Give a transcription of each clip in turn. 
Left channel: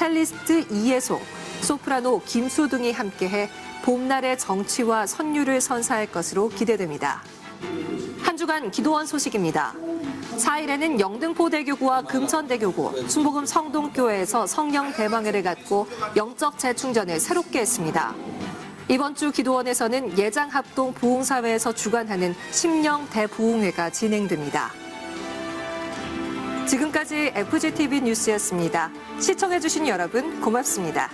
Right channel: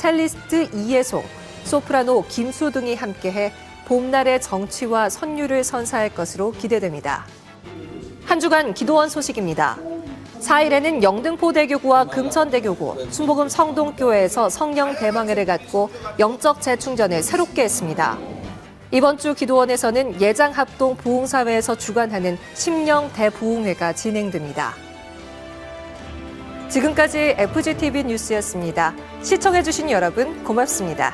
첼리스트 이예송, 소프라노 김수 등이 함께해 봄날의 정취와 선율을 선사할 것으로 기대됩니다. 한 주간 기도원 소식입니다. 4일에는 영등포대교구와 금천대교구, 충복음 성동교회에서 성령 대방회를 갖고 영적 재충전을 새롭게 했습니다. 이번 주 기도원에서는 예장합동 부흥사회에서 주관하는 심령 대부흥회가 진행됩니다. 지금까지 FGTV 뉴스였습니다. 시청해주신 여러분 고맙습니다.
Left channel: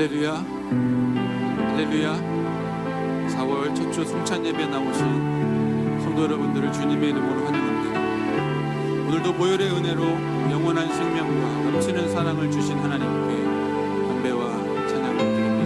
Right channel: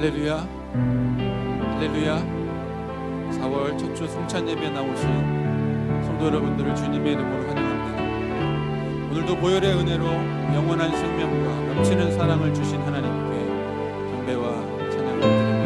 할렐루야, 할렐루야. 4월 첫 주 성찬 예배에 나오신 성도 여러분들을 주님의 이름으로 환영합니다. 오늘도 보혈의 은혜로 영원한 생명과 넘치는 사랑을 주신 하나님께 경배와 찬양을 드립니다.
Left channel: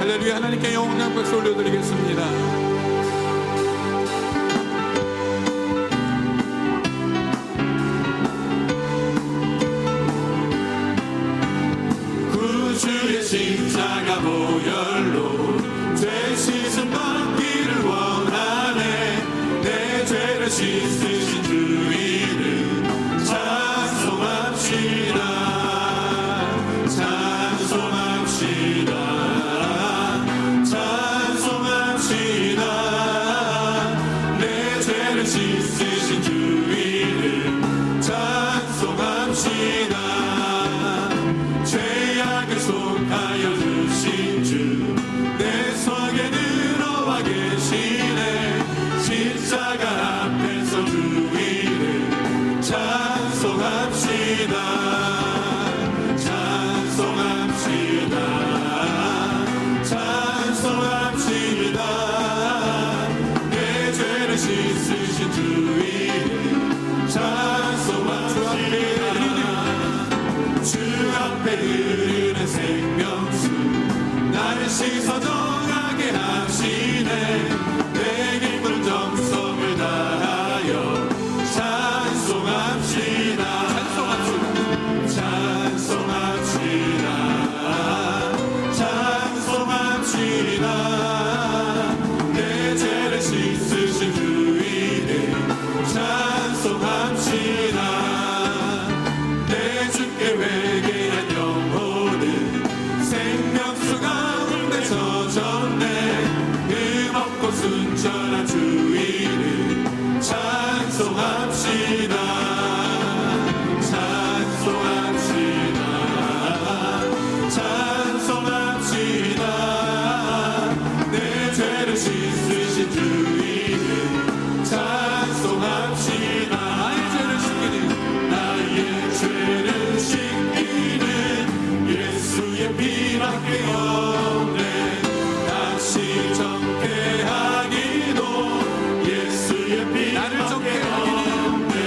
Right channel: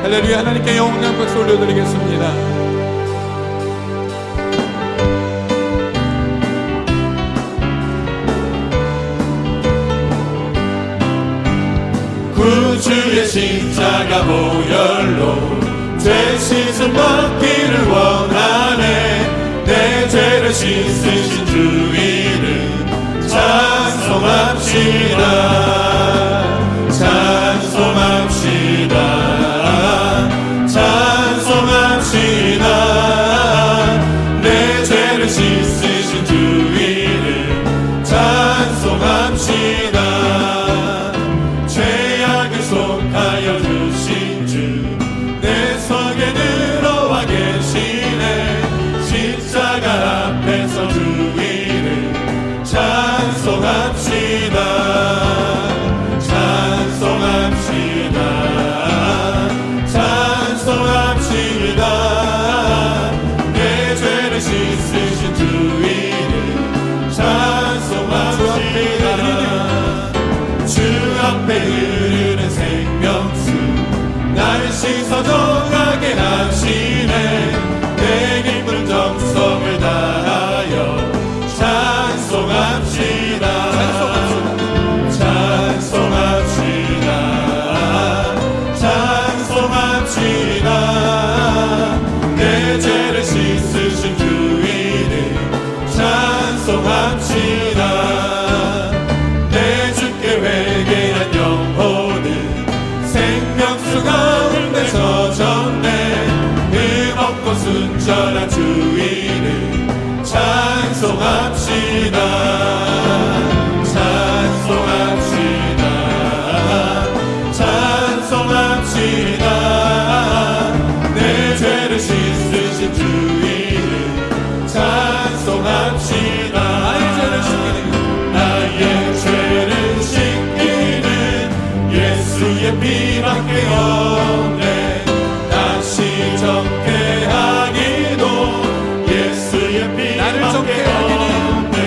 할렐루야. 하나님께 영광의 박수 올려드리겠습니다. 구주의 십자가 보혈로 죄 씻음 받기를 원하네. 내 죄를 씻으신 주 이름 찬송합시다. 찬송합시다. 찬송합시다. 내 죄를 씻으신 주 이름 찬송합시다. 죄악을 속하여 주신 주 내 속에 들어와 계시 신서정하게 하시네. 내 기쁜 정성을 다하여 찬송합시다. 찬송합시다. 찬송합시다. 내 죄를 씻으신 주 이름 찬송합시다. 내 주께 회개한 영혼은 생명수 가운데 젖었네. 흠없고 순전한 주 이름 찬송합시다. 찬송합시다. 찬송합시다. 내 죄를 씻으신 주 이름 찬송합시다. 나의 죄를 씻기는 예수의 피밖에 없네. 다시 정케 하기도 예수의 피밖에 없네.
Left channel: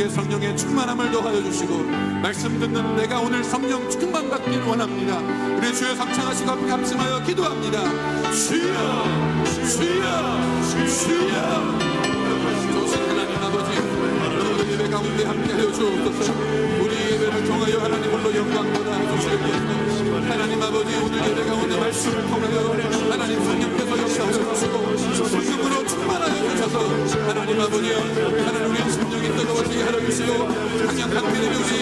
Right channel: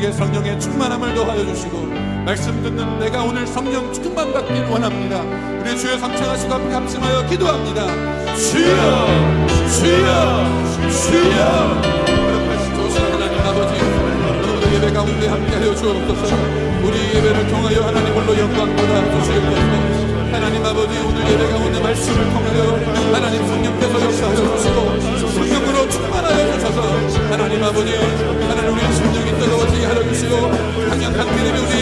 우리에게 성령의 충만함을 더하여 주시고 말씀 듣는 내가 오늘 성령 충만 받기를 원합니다. 우리 주여 성찬하시고 함께 합심하여 기도합니다. 주여 주여 주여. 하나님 아버지 오늘 예배 가운데 함께하여 주옵소서. 우리 예배를 통하여 하나님 홀로 영광 받아 주시옵소서. 하나님 아버지 오늘 예배 가운데 말씀을 통하여 하나님 성령께서 역사하여 주시고 성령으로 충만하여 주셔서 하나님 아버지 하나님 우리의 심령이 뜨거워지게 하여 주시고 강력한 믿음이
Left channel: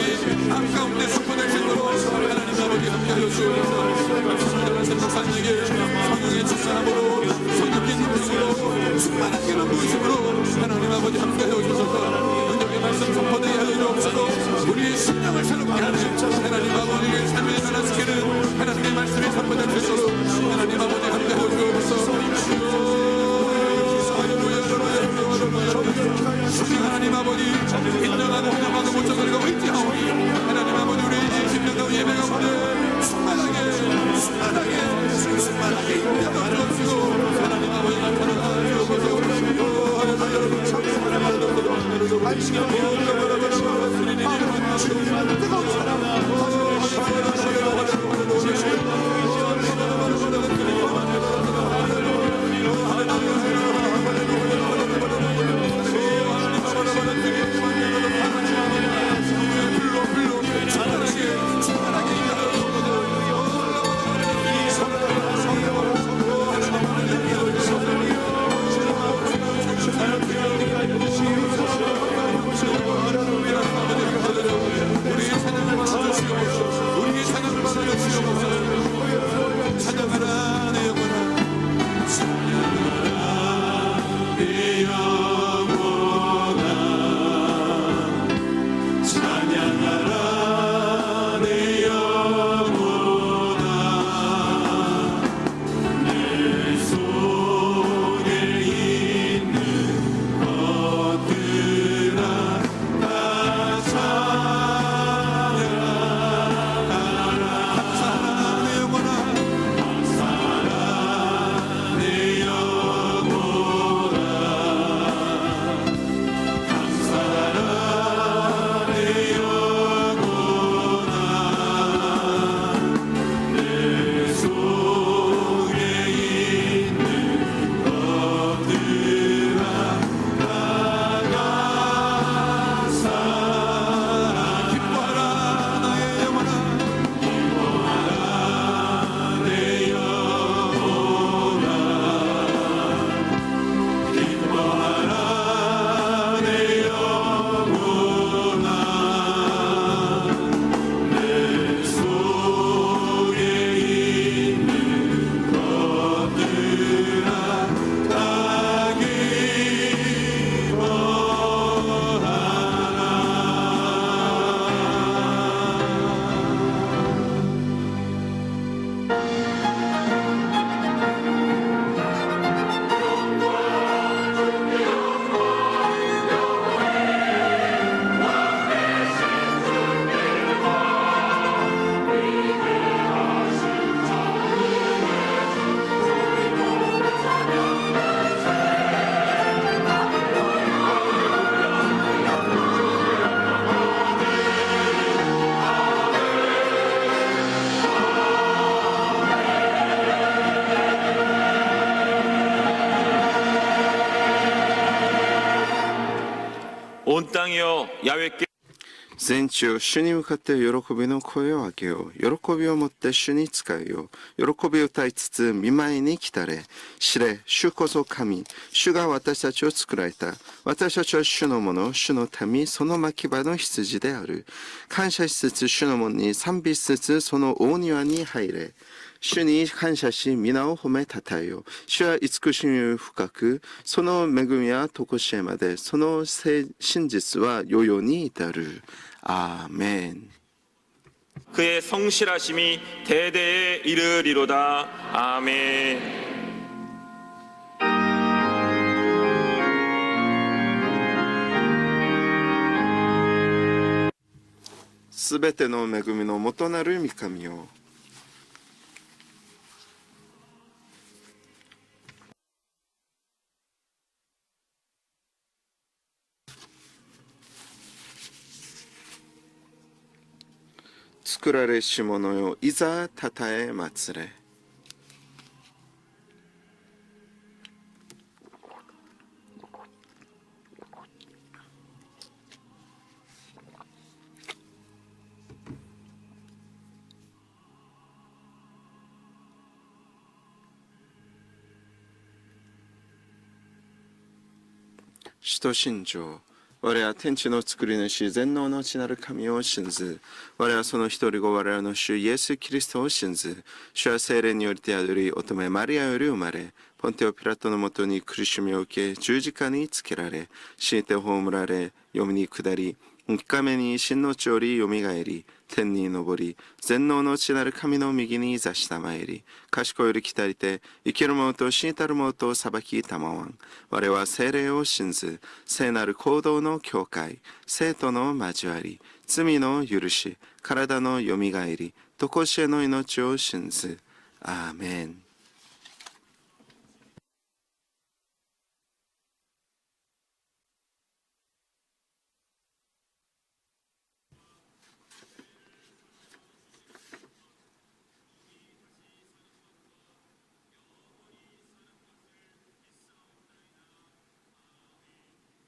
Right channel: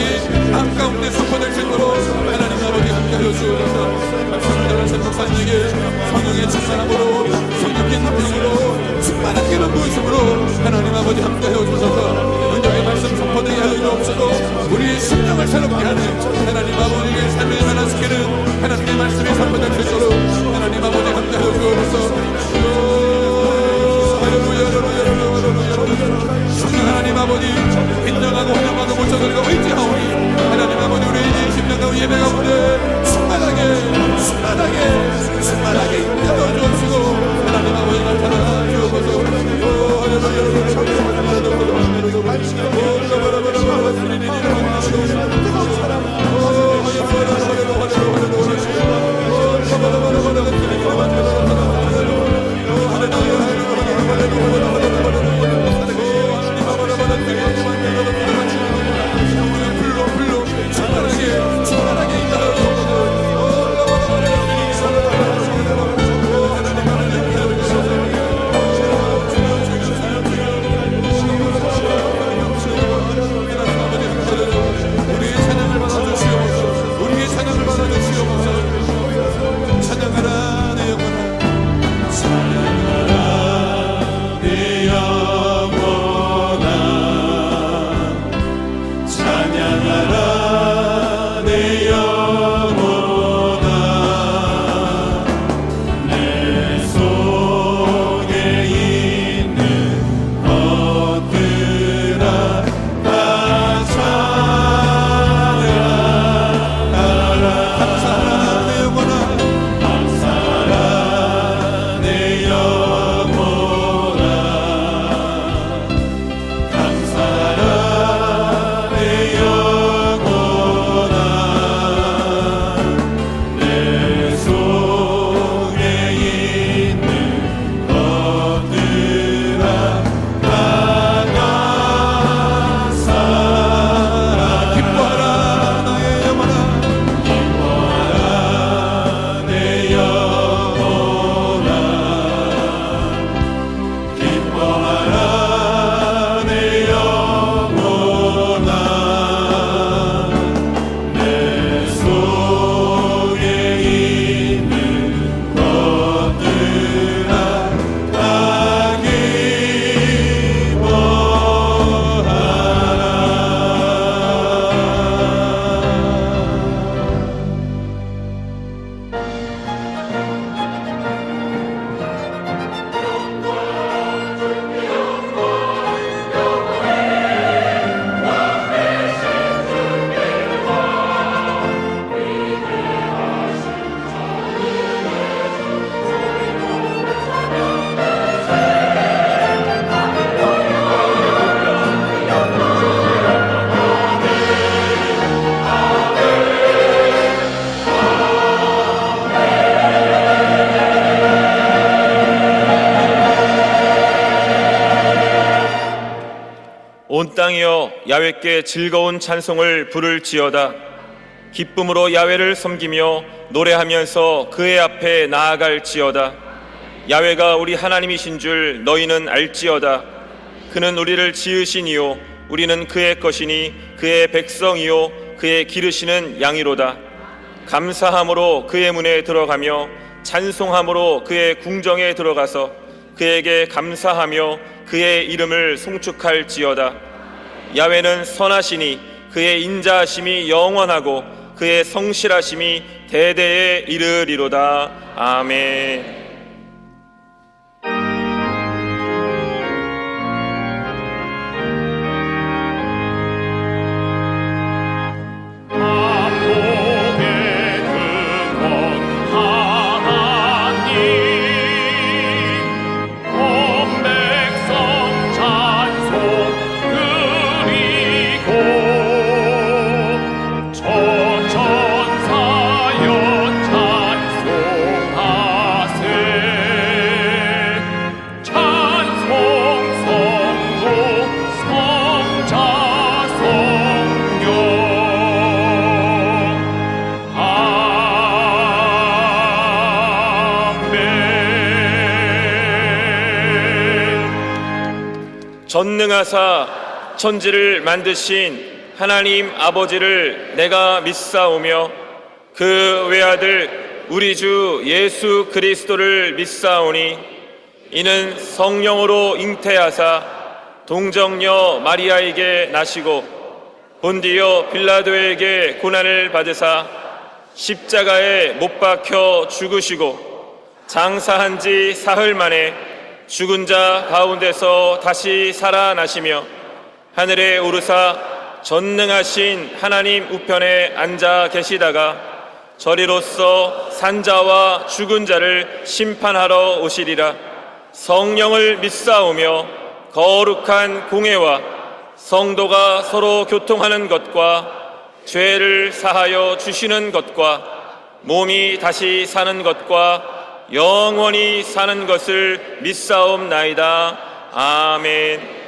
삶 가운데 선포될 수 있도록 하나님 아버지 함께하여 주옵소서. 말씀대로 목사님에게 성령의 충만함으로 성령의 능력으로 충만한 기름 부으심으로 하나님 아버지 함께하여 주셔서 은혜의 말씀 선포되게 하여 주옵시고 우리의 심령을 새롭게 하는 하나님 아버지의 삶을 살아주기는 하나님의 말씀이 선포될 수 있도록 하나님 아버지 함께하여 주옵소서. 하나님 아버지 인정하고 회복하고 모셔들고 의지하오니 하나님 아버지 우리 심령과 예배 가운데 충만하게 인도해 주옵시고 하나님 아버지 나타나 주옵소서. 온 땅이여 야훼께 즐거운 찬송을 부를지어다. 기쁨으로 야훼를 섬기며 노래하면서 그의 앞에 나아갈지어다. 야훼가 우리 하나님이신 줄 너희는 알지어다. 그는 우리를 지으시니요 우리는 그의 것이니 그의 백성이요 그의 기르시는 양이로다. 감사함으로 그의 문에 들어가며 찬송함으로 그의 궁정에 들어가서 그에게 감사하며 그의 이름을 송축할지어다. 야훼는 선하시니 그의 인자하심이 영원하고 그의 성실하심이 대대에 이르리로다. 아멘. 온 백성 찬송 그리 전능하사 천지를 만드신 하나님 아버지를 내가 믿사오며 그 외아들 우리 주 예수 그리스도를 믿사오니 이는 성령으로 잉태하사 동정녀 마리아에게 나시고 본디오 빌라도에게 고난을 받으사 십자가에 못 박혀 죽으시고 장사한 지 사흘 만에 죽은 자 가운데서 다시 살아나시며 하늘에 오르사 전능하신 하나님 우편에 앉아 계시다가 저리로서 산자와 죽은 자를 심판하러 오시리라. 성령을 믿사오며 거룩한 공회와 성도가 서로 교통하는 것과 죄를 사하여 주시는 것과 몸이 다시 사는 것과 영원히 사는 것을 믿사옵나이다. 아멘.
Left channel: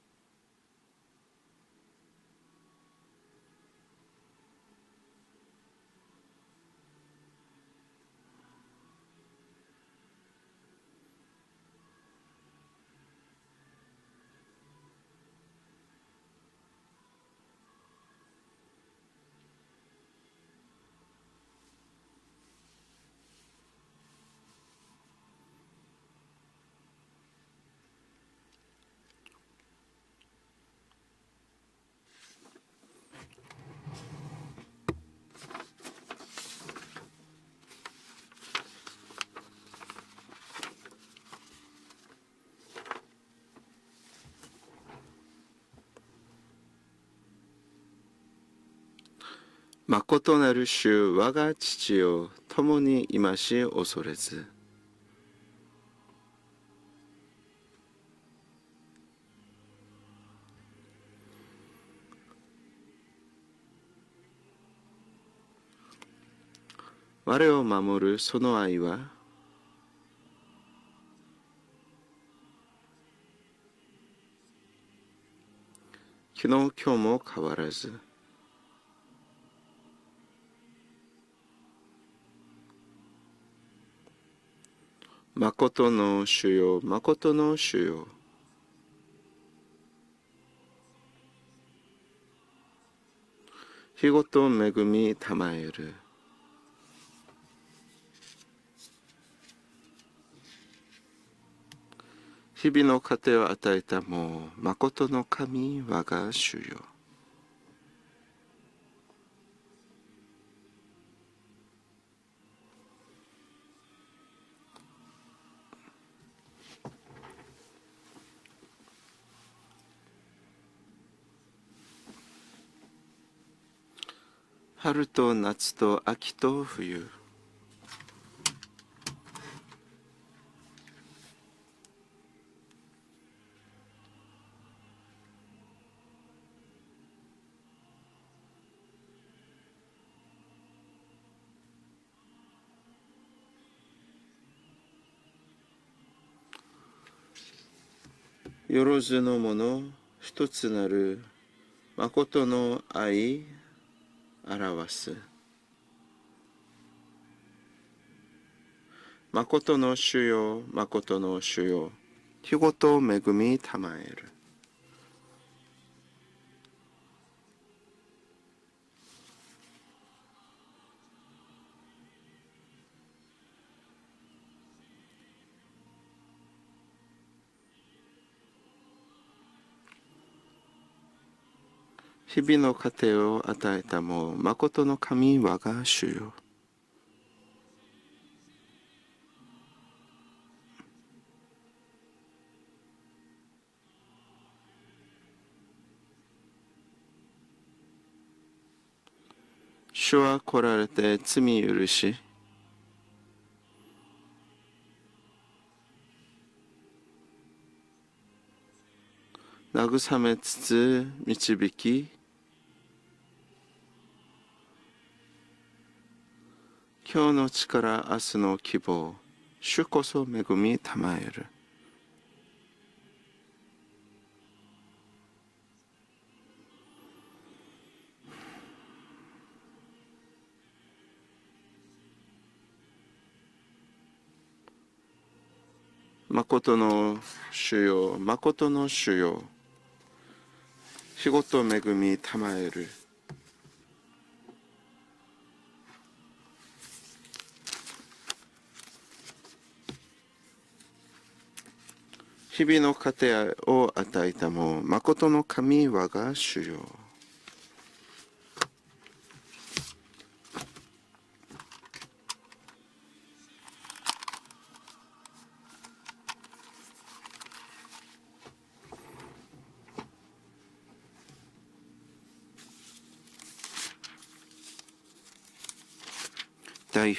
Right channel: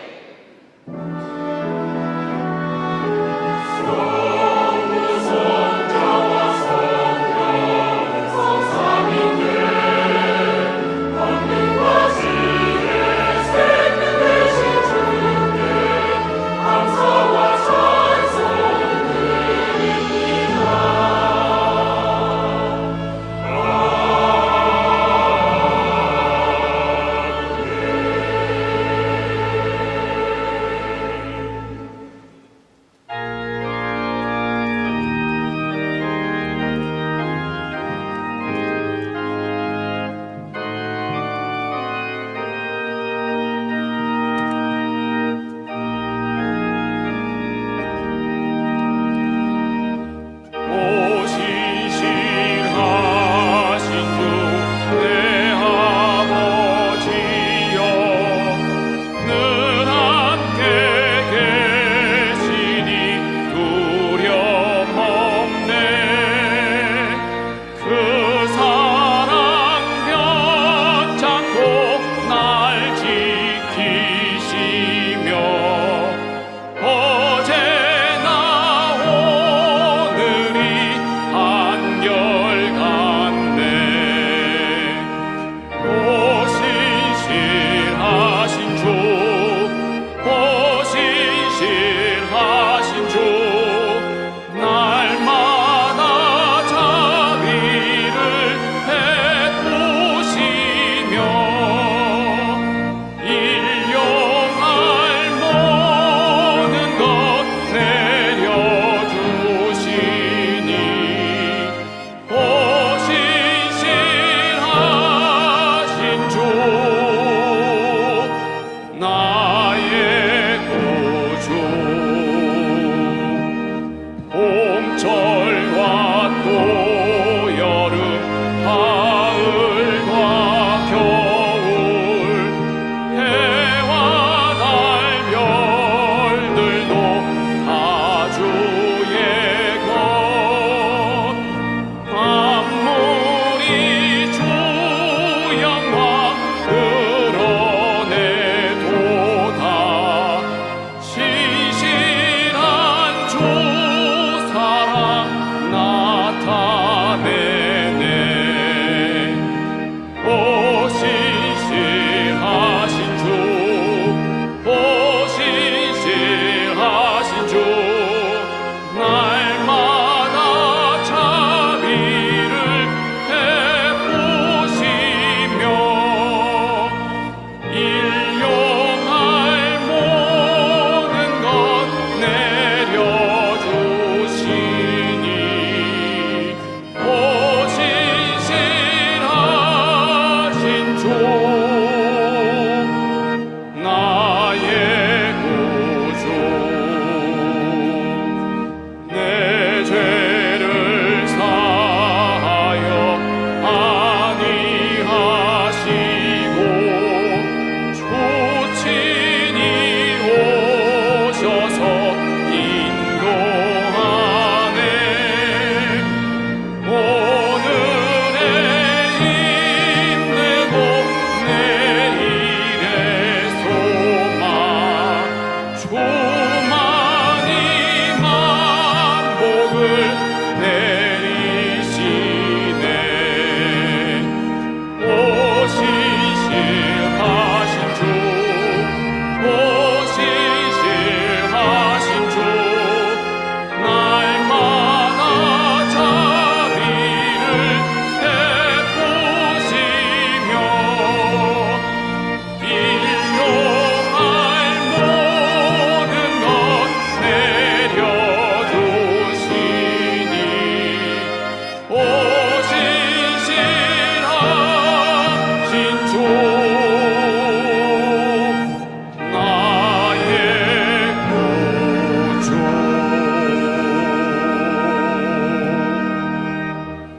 마코토 나를 시여 어제나 오늘이 한결같이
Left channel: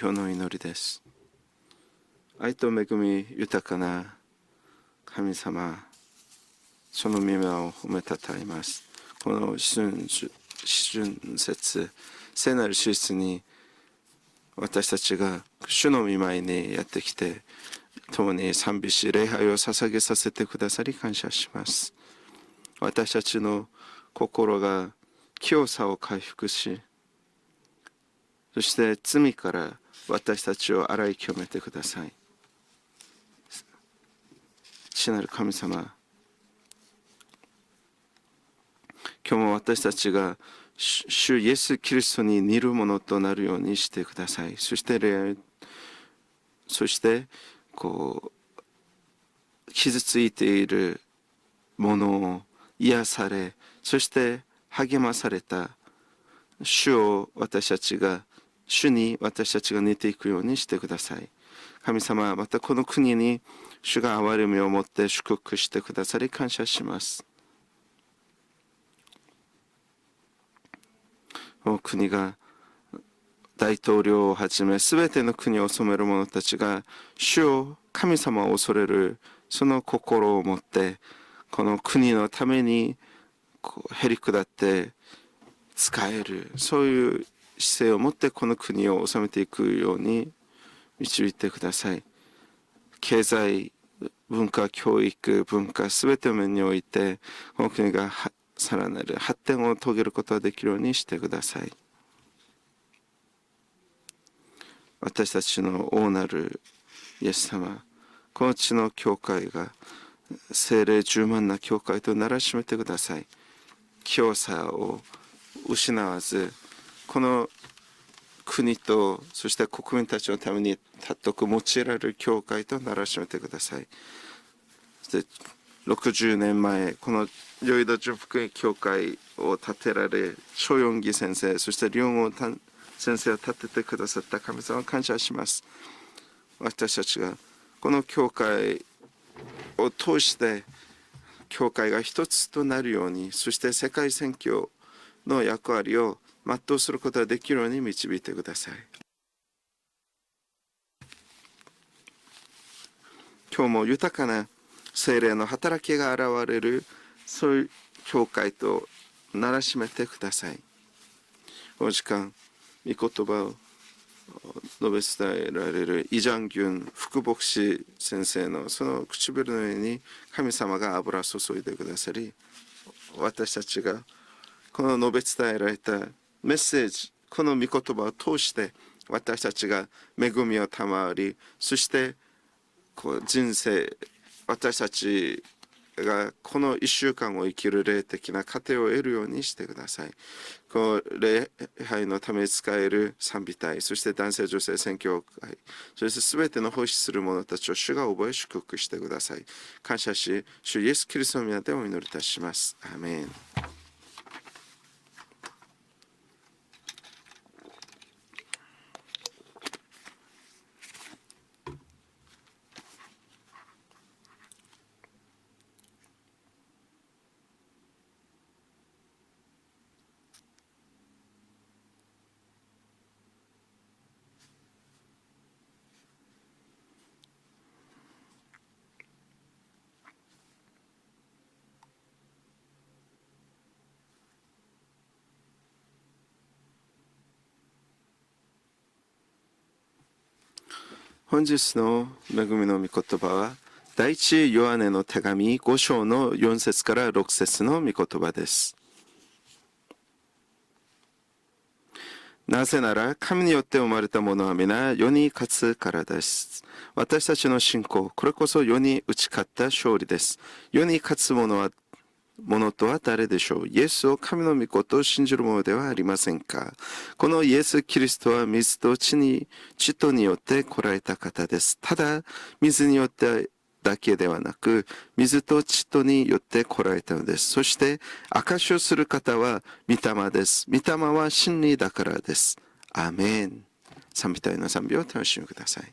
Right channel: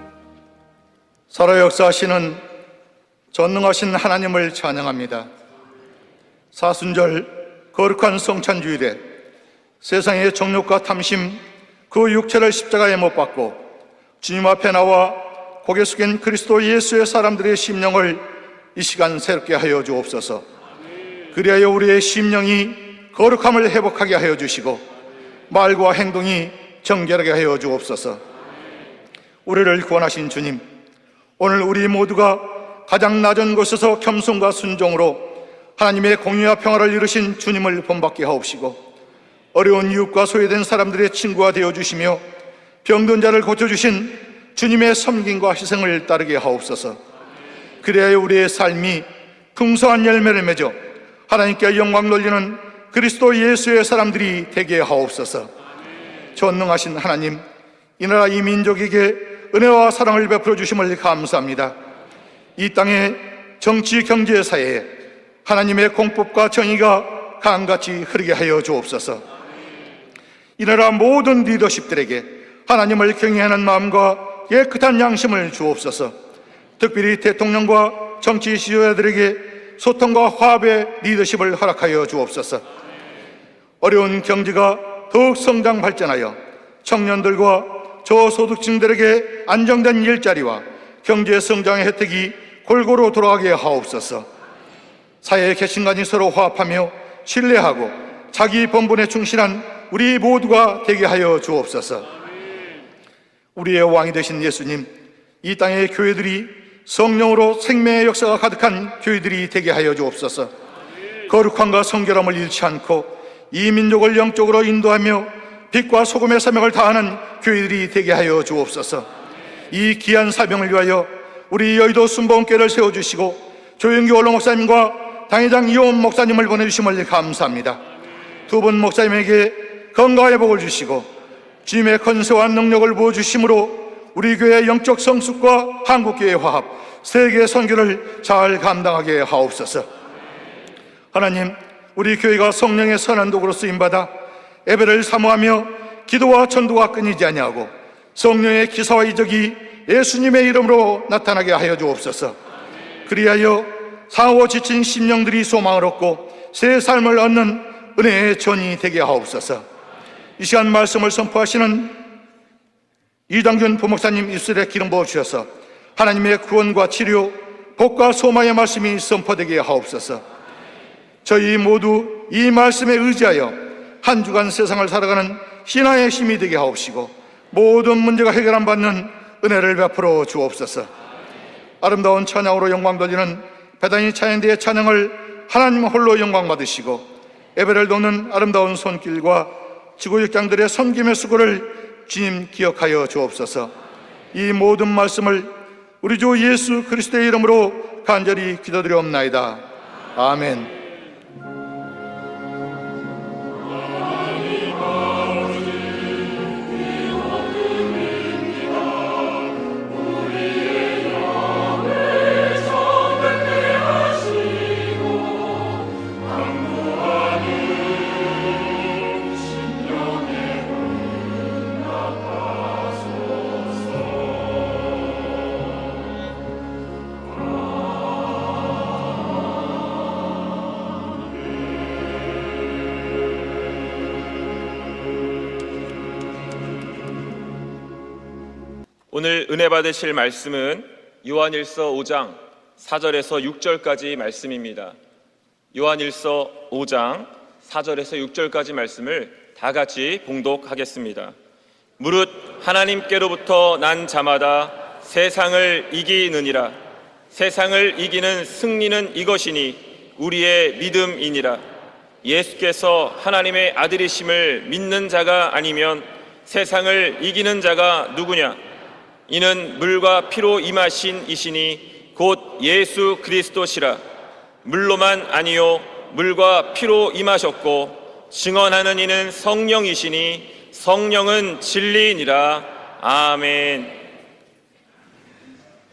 表の祈りです。 살아 역사하시는 愛と恵み 전능하신 하나님을 찬양합니다. 神様、 사순절 거룩한 성찬주일에 この春 세상의 정욕과 탐심 節 그 육체를 십자가에 못 박고 주님 앞에 나와 고개 숙인 그리스도 예수의 사람들의 심령을 共に 이 시간 새롭게 하여 捧げさせ 주옵소서. てくださり感謝します。 그리하여 우리의 심령이 거룩함을 회복하게 하여 주시고 말과 행동이 정결하게 하여 주옵소서. そして罪から 우리를 구원하신 私 주님, たちを洗い清めて 오늘 우리 모두가 가장 낮은 곳에서 겸손과 순종으로 神様、 하나님의 공의와 평화를 이루신 주님을 본받게 하옵시고 今日も 어려운 私たち 이웃과 が 소외된 사람들의 主 친구가 イエス 되어주시며 キリストに似るものと 병든 자를 なるようにして 고쳐주신 ください。 주님의 そして 섬김과 희생을 따르게 そ 하옵소서. して 그래야 우리의 삶이 풍성한 열매를 맺어 하나님께 영광 돌리는 그리스도 예수의 사람들이 되게 하옵소서. 전능하신 하나님, 이 나라 이 민족에게 은혜와 사랑을 베풀어 주심을 감사합니다. 이 땅의 정치, 경제, 사회에 하나님의 공법과 정의가 강같이 흐르게 하여 주옵소서. 이 나라 모든 리더십들에게 하나님을 경외하는 마음과 깨끗한 양심을 주옵소서. 특별히 대통령과 정치 지도자들에게 소통과 화합의 리더십을 허락하여 주옵소서. 어려운 경제가 더욱 성장 발전하여 청년들과 저소득층들에게 안정된 일자리와 경제 성장의 혜택이 골고루 돌아가게 하옵소서. 사회의 계층간이 서로 화합하며 신뢰하고 자기 본분에 충실한 우리 모두가 되게 하여 주옵소서. 우리의 왕이 되신 예수님, 이 땅의 교회들이 성령으로 생명의 역사가 가득한 교회들이 되게 하여 주옵소서. 거룩함과 성결함을 잃지 않고 이 민족을 영적으로 인도하며 빛과 소금의 사명을 다하는 교회들이 되게 하여 주옵소서. 이 귀한 사명을 위하여 우리 여의도 순복음교회를 세워주시고 조영기 원로 목사님과 당회장 이호원 목사님을 보내주심을 감사합니다. 두 분 목사님에게 건강의 복을 주시고 주님의 권세와 능력을 부어주심으로 우리 교회의 영적 성숙과 한국교회의 화합, 세계 선교를 잘 감당하게 하옵소서. 하나님, 우리 교회가 성령의 선한 도구로 쓰임받아 예배를 사모하며 기도와 전도가 끊이지 아니하고 성령의 기사와 이적이 예수님의 이름으로 나타나게 하여 주옵소서. 그리하여 상하고 지친 심령들이 소망을 얻고 새 삶을 얻는 은혜의 전이 되게 하옵소서. 이 시간 말씀을 선포하시는 이당균 부목사님 입술에 기름 부어 주셔서 하나님의 구원과 치료, 복과 소망의 말씀이 선포되게 하옵소서. 저희 모두 이 말씀에 의지하여 한 주간 세상을 살아가는 신앙의 힘이 되게 하옵시고 모든 문제가 해결 안 받는 은혜를 베풀어 주옵소서. 아름다운 찬양으로 영광 돌리는 대단히 찬양대의 찬양을 하나님 홀로 영광 받으시고 예배를 돕는 아름다운 손길과 지구역장들의 섬김의 수고를 주님 기억하여 주옵소서. 이 모든 말씀을 우리 주 예수 그리스도의 이름으로 간절히 기도드리옵나이다. 아멘. 주 예수 그리스도의 이름으로 기도드립니다. 아멘. 오늘 은혜 받으실 말씀은 요한일서 5장 4절에서 6절까지 말씀입니다. 요한일서 5장 4절에서 6절까지 말씀을 다 같이 봉독하겠습니다. 무릇 하나님께로부터 난 자마다 세상을 이기느니라. 세상을 이기는 승리는 이것이니 우리의 믿음이니라. 예수께서 하나님의 아들이심을 믿는 자가 아니면 세상을 이기는 자가 누구냐? 이는 물과 피로 임하신 이시니 곧 예수 그리스도시라. 물로만 아니요 물과 피로 임하셨고 증언하는 이는 성령이시니 성령은 진리이니라. 아멘. 賛美隊の賛美をお楽しみください。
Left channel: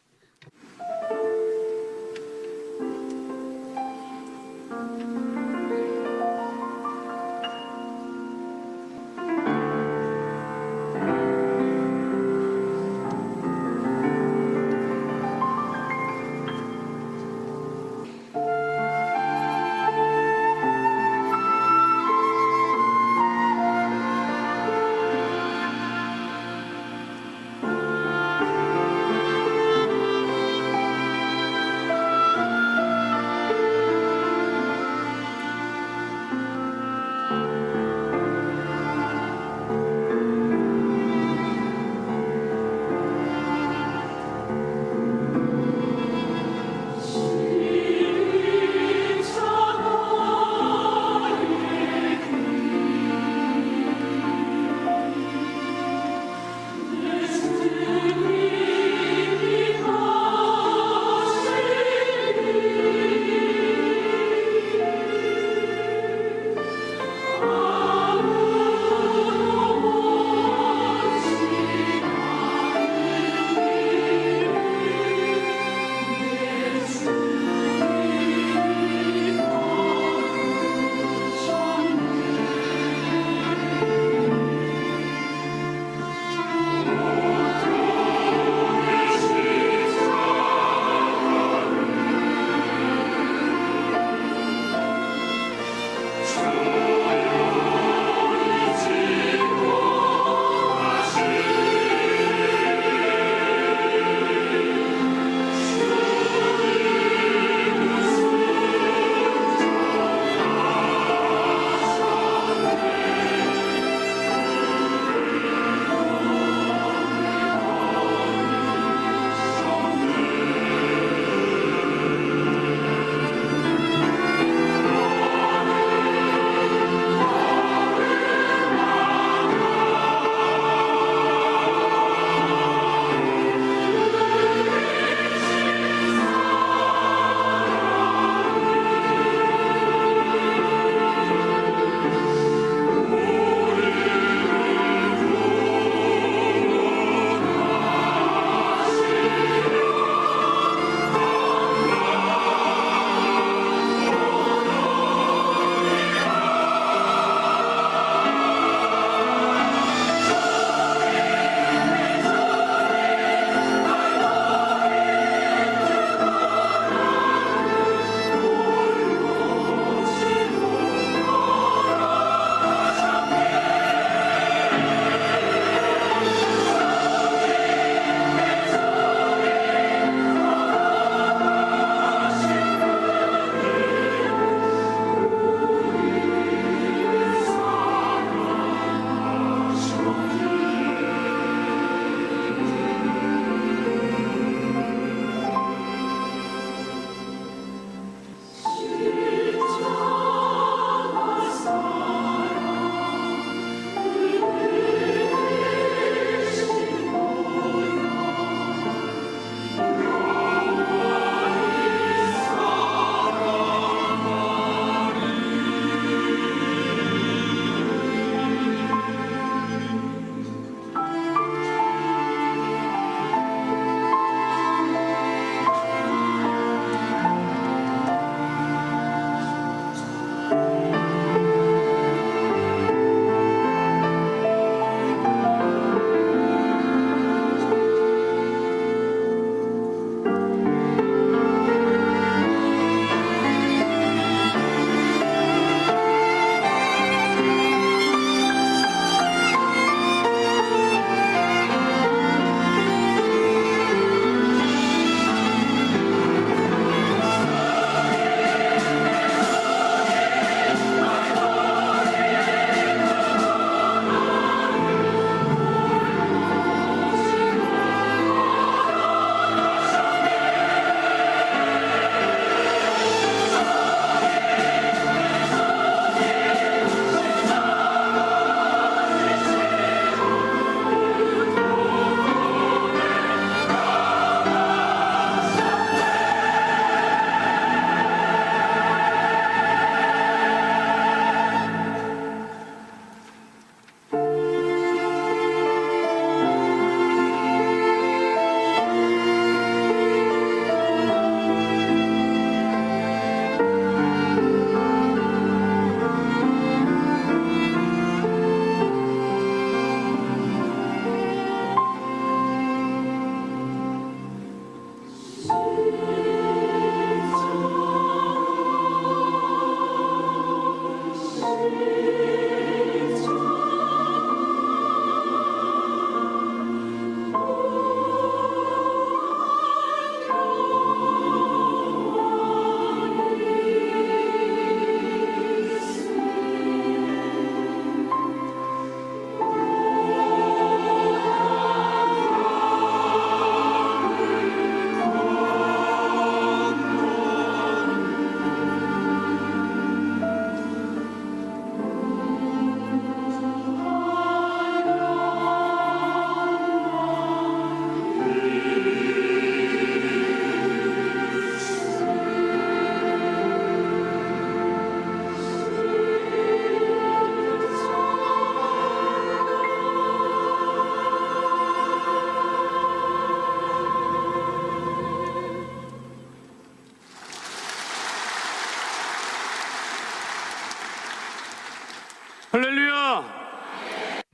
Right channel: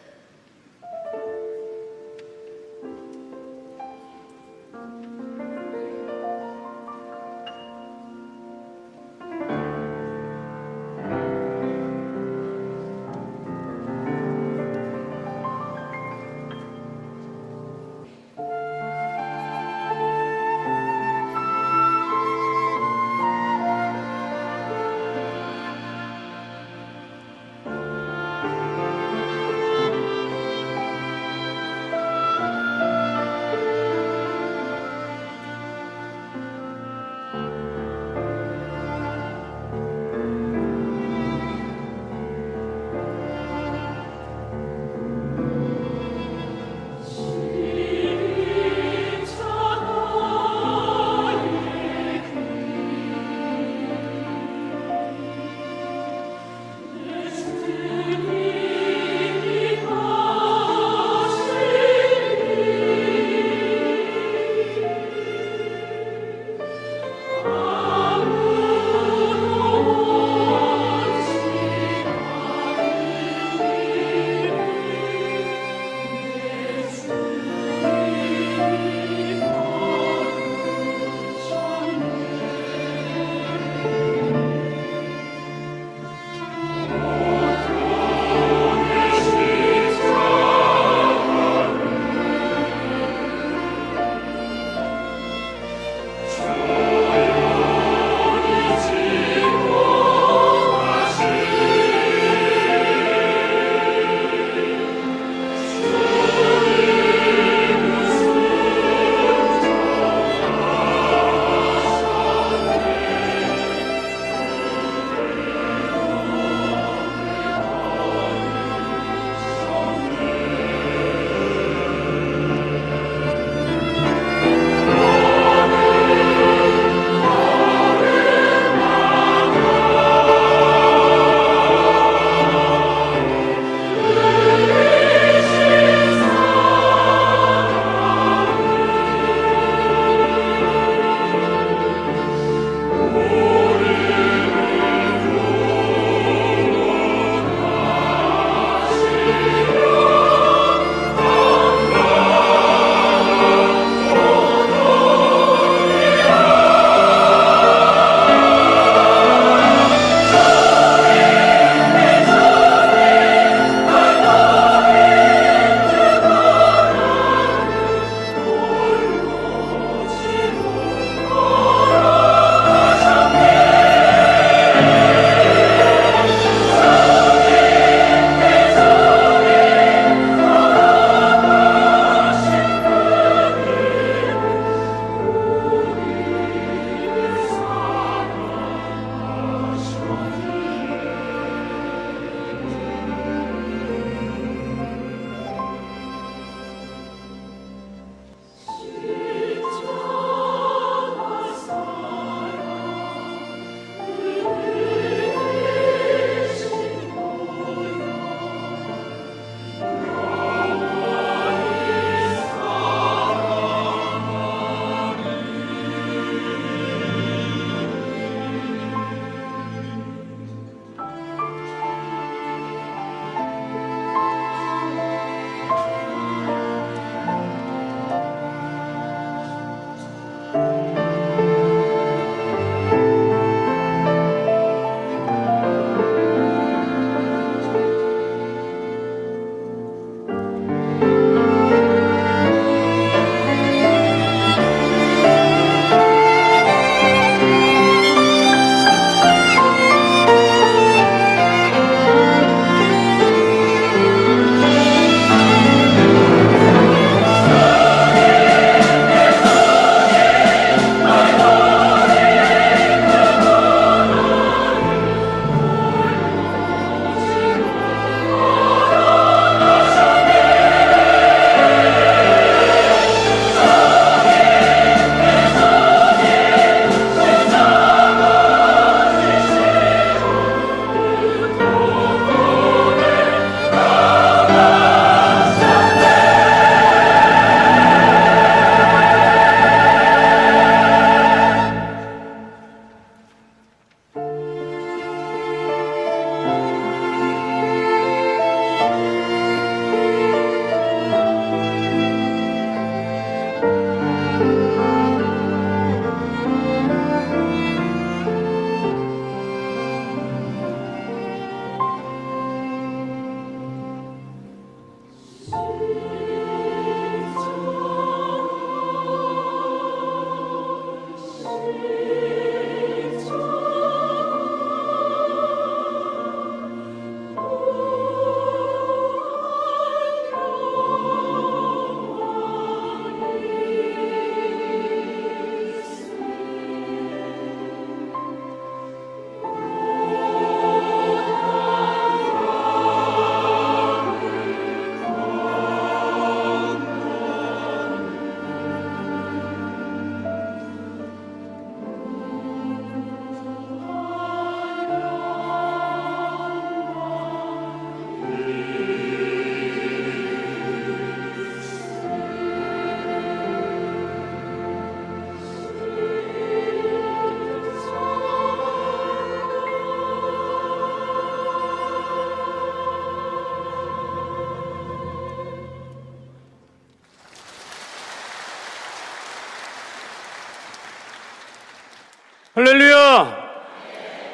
할렐루야!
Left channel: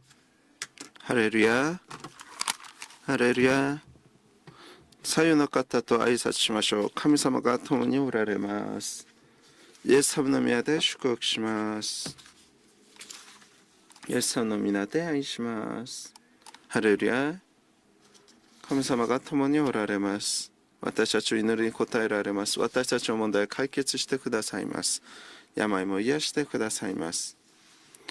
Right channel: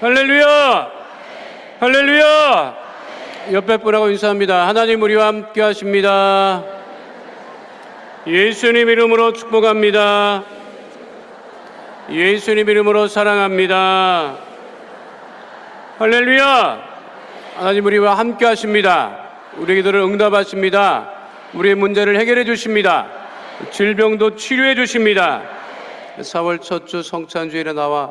할렐루야! 할렐루야. 할렐루야! 할렐루야. 옆에 분하고 인사합니다. 하나님 우리와 함께 하십니다. 예수님 이름으로 축복합니다. 예수님 이름으로 사랑합니다. 할렐루야! 할렐루야. 하나님 우리와 함께 하십니다. 우리 기도를 응답하십니다. 우리의 문제를 해결해 주십니다. 질병도 치료해 주십니다. 4월 첫 주 성찬주일에 나와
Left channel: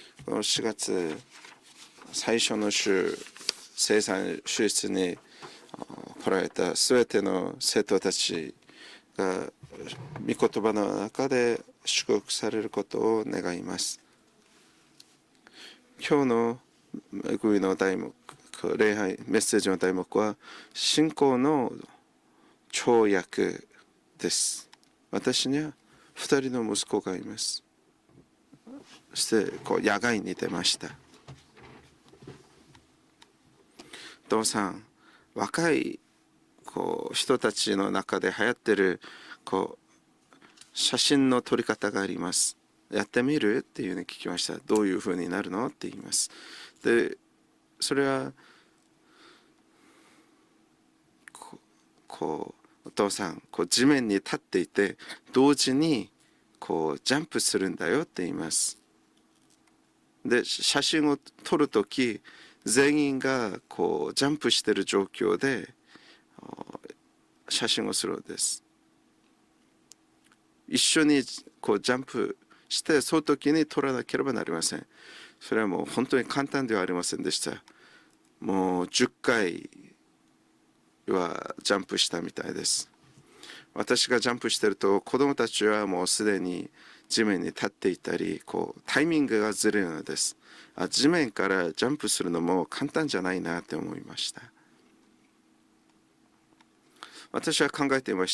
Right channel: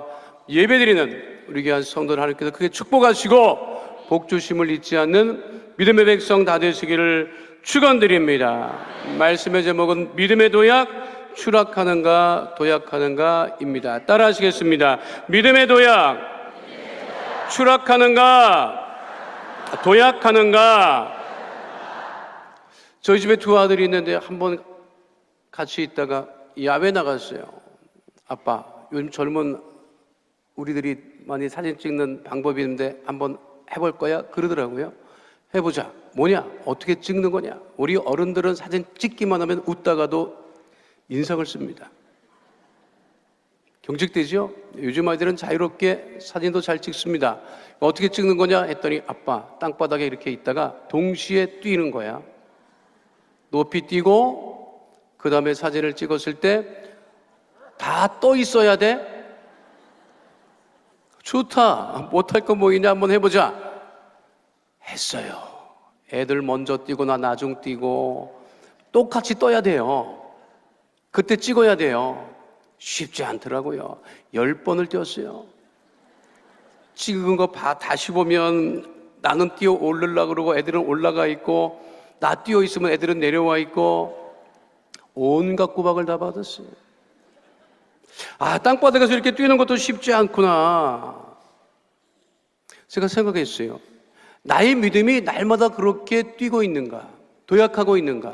예배드리는 우리 귀한 성도들 하나님께서 크게 축복하시고 복 주심을 잊지 않는 믿음의 백성 다 되시기를 축원드립니다. 말씀의 제목은 믿음의 도약, 추락하는가 도약하는가입니다. 따라하시겠습니다. 믿음의 도약, 추락하는가 도약하는가. 저희 집에 두 아들이 있는데 한번 같이 있다가 야외 나갔어요. 아빠, 요즘 젊은 우리들이 많이 사진 찍는 방법이 있는데 한번 해볼 거야? 그러더라고요. 해보자. 뭐냐? 어떻게 찍는 거냐? 우리 어른들은 사진 찍기만 하면 웃다가도 인상을 씁니다. 경직되죠? 요즘 아이들은 자유롭게 사진도 잘 찍습니다. 어떻게 찍는 거냐 했더니 아빠 땅바닥에 이렇게 있다가 동시에 뛰는 거야. 높이 뛰고 그 다음에 사진을 찍었을 때 다 떠 있어야 돼. 좋다. 못할 거 뭐이냐 한번 해보자. 했어요. 애들 먼저 뛰고 나 나중 뛰고 똑같이 떠야 돼요. 그때 찍어야 돼요. 쉽지 않더라고요. 10번을 뛰었어요. 찍은 거 다시 보면 나는 뛰어 오르려고 그러고 애들은 올라가 있고 나 뛰어 있으면 애들은 내려와 있고 온갖 구박을 다 받았어요. 아, 땅바닥에서 이렇게 뛰는 것도 쉽지 않구나. 제가 생각했어요. 나의 믿음이 날마다 그렇게 뛰고 있는가, 도약하고 있는가.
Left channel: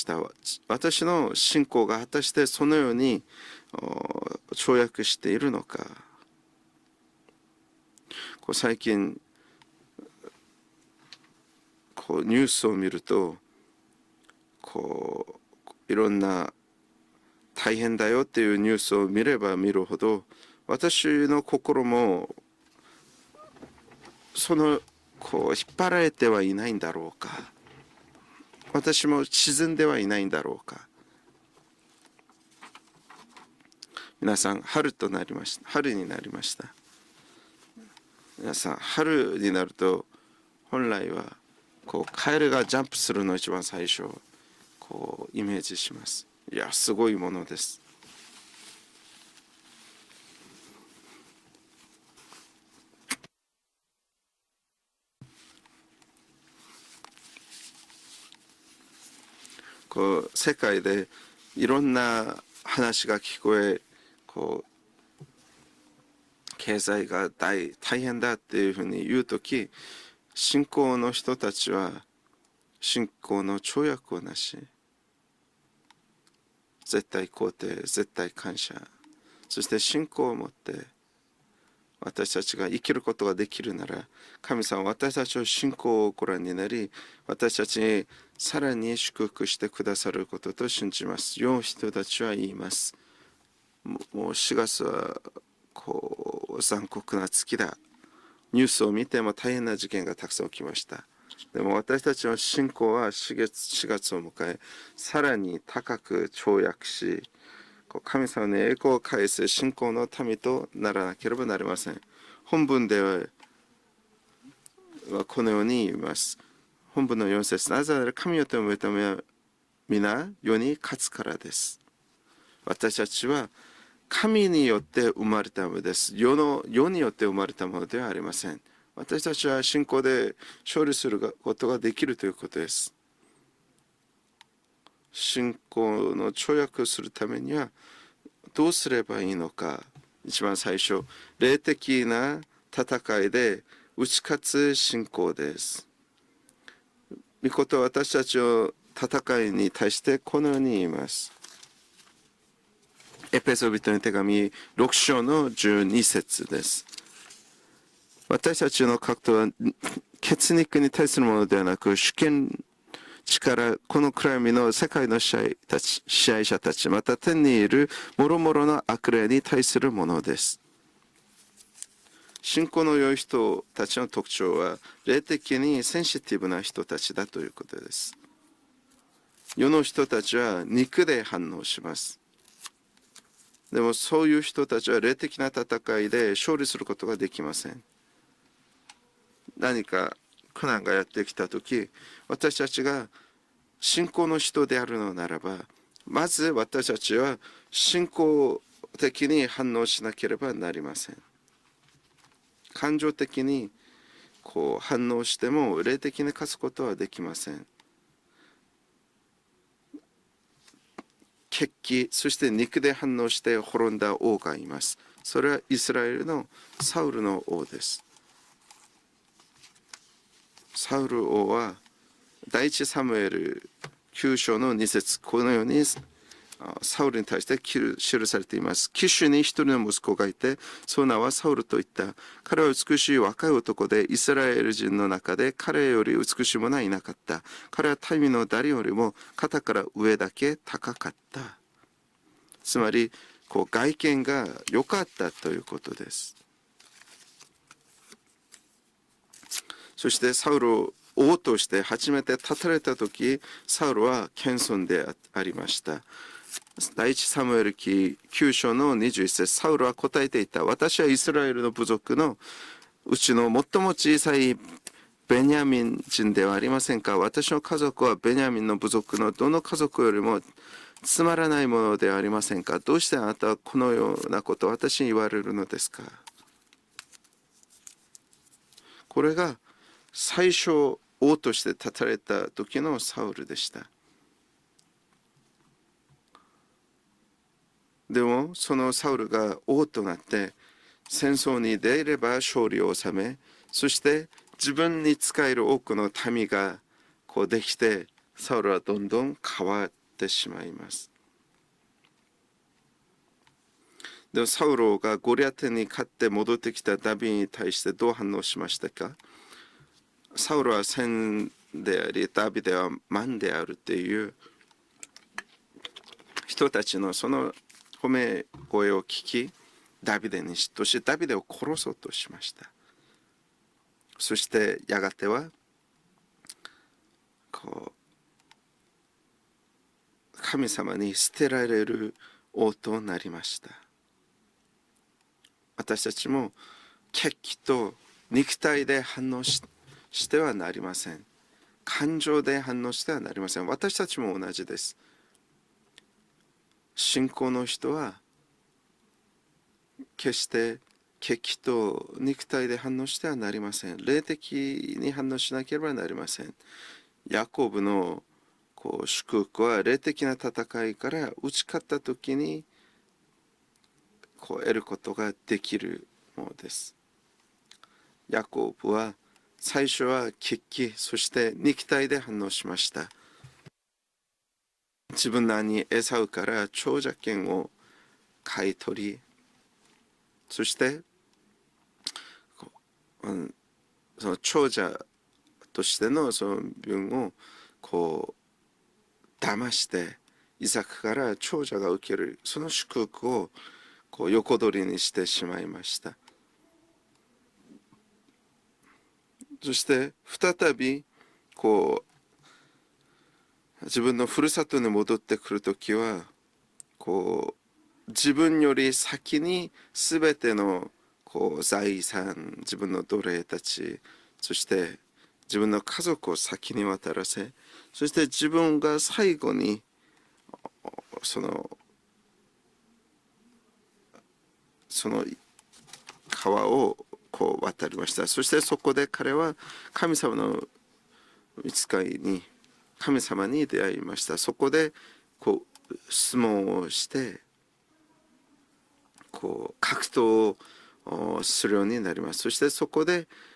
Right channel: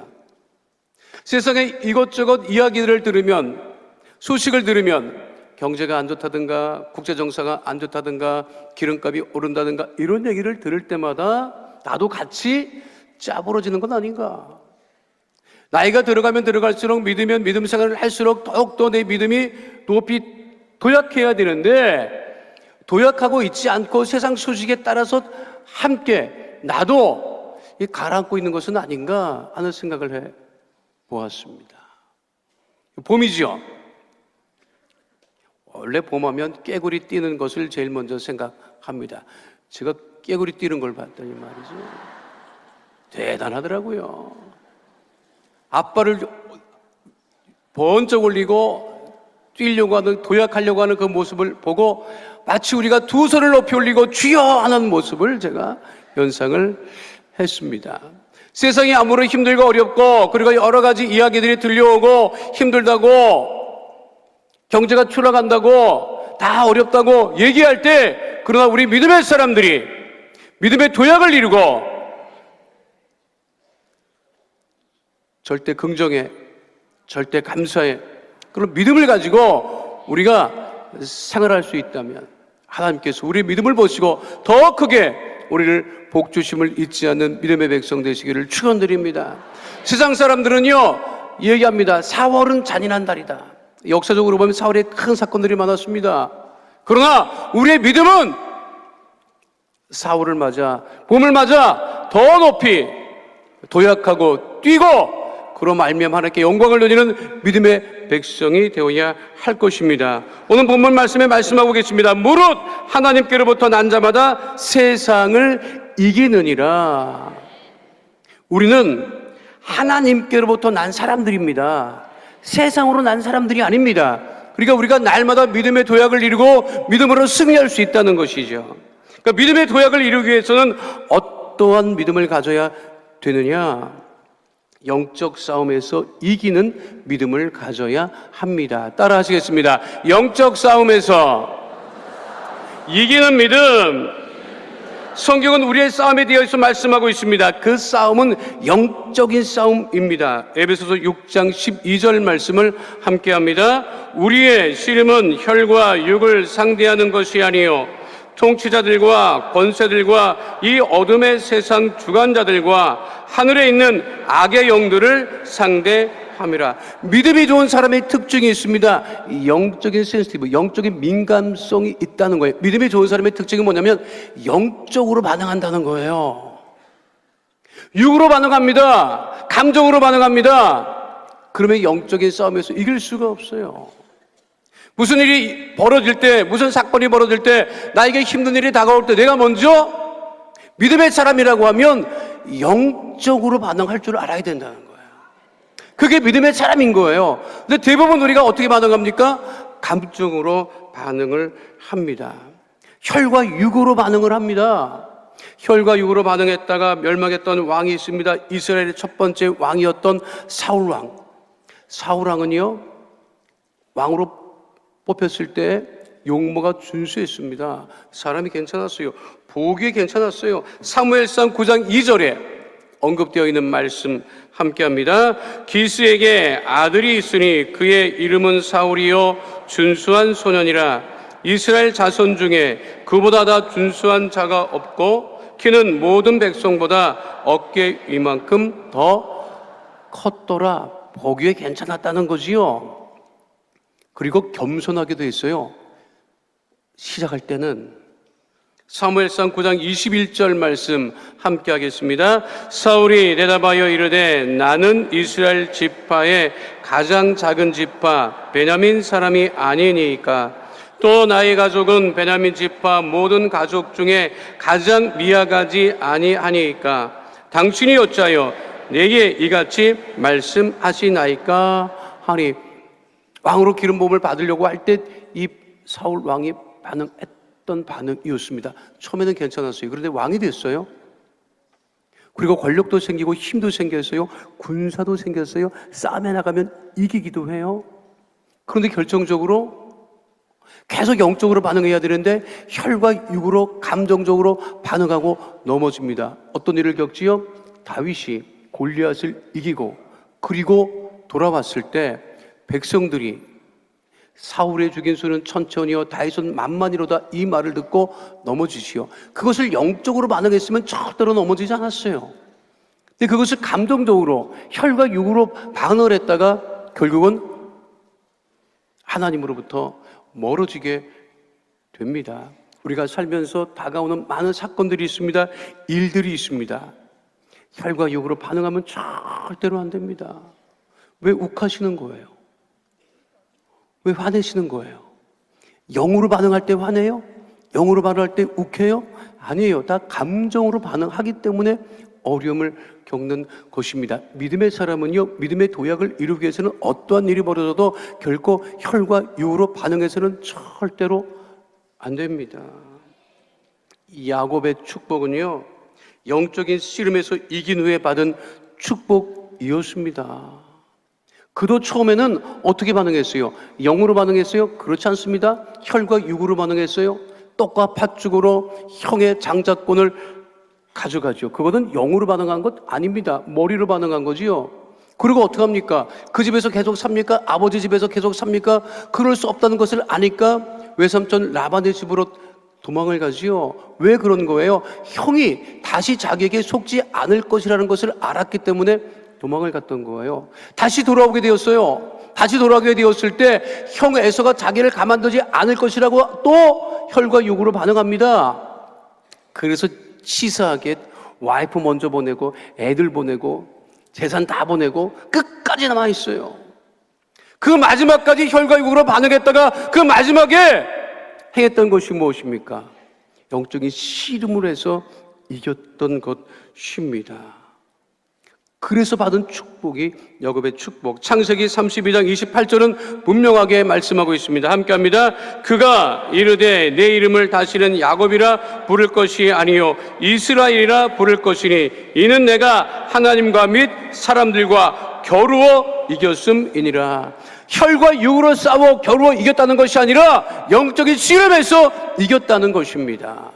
세상에 이것저것 이야기를 들으면, 소식을 들으면 경제가 안 좋다든가 국제정세가 안 좋다든가 기름값이 오른다든가 이런 얘기를 들을 때마다 나도 같이 짜부러지는 건 아닌가. 나이가 들어가면 들어갈수록 믿으면 믿음 생활을 할수록 더욱더 내 믿음이 높이 도약해야 되는데 도약하고 있지 않고 세상 소식에 따라서 함께 나도 가라앉고 있는 것은 아닌가 하는 생각을 보았습니다. 봄이죠. 원래 봄하면 깨구리 뛰는 것을 제일 먼저 생각합니다. 제가 깨구리 뛰는 걸 봤더니 말이죠. 대단하더라고요. 아빠를 번쩍 올리고 뛰려고 하는 도약하려고 하는 그 모습을 보고 마치 우리가 두 손을 높이 올리고 주여 하는 모습을 제가 연상을 했습니다. 세상이 아무리 힘들고 어렵고 그리고 여러 가지 이야기들이 들려오고 힘들다고 경제가 추락한다고 다 어렵다고 얘기할 때 그러나 우리 믿음의 사람들이 믿음의 도약을 이루고 절대 긍정에 절대 감사에 그런 믿음을 가지고 우리가 생활할 수 있다면 하나님께서 우리 믿음을 보시고 더 크게 우리를 복 주심을 잊지 않는 믿음의 백성 되시기를 축원드립니다. 세상 사람들은요 얘기합니다. 4월은 잔인한 달이다. 역사적으로 보면 4월에 큰 사건들이 많았습니다. 그러나 우리의 믿음은 4월을 맞아 봄을 맞아 더 높이 도약하고 뛰고 그로 말미암아 하나님께 영광을 돌리는 믿음의 백성이 되어야 할 것입니다. 오늘 본문 말씀에 말씀하고 계십니다. 무릇 하나님께로부터 난 자마다 세상을 이기느니라. 우리는 하나님께로부터 난 사람들입니다. 세상으로 난 사람들이 아닙니다. 그러니까 우리가 날마다 믿음의 도약을 이루고 믿음으로 승리할 수 있다는 것이죠. 그러니까 믿음의 도약을 이루기 위해서는 어떠한 믿음을 가져야 되느냐? 영적 싸움에서 이기는 믿음을 가져야 합니다. 따라하시겠습니다. 영적 싸움에서 이기는 믿음. 성경은 우리의 싸움에 대해서 말씀하고 있습니다. 그 싸움은 영적인 싸움입니다. 에베소서 6장 12절 말씀을 함께합니다. 우리의 씨름은 혈과 육을 상대하는 것이 아니요 통치자들과 권세들과 이 어둠의 세상 주관자들과 하늘에 있는 악의 영들을 상대함이라. 믿음이 좋은 사람의 특징이 있습니다. 영적인 센시티브, 영적인 민감성이 있다는 거예요. 믿음이 좋은 사람의 특징은 뭐냐면 영적으로 반응한다는 거예요. 육으로 반응합니다. 감정으로 반응합니다. 그러면 영적인 싸움에서 이길 수가 없어요. 무슨 일이 벌어질 때, 무슨 사건이 벌어질 때, 나에게 힘든 일이 다가올 때 내가 먼저 믿음의 사람이라고 하면 영적으로 반응할 줄 알아야 된다. 그게 믿음의 사람인 거예요. 근데 대부분 우리가 어떻게 반응합니까? 감정으로 반응을 합니다. 혈과 육으로 반응을 합니다. 혈과 육으로 반응했다가 멸망했던 왕이 있습니다. 이스라엘의 첫 번째 왕이었던 사울 왕. 사울 왕은요, 왕으로 뽑혔을 때 용모가 준수했습니다. 사람이 괜찮았어요. 보기에 괜찮았어요. 사무엘상 9장 2절에 언급되어 있는 말씀 함께합니다. 기스에게 아들이 있으니 그의 이름은 사울이요 준수한 소년이라. 이스라엘 자손 중에 그보다 더 준수한 자가 없고 키는 모든 백성보다 어깨 이만큼 더 컸더라. 보기에 괜찮았다는 거지요. 그리고 겸손하게도 했어요. 시작할 때는 사무엘상 9장 21절 말씀 함께 하겠습니다. 사울이 내다봐여 이르되 나는 이스라엘 지파의 가장 작은 지파 베냐민 사람이 아니니까 또 나의 가족은 베냐민 지파 모든 가족 중에 가장 미약하지 아니하니까 당신이 어찌하여 내게 이같이 말씀하시나이까 하니. 왕으로 기름 부음을 받으려고 할 때 이 사울 왕이 반응했던 반응이었습니다. 처음에는 괜찮았어요. 그런데 왕이 됐어요. 그리고 권력도 생기고 힘도 생겼어요. 군사도 생겼어요. 싸움에 나가면 이기기도 해요. 그런데 결정적으로 계속 영적으로 반응해야 되는데 혈과 육으로 감정적으로 반응하고 넘어집니다. 어떤 일을 겪지요? 다윗이 골리앗을 이기고 그리고 돌아왔을 때 백성들이 사울의 주계수는 천천히요 다윗은 만만이로다 이 말을 듣고 넘어지시오. 그것을 영적으로 반응했으면 절대로 넘어지지 않았어요. 근데 그것을 감정적으로 혈과 육으로 반응을 했다가 결국은 하나님으로부터 멀어지게 됩니다. 우리가 살면서 다가오는 많은 사건들이 있습니다. 일들이 있습니다. 혈과 육으로 반응하면 절대로 안 됩니다. 왜 욱하시는 거예요? 왜 화내시는 거예요? 영으로 반응할 때 화내요? 영으로 반응할 때 욱해요? 아니에요. 다 감정으로 반응하기 때문에 어려움을 겪는 것입니다. 믿음의 사람은요, 믿음의 도약을 이루기 위해서는 어떠한 일이 벌어져도 결코 혈과 육으로 반응해서는 절대로 안 됩니다. 야곱의 축복은요, 영적인 씨름에서 이긴 후에 받은 축복이었습니다. 그도 처음에는 어떻게 반응했어요? 영으로 반응했어요? 그렇지 않습니다. 혈과 육으로 반응했어요. 떡과 팥죽으로 형의 장자권을 가져가죠. 그거는 영으로 반응한 것 아닙니다. 머리로 반응한 거지요. 그리고 어떡합니까? 그 집에서 계속 삽니까? 아버지 집에서 계속 삽니까? 그럴 수 없다는 것을 아니까 외삼촌 라반의 집으로 도망을 가지요. 왜 그런 거예요? 형이 다시 자기에게 속지 않을 것이라는 것을 알았기 때문에 도망을 갔던 거예요. 다시 돌아오게 되었어요. 다시 돌아오게 되었을 때 형 에서가 자기를 가만두지 않을 것이라고 또 혈과 육으로 반응합니다. 그래서 치사하게 와이프 먼저 보내고 애들 보내고 재산 다 보내고 끝까지 남아 있어요. 그 마지막까지 혈과 육으로 반응했다가 그 마지막에 행했던 것이 무엇입니까? 영적인 씨름을 해서 이겼던 것입니다. 그래서 받은 축복이 야곱의 축복. 창세기 32장 28절은 분명하게 말씀하고 있습니다. 함께합니다. 그가 이르되 내 이름을 다시는 야곱이라 부를 것이 아니요 이스라엘이라 부를 것이니 이는 내가 하나님과 및 사람들과 겨루어 이겼음이니라. 혈과 육으로 싸워 겨루어 이겼다는 것이 아니라 영적인 씨름에서 이겼다는 것입니다.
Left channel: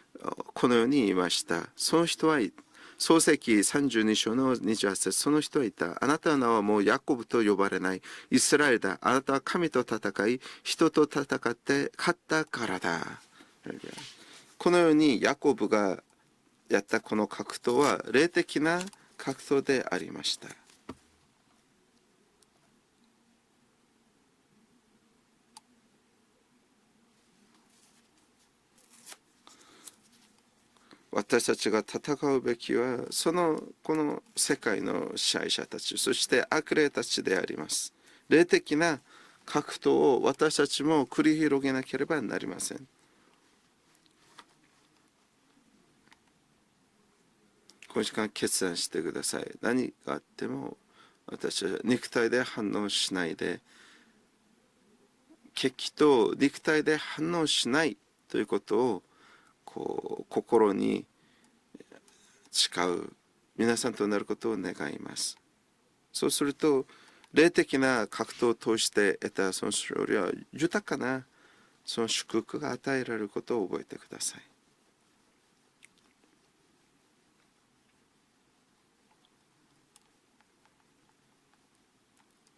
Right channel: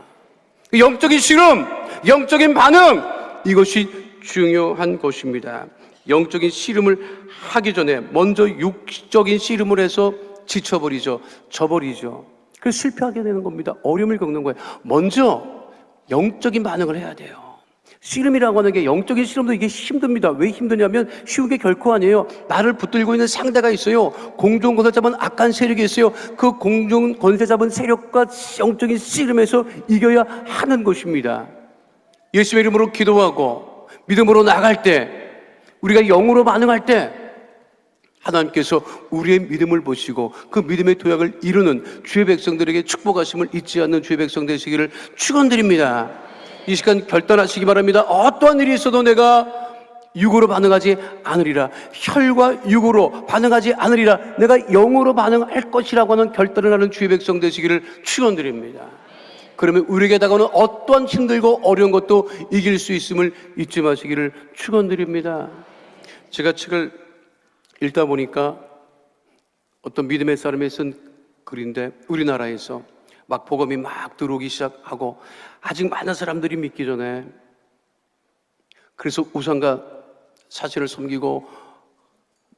그 영적인 씨름, 영적인 반응, 이것이 중요한 것입니다. 영적인 씨름을 하기 전에 먼저 육적인 씨름을 해서 지쳐버리죠. 져버리죠. 그래서 실패하게 되는 겁니다. 어려움을 겪는 거예요. 먼저 영적인 반응을 해야 돼요. 씨름이라고 하는 게 영적인 씨름도 이게 힘듭니다. 왜 힘드냐면 쉬운 게 결코 아니에요. 나를 붙들고 있는 상대가 있어요. 공중 권세 잡은 악한 세력이 있어요. 그 공중 권세 잡은 세력과 영적인 씨름에서 이겨야 하는 것입니다. 예수의 이름으로 기도하고 믿음으로 나갈 때, 우리가 영으로 반응할 때 하나님께서 우리의 믿음을 보시고 그 믿음의 도약을 이루는 주의 백성들에게 축복하심을 잊지 않는 주의 백성 되시기를 축원드립니다. 이 시간 결단하시기 바랍니다. 어떠한 일이 있어도 내가 육으로 반응하지 않으리라. 혈과 육으로 반응하지 않으리라. 내가 영으로 반응할 것이라고 하는 결단을 하는 주의 백성 되시기를 축원드립니다. 그러면 우리에게 다가오는 어떠한 힘들고 어려운 것도 이길 수 있음을 잊지 마시기를 축원드립니다. 제가 책을 읽다 보니까 어떤 믿음의 사람이 쓴 글인데, 우리나라에서 막복음이 막 들어오기 시작하고 아직 많은 사람들이 믿기 전에, 그래서 우상과 사신을 섬기고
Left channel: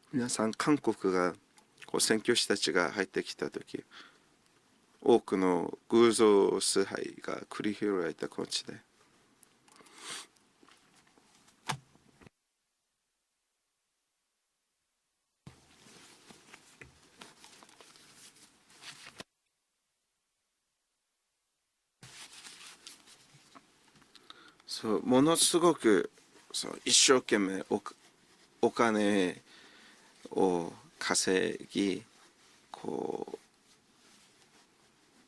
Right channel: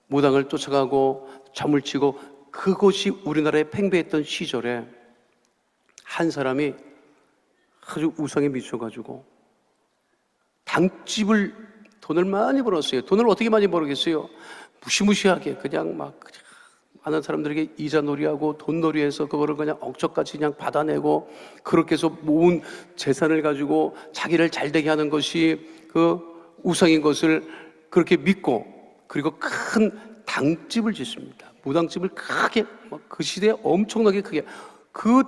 무당을 쫓아가고 점을 치고 그것이 우리나라에 팽배했던 시절에 한 사람이 아주 우상에 미쳐가지고 당집을, 돈을 많이 벌었어요. 돈을 어떻게 많이 벌겠어요? 무시무시하게 그냥 막 많은 사람들에게 이자 놀이하고 돈 놀이해서 그거를 그냥 억척같이 그냥 받아내고, 그렇게 해서 모은 재산을 가지고 자기를 잘되게 하는 것이 그 우상인 것을 그렇게 믿고, 그리고 큰 당집을 짓습니다. 무당집을 크게, 그 시대에 엄청나게 크게. 그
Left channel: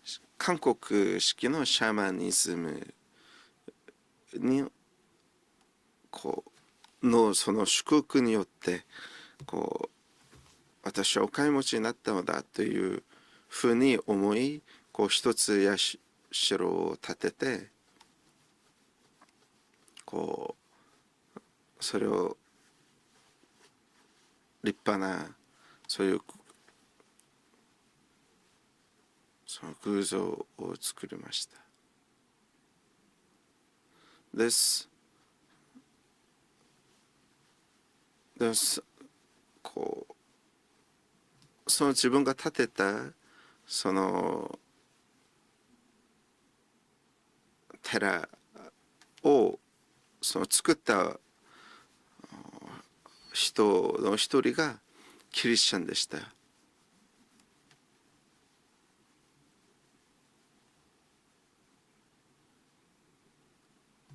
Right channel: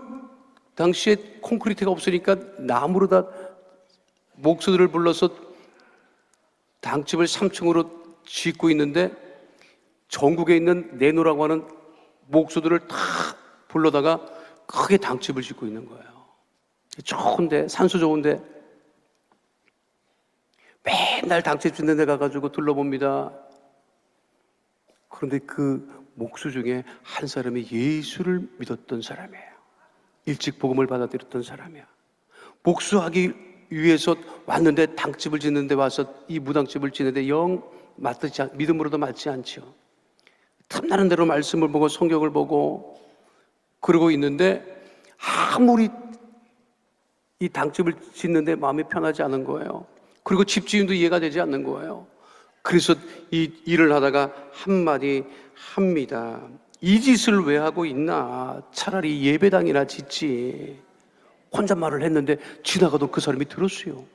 당시에 콘크리트가 없으니까 나무로 다 목수들을 불러서 당집을 3층으로 짓고 있는데, 전국에 있는 내노라고 하는 목수들을 다 불러다가 크게 당집을 짓고 있는 거예요. 좋은데, 산소 좋은데 맨날 당집 짓는 데 가가지고 둘러봅니다. 그런데 그 목수 중에 한 사람이 예수를 믿었던 사람이에요. 일찍 복음을 받아들였던 사람이야. 목수하기 위해서 왔는데 당집을 짓는데 와서 이 무당집을 짓는데 영 맞지 않, 믿음으로도 맞지 않죠. 탐나는 대로 말씀을 보고 성경을 보고 그러고 있는데 아무리 이 당집을 짓는데 마음이 편하지 않은 거예요. 그리고 집주인도 이해가 되지 않는 거예요. 그래서 이 일을 하다가 한마디 합니다. 이 짓을 왜 하고 있나? 차라리 예배당이나 짓지. 혼잣말을 했는데 지나가도 그 사람이 들었어요.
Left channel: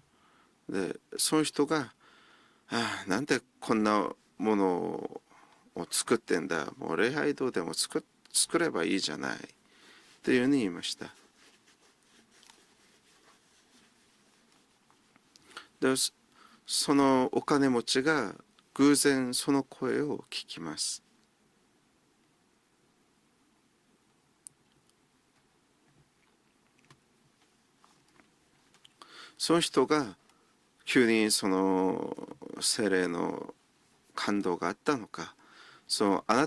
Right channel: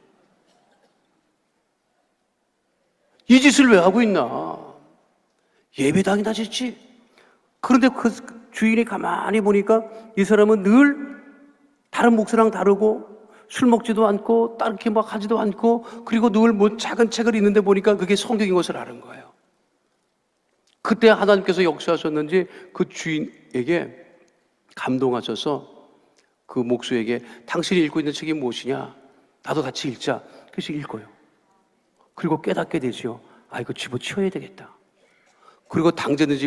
이 짓을 왜 하고 있나? 예배당이나 짓지. 그런데 그 주인이 가만히 보니까 이 사람은 늘 다른 목사랑 다르고 술 먹지도 않고 따르게 막 하지도 않고, 그리고 늘 뭐 작은 책을 읽는데 보니까 그게 성경인 것을 알아요. 그때 하나님께서 역사하셨는지 그 주인에게 감동하셔서 그 목수에게 당신이 읽고 있는 책이 무엇이냐? 나도 같이 읽자. 그래서 읽고 그리고 깨닫게 되죠. 아, 이거 집어치워야 되겠다. 그리고 당제는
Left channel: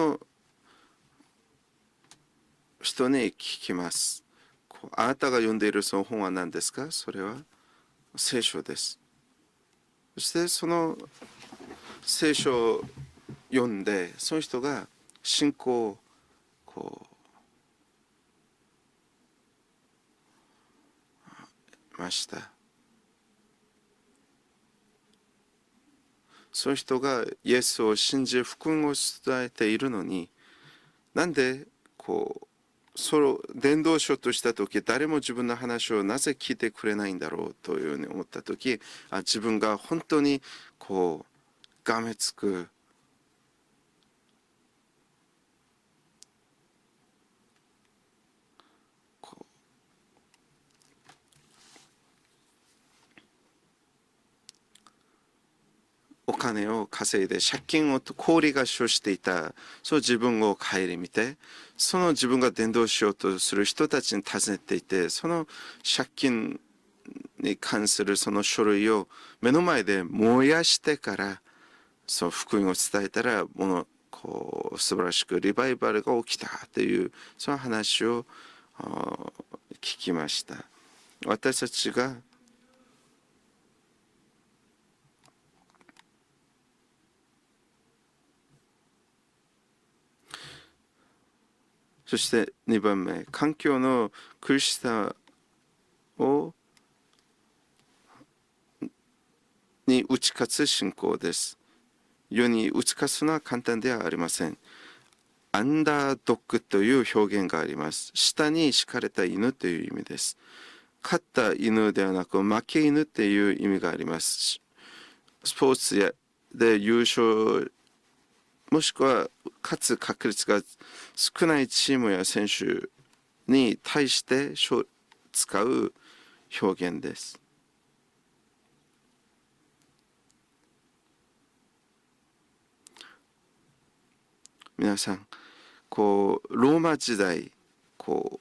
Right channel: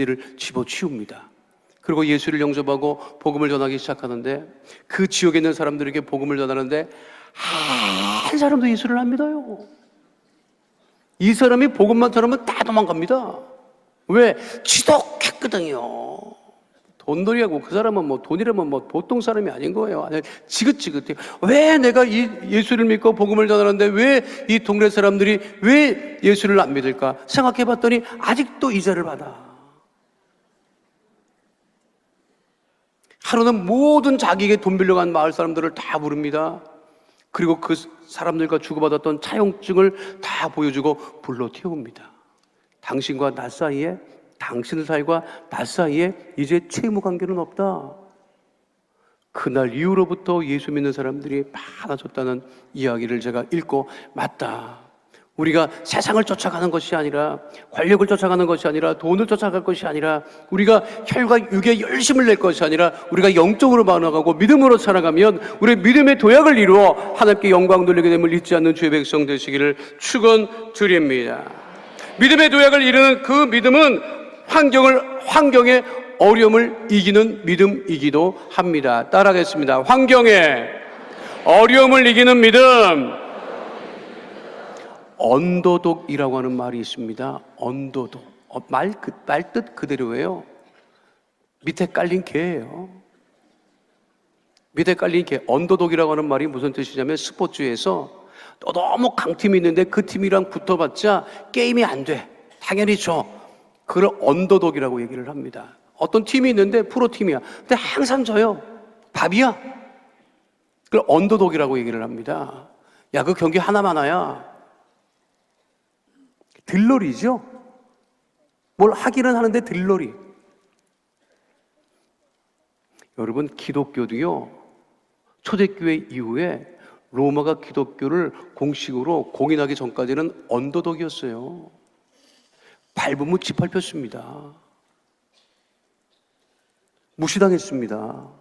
일을 집어치웁니다. 그리고 예수를 영접하고 복음을 전하기 시작하는데, 그 지역에 있는 사람들에게 복음을 전하는데 한 사람도 예수를 안 믿어요. 이 사람이 복음만 전하면 다 도망갑니다. 왜? 지독했거든요. 돈놀이하고, 그 사람은 뭐 돈이라면 뭐 보통 사람이 아닌 거예요. 아니, 지긋지긋해요. 왜 내가 이 예수를 믿고 복음을 전하는데 왜 이 동네 사람들이 왜 예수를 안 믿을까? 생각해봤더니 아직도 이자를 받아. 하루는 모든 자기에게 돈 빌려간 마을 사람들을 다 부릅니다. 그리고 그 사람들과 주고받았던 차용증을 다 보여주고 불러 태웁니다. 당신과 나 사이에, 당신 사이와 나 사이에 이제 채무 관계는 없다. 그날 이후로부터 예수 믿는 사람들이 많아졌다는 이야기를 제가 읽고, 맞다. 우리가 세상을 쫓아가는 것이 아니라, 권력을 쫓아가는 것이 아니라, 돈을 쫓아갈 것이 아니라, 우리가 혈과 육에 열심을 낼 것이 아니라 우리가 영적으로 반응하고 믿음으로 살아가면 우리 믿음의 도약을 이루어 하나님께 영광 돌리게 됨을 잊지 않는 주의 백성 되시기를 축원드립니다. 믿음의 도약을 이루는 그 믿음은 환경의 어려움을 이기는 믿음이기도 합니다. 따라하겠습니다. 환경의 어려움을 이기는 믿음. 언더독이라고 하는 말이 있습니다. 언더독. 말뜻 그대로예요. 밑에 깔린 개예요. 2番目環境の苦しさ 밑에 깔린 개. 언더독이라고 하는 말이 무슨 뜻이냐면 스포츠에서 너무 강팀이 있는데 그 팀이랑 붙어봤자 게임이 안 돼. 世に 당연히 打ち勝 져. つのは簡単ではあり 그걸 ません 언더독이라고 얘기를 합니다. アンダ 어떤 ード 팀이 ッグ 있는데 という 프로팀이야. 表現があり 근데 ま 항상 す 져요. 下に敷かれた 밥이야. 犬という意味です 그걸 勝った 언더독이라고 犬 얘기를 ではなく 합니다. 負け犬と 야 い 그 う 경기 意味があり 하나만아야. ますスポーツで優 들러리죠 勝 뭘 もしくは 하기는 하는데 勝つ 들러리. 確率が少ないチームや選手 여러분 に対し 기독교도요. て使う 초대교회 이후에 表現です 로마가 기독교를 공식으로 공인하기 전까지는 언더독이었어요. 밟으면 짓밟혔습니다. 皆さんこうローマ時代 무시당했습니다. 고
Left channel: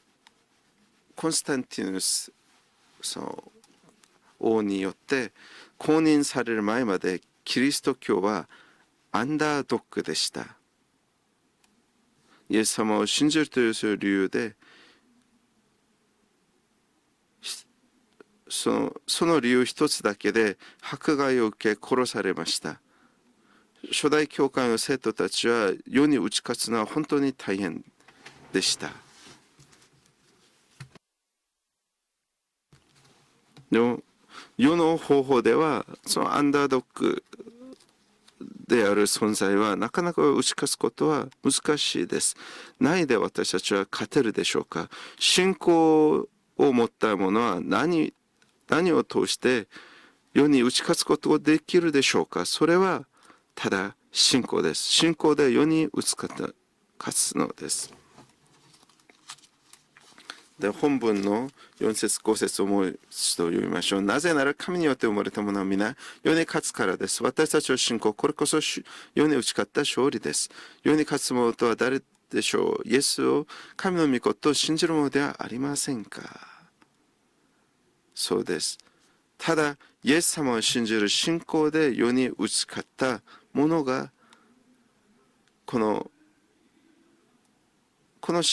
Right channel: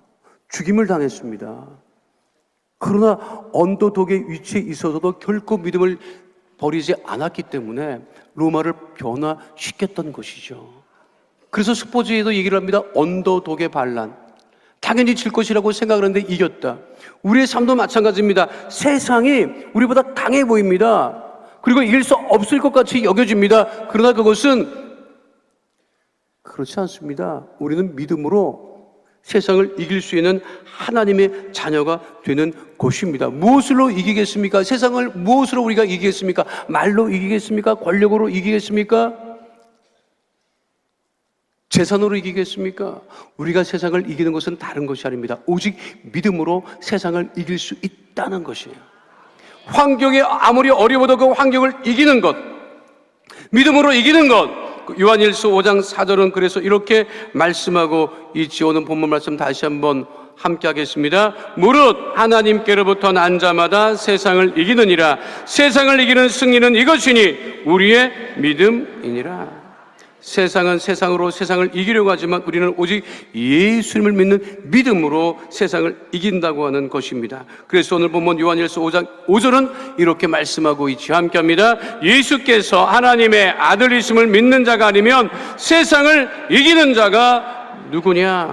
죽임을 コンス 당했습니다. タンティヌス 그러나 언더독의 위치에 王によ 있어서도 って 결코 公 믿음을 認される前 버리지 まで 않았기 キリスト 때문에 教は 로마를 アンダードッグ 변화시켰다는 でした 것이죠. 그래서 스포츠에도 イ 얘기를 エス 합니다. 様を信じるとい 언더독의 うそういう理 반란. 由で 당연히 질 것이라고 생각을 했는데 이겼다. 우리의 삶도 마찬가지입니다. 세상이 우리보다 강해 보입니다. 그리고 이길 수 없을 것 같이 여겨집니다. 그러나 初代教会 그것은 の生徒たちは世に打ち勝つ 그렇지 のは本当に 않습니다. 大変 우리는 믿음으로 でした 세상을 이길 수 있는 하나님의 자녀가 되는 것입니다. 무엇으로 이기겠습니까? 세상을 무엇으로 우리가 이기겠습니까? 말로 이기겠습니까? 권력으로 である 이기겠습니까? 存在はなかなか打ち勝つことは難しい 재산으로 です 이기겠습니까? ないで私 우리가 たちは 세상을 勝て 이기는 るでし 것은 ょうか 다른 것이 아닙니다. 信 오직 仰を 믿음으로 持った 세상을 者は 이길 수 何 있다는 것이에요. 何を通して 환경이 世に 아무리 打ち勝つ 어려워도 こ 그 とが 환경을 できるでし 이기는 ょう 것, かそれは 믿음으로 이기는 것. 신고です. 요한일서 5장 신고의 4절은 그래서 이렇게 말씀하고 있지. 오늘 본문 말씀 다시 한번 함께 하겠습니다. 무릇 하나님께로부터 난 자마다 세상을 이기느니라. 세상을 이기는 승리는 이것이니 우리의 믿음이니라. 세상은 세상으로 세상을 이기려고 하지만 우리는 오직 예수님을 믿는 믿음으로 세상을 이긴다고 하는 것입니다. 그래서 오늘 본문 요한일서 5장 5절은 이렇게 말씀하고 있지. 함께 합니다. 예수께서 하나님의 아들이심을 믿는 자가 아니면 세상을 이기는 자가 누구냐?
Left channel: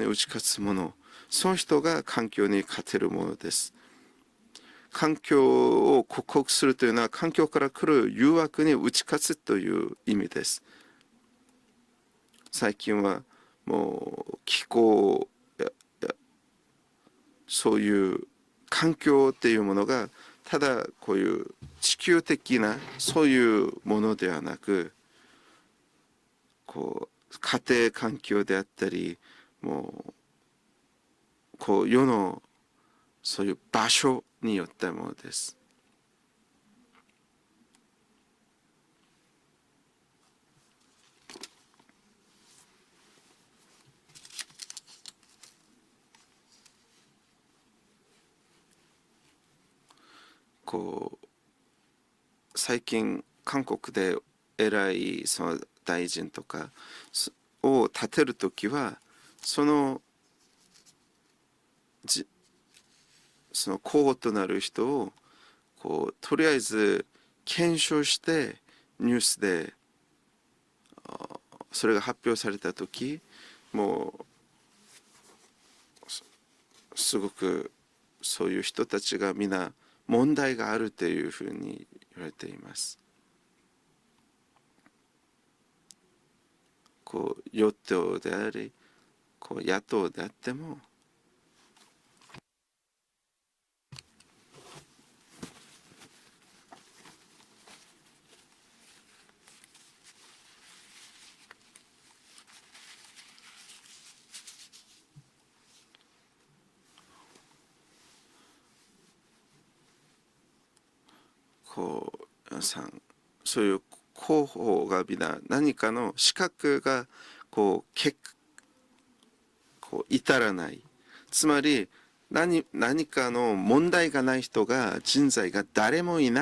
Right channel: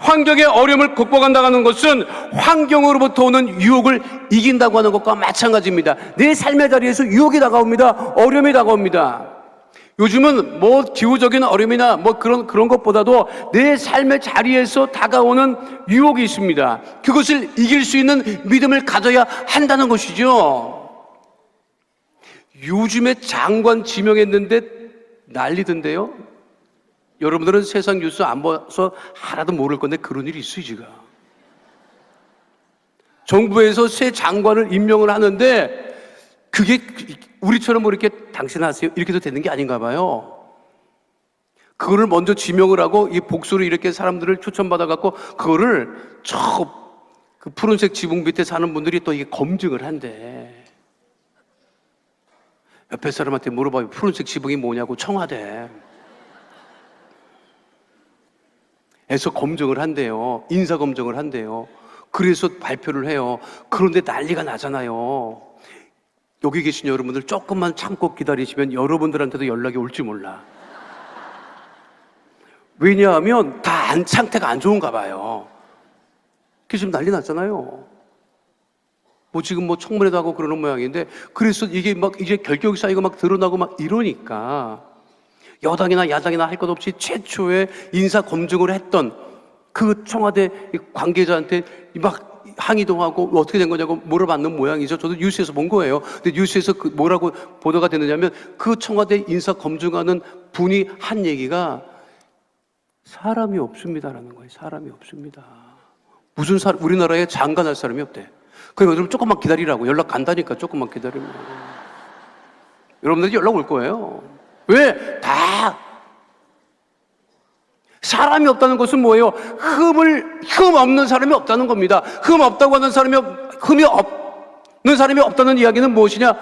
환경의 어려움을 극복한다는 것은 환경으로부터 오는 유혹을 이긴다고 하는 것과 마찬가지입니다. 내 삶의 자리에서 유혹이 다가옵니다. 어려움이 다가옵니다. 요즘은 뭐 기후적인 어려움이나 뭐 그런 것보다도 내 삶의 자리에서 다가오는 유혹이 있습니다. 그것을 이길 수 있는 믿음을 가져야 한다는 것이죠. 요즘에 장관 지명했는데 난리던데요. 여러분들은 세상 뉴스 안 봐서 하나도 모를 건데 그런 일이 있어요 지금. 정부에서 새 장관을 임명을 하는데 그게 우리처럼 뭐 이렇게 당신 하세요 이렇게도 되는 게 아닌가 봐요. 그거를 먼저 지명을 하고 이 복수로 이렇게 사람들을 추천받아 갖고 그거를 그 푸른색 지붕 밑에 사는 분들이 또 이게 검증을 한대. 옆에 사람한테 물어봐요. 푸른색 지붕이 뭐냐고 청와대. 에서 검증을 한대요. 인사 검증을 한대요. 그래서 발표를 해요. 그런데 난리가 나잖아요. 여기 계신 여러분들 조금만 참고 기다리시면 여러분들한테도 연락이 올지 몰라. 왜냐하면 다 상태가 안 좋은가 봐요. 그게 지금 난리 났잖아요. 뭐 지금 뭐 청문회도 하고 그런 모양인데 그래서 이게 막 이제 결격 사유가 막 드러나고 막 이러니까 여당이나 야당이나 할 것 없이 최초의 인사 검증을 했던 그 청와대 관계자한테 막 항의도 하고 어떻게 된 거냐고 물어봤는 모양이죠. 저도 뉴스에서 본 거예요. 근데 뉴스에서 그 뭐라고 보도가 됐느냐면 그 청와대 인사 검증하는 분이 한 얘기가 사람이 없습니다라는 거예요. 사람이 없습니다. 무슨 우리나라에 장관할 사람이 없대. 그럼 여러분 조금만 기다리라고 연락 간다니까 조금만 기다리면. 여러분들이 연락 올 거예요. 왜? 다 사람이 없다는 것은 뭐예요? 흠 없는 사람이 없다는 겁니다. 흠 없다고 하는 사람이 흠이 없는 사람이 없다는 이야기는 무엇이냐?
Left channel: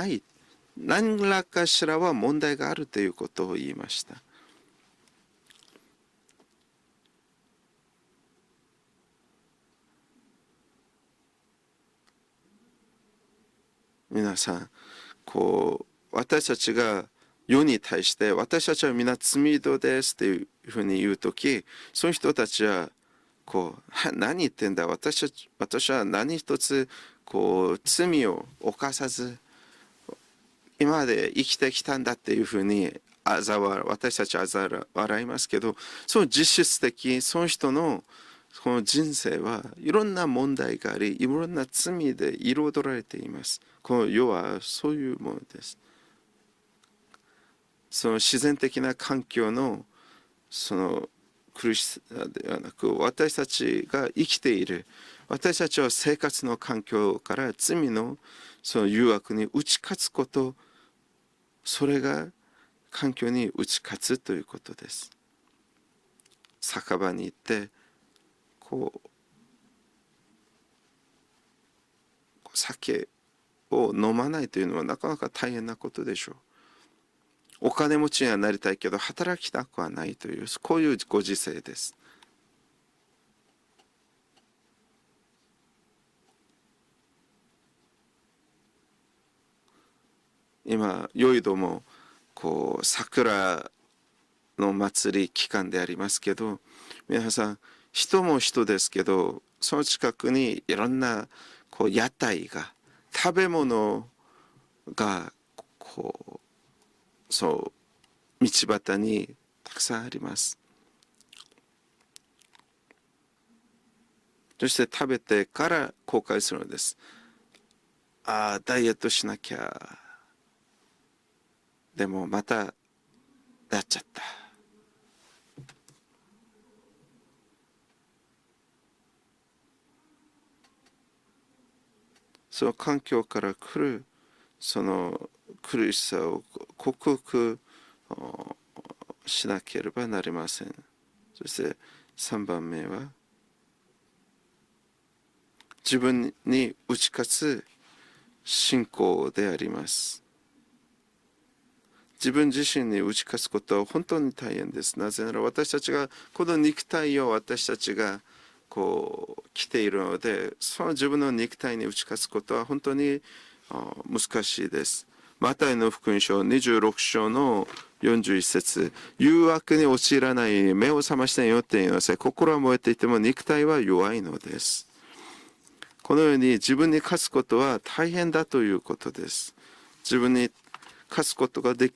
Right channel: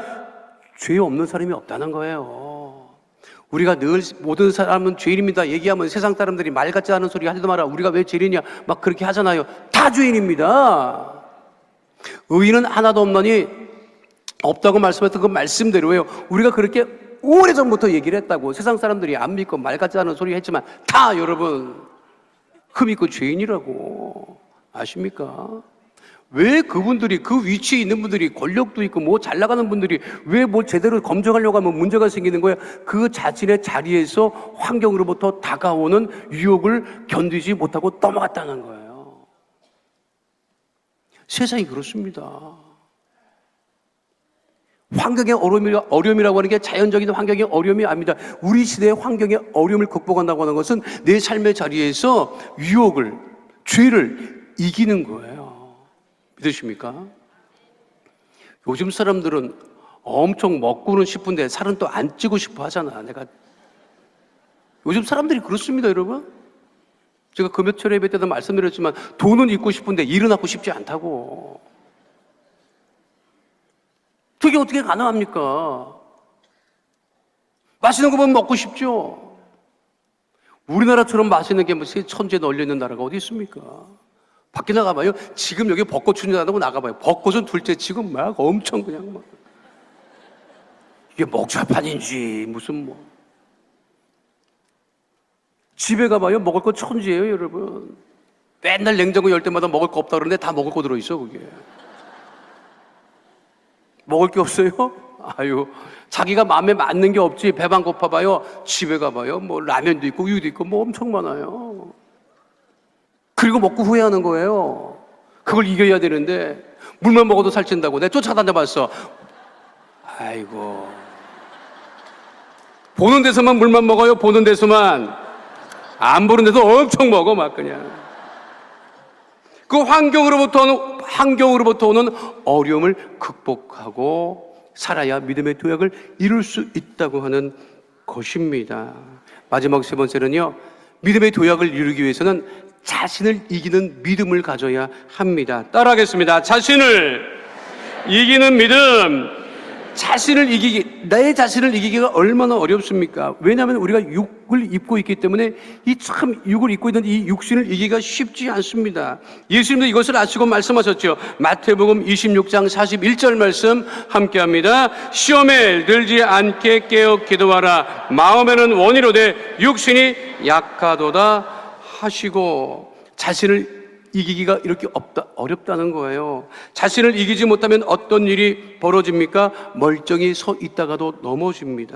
죄 없는 사람이 없다는 거예요. 우리가 늘 모든 사람은 죄인입니다 얘기하면 세상 사람들이 말 같지 않은 소리 하지도 마라. 우리가 왜 죄인이냐 막 그렇게 하잖아요. 다 죄인입니다. 의인은 하나도 없나니 없다고 말씀했던 그 말씀대로예요. 우리가 그렇게 오래전부터 얘기를 했다고. 세상 사람들이 안 믿고 말 같지 않은 소리 했지만 다 여러분 그 믿고 죄인이라고 아십니까? 왜 그분들이 그 위치에 있는 분들이 권력도 있고 뭐 잘 나가는 분들이 왜 뭐 제대로 검증하려고 하면 문제가 생기는 거예요? 그 자신의 자리에서 환경으로부터 다가오는 유혹을 견디지 못하고 넘어갔다는 거예요. 세상이 그렇습니다. 환경의 어려움이라고 하는 게 자연적인 환경의 어려움이 아닙니다. 우리 시대의 환경의 어려움을 극복한다고 하는 것은 내 삶의 자리에서 유혹을, 죄를 이기는 거예요. 그렇습니까? 요즘 사람들은 엄청 먹고는 싶은데 살은 또 안 찌고 싶어 하잖아요. 요즘 사람들이 그렇습니다, 여러분. 제가 금요철 예배 때도 말씀드렸지만 돈은 있고 싶은데 일은 하고 싶지 않다고. 그게 어떻게 가능합니까? 맛있는 것만 먹고 싶죠. 우리나라처럼 맛있는 게 무슨 천지에 널려 있는 나라가 어디 있습니까? 밖에 나가봐요. 지금 여기 벚꽃 추진한다고 나가봐요. 벚꽃은 둘째치고 막 엄청 그냥 막 이게 목차판인지 무슨 집에 가봐요. 먹을 거 천지예요, 여러분. 맨날 냉장고 열 때마다 먹을 거 없다 그러는데 다 먹을 거 들어있어 거기. 먹을 게 없어요? 아유, 자기가 마음에 맞는 게 없지. 배만 고파봐요. 집에 가봐요. 뭐 라면도 있고 우유도 있고 뭐 엄청 많아요. 그리고 먹고 후회하는 거예요. 그걸 이겨야 되는데 물만 먹어도 살찐다고 내가 쫓아다녀봤어. 아이고, 보는 데서만 물만 먹어요. 보는 데서만. 안 보는 데서 엄청 먹어 막 그냥. 그 환경으로부터 오는 어려움을 극복하고 살아야 믿음의 도약을 이룰 수 있다고 하는 것입니다. 마지막 세 번째는요, 믿음의 도약을 이루기 위해서는 자신을 이기는 믿음을 가져야 합니다. 따라하겠습니다. 자신을 이기는 믿음. 내 자신을 이기기가 얼마나 어렵습니까? 왜냐하면 우리가 육을 입고 있기 때문에 이 참 육을 입고 있는 이 육신을 이기기가 쉽지 않습니다. 예수님도 이것을 아시고 말씀하셨죠. 마태복음 26장 41절 말씀 함께합니다. 시험에 들지 않게 깨어 기도하라. 마음에는 원이로되 육신이 약하도다 하시고, 자신을 이기기가 이렇게 어렵다는 거예요. 자신을 이기지 못하면 어떤 일이 벌어집니까? 멀쩡히 서 있다가도 넘어집니다.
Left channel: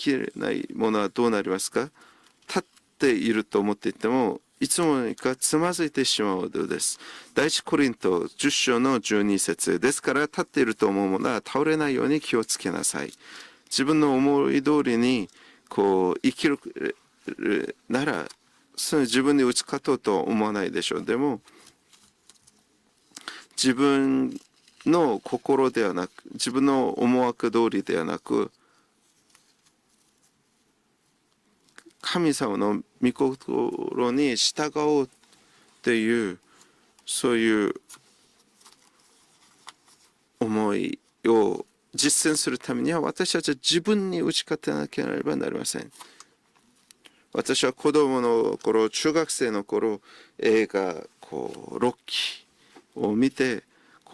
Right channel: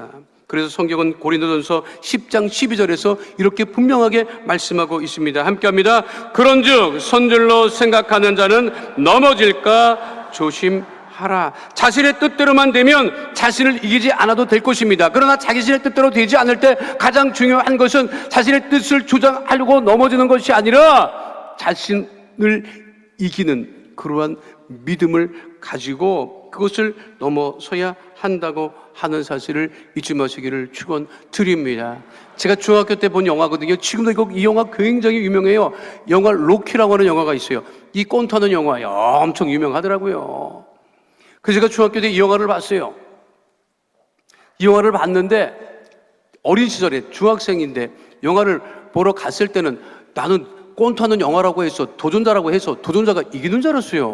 그래서 성경은 고린도전서 10장 12절에서 이렇게 분명하게 말씀하고 있습니다. 함께합니다. 그런즉 선줄로 생각하는 자는 넘어질까 조심하라. 자신의 뜻대로만 되면 자신을 이기지 않아도 될 것입니다. 그러나 자신의 뜻대로 되지 않을 때 가장 중요한 것은 자신의 뜻을 주장하려고 넘어지는 것이 아니라 자신을 이기는 그러한 믿음을 가지고 그것을 넘어서야 한다고 하는 사실을 잊지 마시기를 축원드립니다. 제가 중학교 때 본 영화거든요. 지금도 이 영화 굉장히 유명해요. 영화 로키라고 하는 영화가 있어요. 이 꼰타는 영화 엄청 유명하더라고요. 그래서 제가 중학교 때 이 영화를 봤어요. 이 영화를 봤는데 어린 시절에 중학생인데 영화를 보러 갔을 때는 나는 꼰타는 영화라고 해서 도전자라고 해서 도전자가 이기는 줄 알았어요.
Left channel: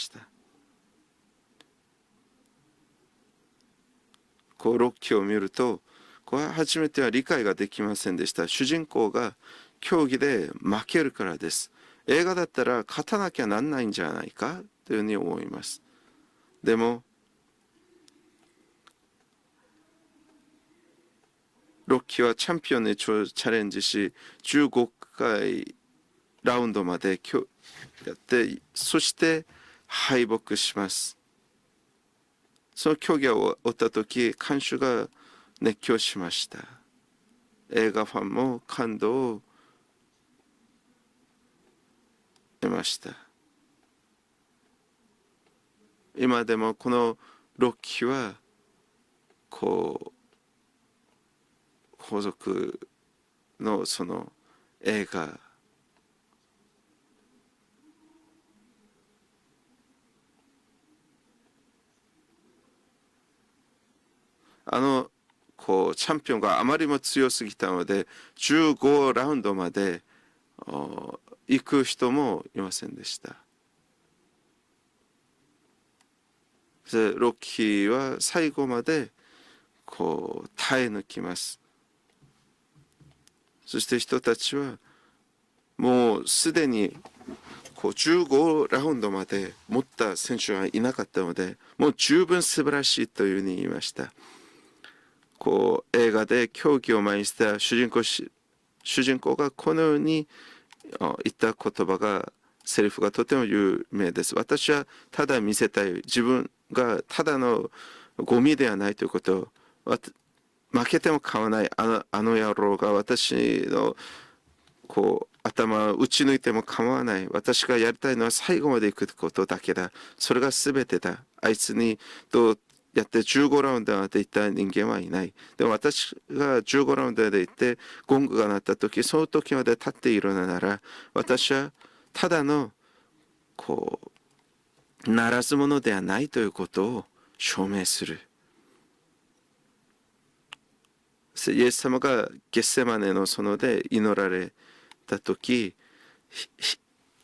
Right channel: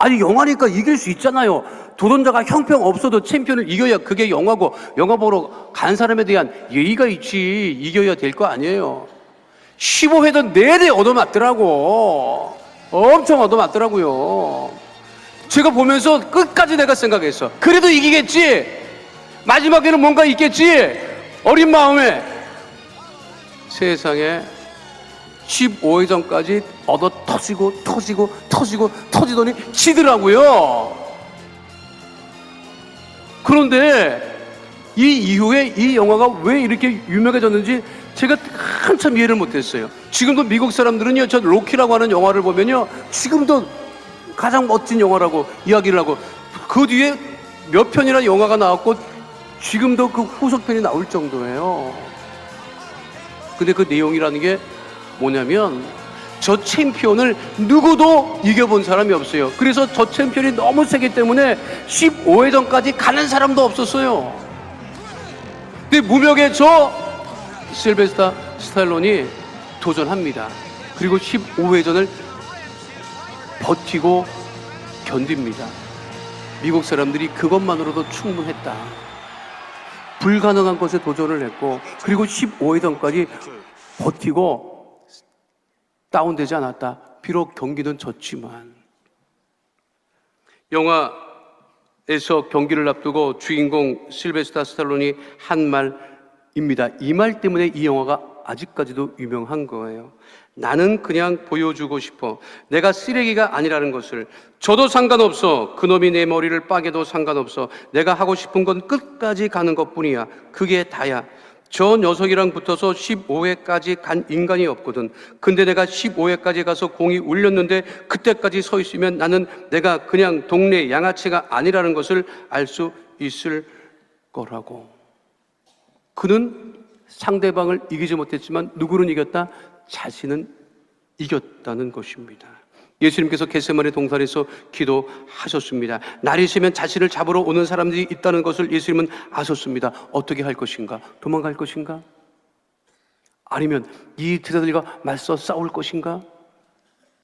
아니 영화니까 이길 수 있잖아요. 도전자가 형평 없어도 챔피언을 이겨야 그게 영화고, 영화 보러 간 사람에 대한 예의가 있지. 이겨야 될 거 아니에요. 15회도 내내 얻어맞더라고. 엄청 얻어맞더라고요. 제가 보면서 끝까지 내가 생각했어. 그래도 이기겠지. 마지막에는 뭔가 있겠지. 어린 마음에 세상에 15회전까지 얻어 터지더니 치더라고요. 그런데 이 이후에 이 영화가 왜 이렇게 유명해졌는지 제가 한참 이해를 못했어요. 지금도 미국 사람들은요, 저 로키라고 하는 영화를 보면요, 지금도 가장 멋진 영화라고 이야기를 하고, 그 뒤에 몇 편이나 영화가 나왔고 지금도 그 후속편이 나올 정도예요. 근데 그 내용이라는 게 뭐냐면 저 챔피언을 누구도 이겨본 사람이 없어요. 그래서 저 챔피언이 너무 세기 때문에 15회전까지 가는 사람도 없었어요. 근데 무명의 저 실베스타 스탈론이 도전합니다. 그리고 15회전을 버티고 견딥니다. 미국 사람들이 그것만으로도 충분했다. 불가능한 것에 도전을 했고 그리고 15회전까지 버티고 다운되지 않았다. 비록 경기도 좋지만 영화 에서 경기를 앞두고 주인공 실베스타 스탈론이 한 말입니다. 이 말 때문에 이 영화가 아직까지도 유명한 거예요. 나는 그냥 보여주고 싶어. 내가 쓰레기가 아니라는 것을. 저도 상관없어. 그놈이 내 머리를 빠개도 상관없어. 내가 하고 싶은 건 끝까지 가는 것뿐이야. 그게 다야. 저 녀석이랑 붙어서 15회까지 간 인간이 없거든. 근데 내가 15회까지 가서 공이 울렸는데 그때까지 서 있으면 나는 내가 그냥 동네 양아치가 아니라는 것을 알 수 있을 거라고. 그는 상대방을 이기지 못했지만 누구는 이겼다? 자신은 이겼다는 것입니다. 예수님께서 겟세마네 동산에서 기도하셨습니다. 날이 새면 자신을 잡으러 오는 사람들이 있다는 것을 예수님은 아셨습니다. 어떻게 할 것인가? 도망갈 것인가? 아니면 이 제자들과 맞서 싸울 것인가?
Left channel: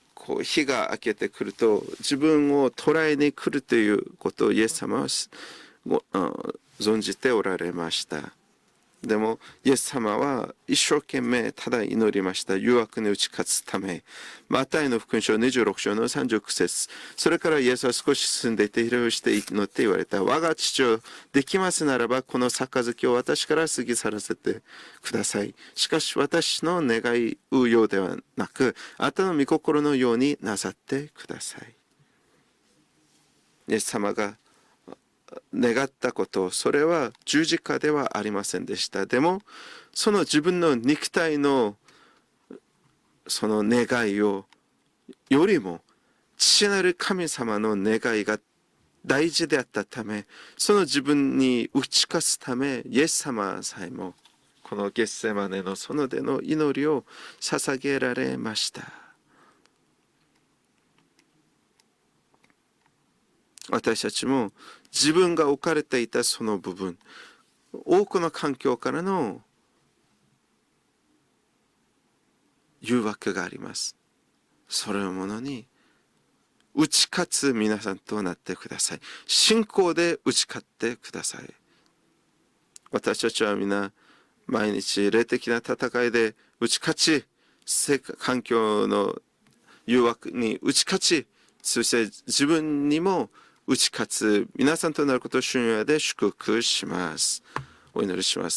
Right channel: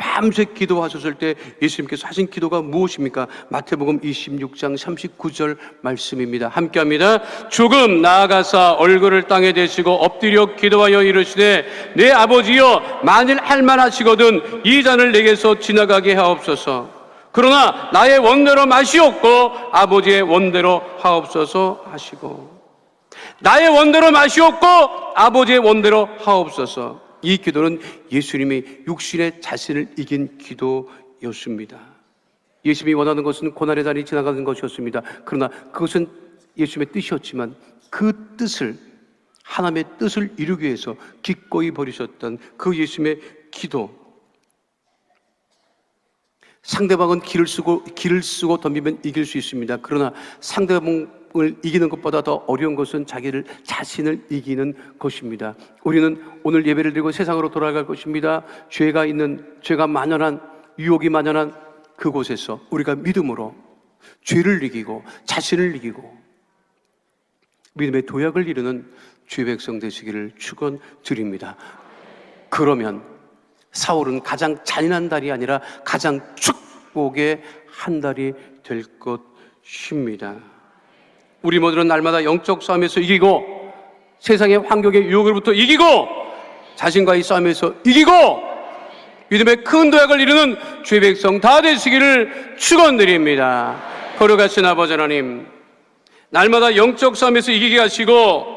밤새 기도하셨을 때 예수님께서 하신 기도가 무엇입니까? 마태복음 26장 39절 말씀입니다. 함께합니다. 조금 나아가사 얼굴을 땅에 대시고 엎드려 기도하여 이르시되 내 아버지여 만일 할만하시거든 이 잔을 내게서 지나가게 하옵소서. 그러나 나의 원대로 마시옵고 아버지의 원대로 하옵소서 하시고 나의 원대로 마시옵고 아버지의 원대로 하옵소서. 이 기도는 예수님이 육신의 자신을 이긴 기도였습니다. 예수님이 원하는 것은 고난의 날이 지나가는 것이었습니다. 그러나 그것은 예수님의 뜻이었지만 그 뜻을 하나님의 뜻을 이루기 위해서 기꺼이 버리셨던 그 예수님의 기도. 상대방은 길을 쓰고 덤비면 이길 수 있습니다. 그러나 상대방을 이기는 것보다 더 어려운 것은 자신을 이기는 것입니다. 우리는 오늘 예배를 드리고 세상으로 돌아갈 것입니다. 죄가 만연한 유혹이 만연한 그곳에서 우리가 믿음으로 죄를 이기고 자신을 이기고 믿음의 도약을 이루는 주의 백성 되시기를 축원드립니다. 그러면 사울은 가장 잔인한 달이 아니라 가장 축복의 한 달이 될 것입니다. 우리 모두는 날마다 영적 싸움에서 이기고 세상의 환경의 유혹으로부터 이기고 자신과의 싸움에서 이기고 믿음의 큰 도약을 이루는 주의 백성 다 되시기를 축원드립니다. 거룩하신 아버지 하나님, 날마다 영적 싸움에서 이기게 하시고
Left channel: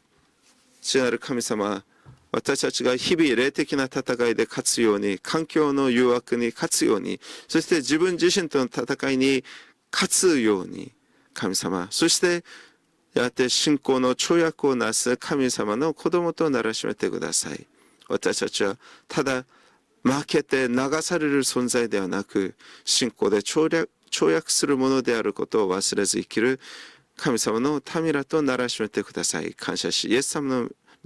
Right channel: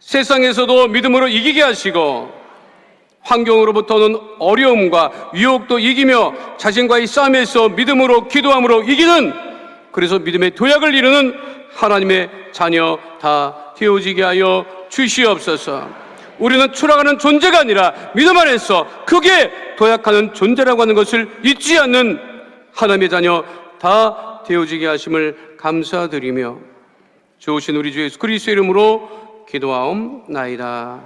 세상에서도 믿음으로 이기게 하시고 환경으로부터는 어려움과 유혹도 이기며 자신과의 싸움에서 믿음으로 기도함으로 이기는 그래서 믿음의 도약을 이루는 하나님의 자녀 다 되어지게 하여 주시옵소서. 우리는 추락하는 존재가 아니라 믿음 안에서 크게 도약하는 존재라고 하는 것을 잊지 않는 하나님의 자녀 다 되어지게 하심을 감사드리며 도우신 우리 주 예수 그리스도의 이름으로 기도하옵나이다.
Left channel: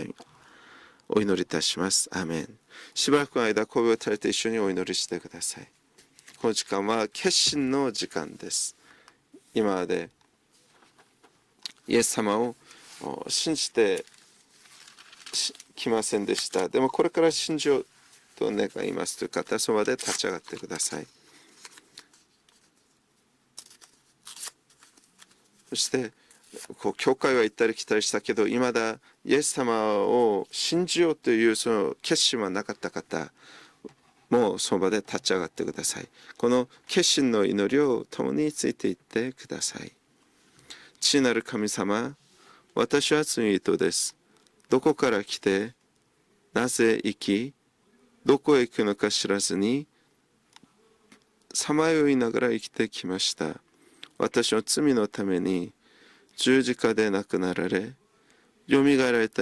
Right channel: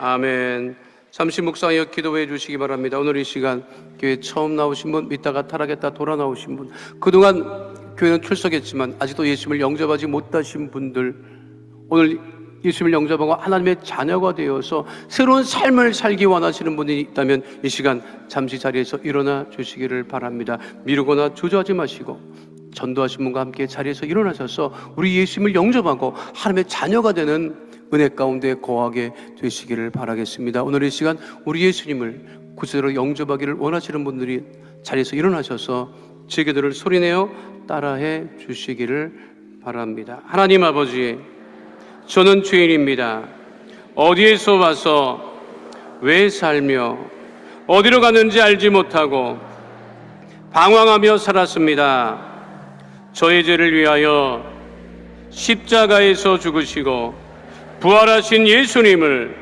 아멘. 잠시 묵상하여 기도해 주시기 바랍니다. 오늘 이 시간 교회 처음 나오신 분, 이따가 살아겠다 돌아 나오신 분, 그동안 교회는 출석했지만 아직도 예수님을 영접하지 못하신 분들, 오늘 예수님을 영접하고 하나님의 자녀가 되어서 새로운 삶을 살기 원하시는 분이 있다면 이 시간 잠시 자리에서 일어나 주시기를 바랍니다. 미루거나 주저하지 마시고 전도하신 분과 함께 자리에서 일어나셔서 우리 예수님을 영접하고 하나님의 자녀가 되는 은혜 가운데 거하게 되시기를 바라겠습니다. 오늘 이 시간 우리 예수님을 구체적으로 영접하기를 원하시는 분들이 자리에서 일어나셔서 제 기도를 소리내어 따라해 주시기를 바랍니다. 하나님 아버지, 저는 죄인입니다. 어디에서 와서 왜 살며 어디로 가는지 알지 못하고 방황하며 살았습니다. 저의 죄를 위하여 십자가에서 죽으시고 부활하신 예수님을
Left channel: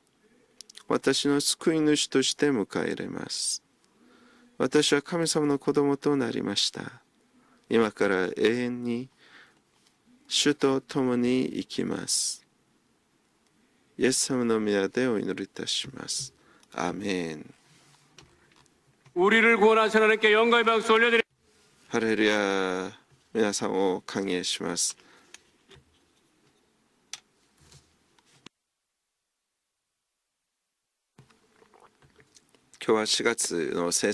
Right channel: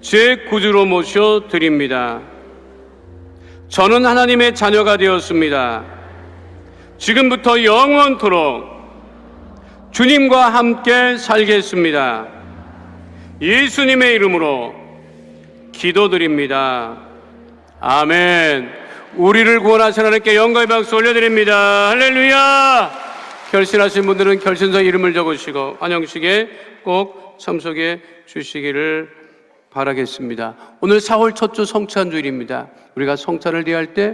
제 구주로 모셔 드립니다. 저는 하나님의 자녀가 되었습니다. 지금부터 영원토록 주님과 함께 살겠습니다. 예수님의 이름으로 기도드립니다. 아멘. 우리를 구원하신 하나님께 영광의 박수 올려드립니다. 할렐루야. 결신하신 분들은 결신자 이름을 적으시고 안영식에 꼭 참석해 주시기를 바라겠습니다. 오늘 4월 첫 주 성찬주일입니다. 우리가 성찬을 대할 때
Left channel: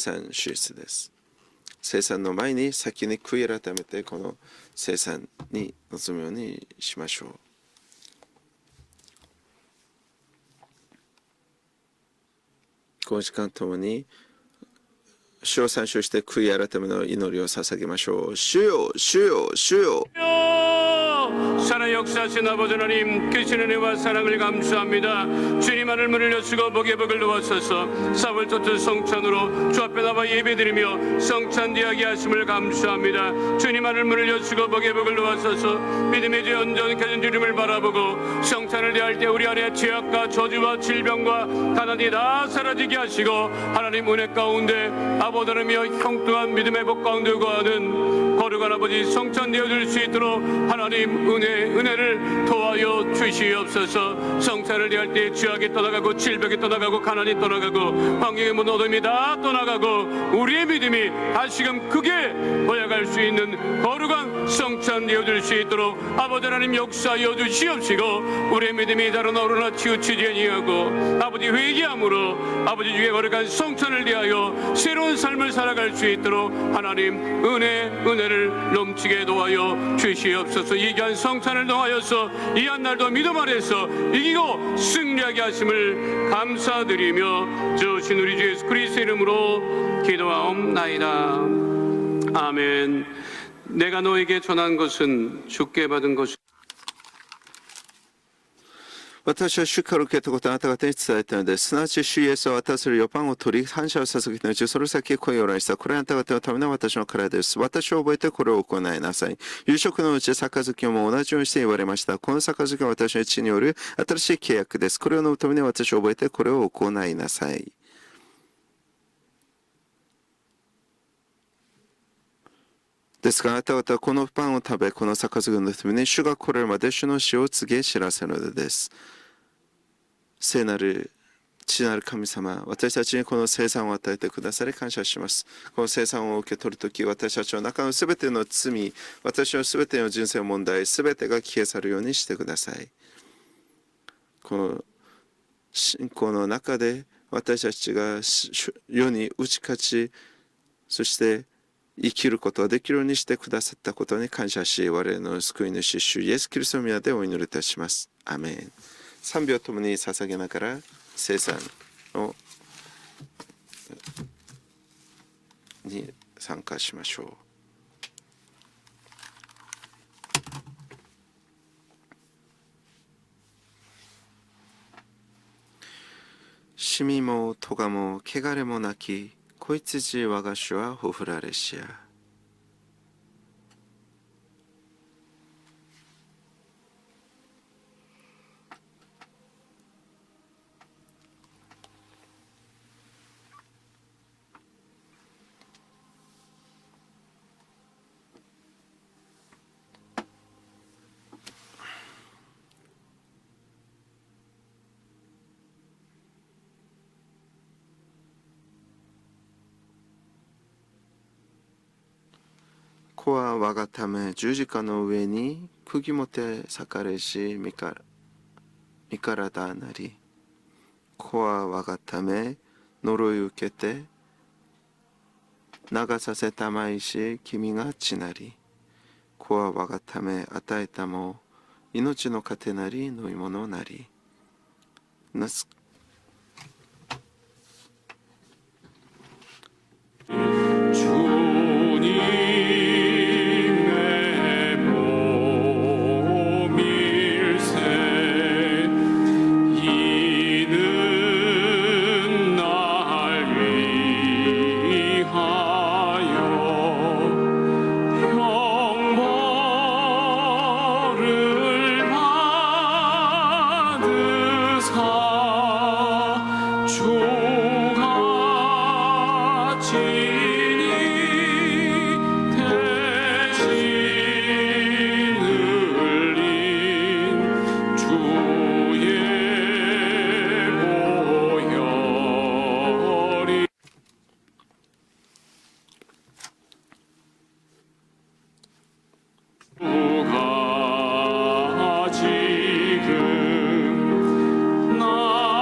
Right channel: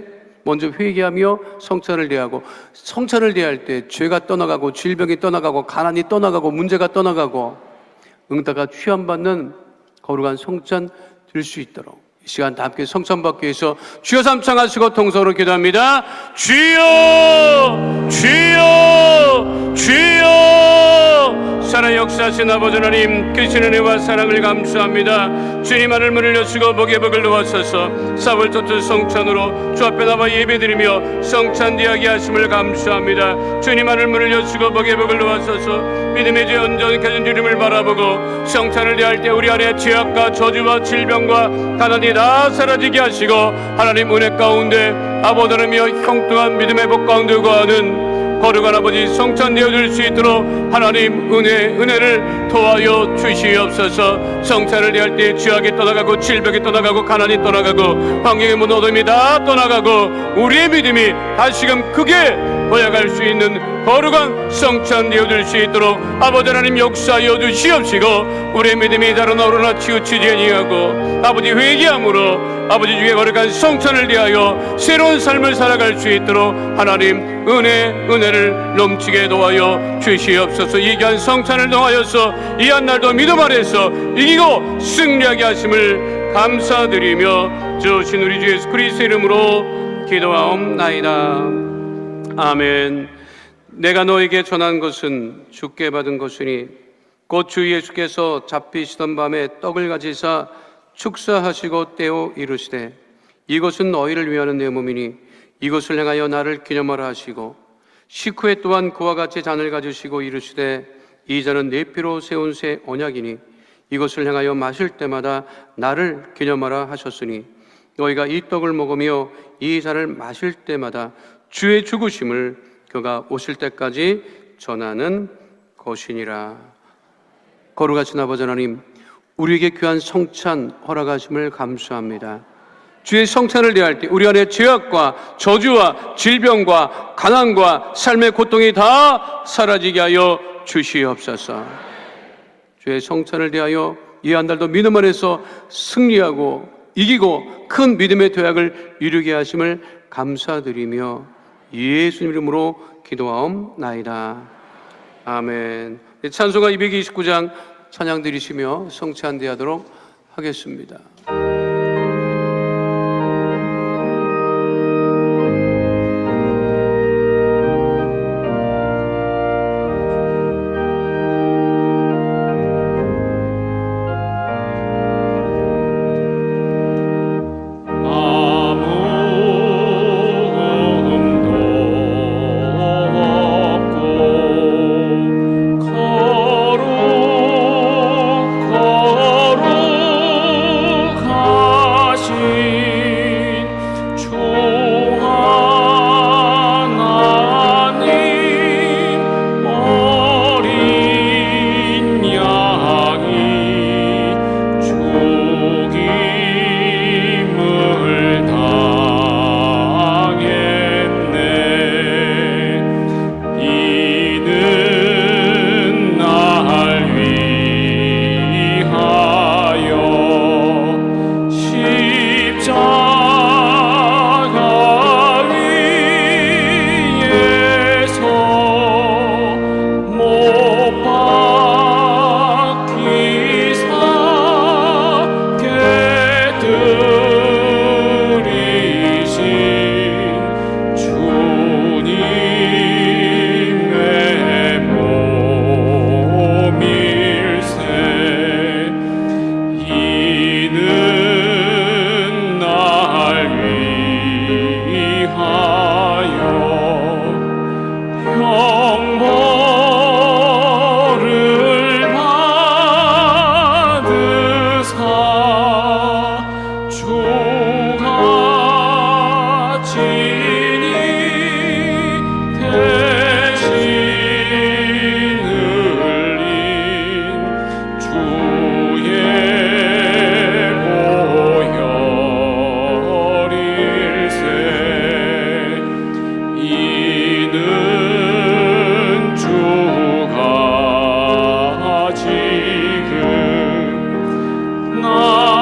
먼저 회개하며 성찬을 대하고, 성찬을 대할 때 죄가 떠나가고 질병이 떠나가고 가난이 떠나가고 문제가 떠나가고 응답과 취함받는 거룩한 성찬 될 수 있도록 이 시간 다 함께 성찬 받기 위해서 주여 삼창하시고 통성으로 기도합니다. 주여, 주여, 주여. 살아 역사하신 아버지 하나님, 크리스천의 은혜와 사랑을 감사합니다. 주님 하늘문을 여시고 복의 복을 놓았소서. 4월 첫째 성찬으로 주 앞에 나와 예배드리며 성찬 이야기하심을 감사합니다. 주님 하늘문을 여시고 복의 복을 놓았소서. 믿음의 주 온전히 가진 주님을 바라보고 성찬을 대할 때 우리 안에 죄악과 저주와 질병과 가난이 다 사라지게 하시고 하나님 은혜 가운데 아버지 하나님이여 형통한 믿음의 복 가운데 거하는 거룩한 아버지 성찬 되어줄 수 있도록 하나님 은혜를 토하여 주시옵소서. 성찬을 대할 때 죄악이 떠나가고 질병이 떠나가고 가난이 떠나가고 환경의 문 어둠이 다 떠나가고 우리의 믿음이 다시금 크게 도약할 수 있는 거룩한 성찬 되어줄 수 있도록 아버지 하나님 역사하여 주시옵시고 우리의 믿음이 다른 어루나 치우치지 아니하고 아버지 회개함으로 아버지 주의 거룩한 성찬을 대하여 새로운 삶을 살아갈 수 있도록 하나님 은혜를 넘치게 도와여 주시옵소서. 이 귀한 성찬을 통하여서 이 한 날도 믿음 안에서 이기고 승리하게 하심을 감사드리며 주신 우리 주 예수 그리스도의 이름으로 기도하옵나이다. 아멘. 내가 너에게 전한 것은 주께 받은 것이니 곧 주 예수께서 잡히시던 밤에 떡을 가지사 축사하시고 떼어 이르시되 이것은 너희를 위하는 내 몸이니 이것을 행하여 나를 기념하라 하시고 식후에 또한 그와 같이 잔을 가지시고 이르시되 이 잔은 내 피로 세운 새 언약이니 이것을 행하여 마실 때마다 나를 기념하라 하셨으니 너희가 이 떡을 먹으며 이 잔을 마실 때마다 주의 죽으심을 그가 오실 때까지 전하는 것이니라. 거룩하신 아버지 하나님, 우리에게 귀한 성찬 허락하심을 감사합니다. 주의 성찬을 대할 때 우리 안에 죄악과 저주와 질병과 가난과 삶의 고통이 다 사라지게 하여 주시옵소서. 주의 성찬을 대하여 이 한 달도 믿음 안에서 승리하고 이기고 큰 믿음의 도약을 이루게 하심을 감사드리며 예수 이름으로 기도하옵나이다. 아멘. 찬송가 229장 찬양 드리시며 성찬 대하도록 하겠습니다. 지금 나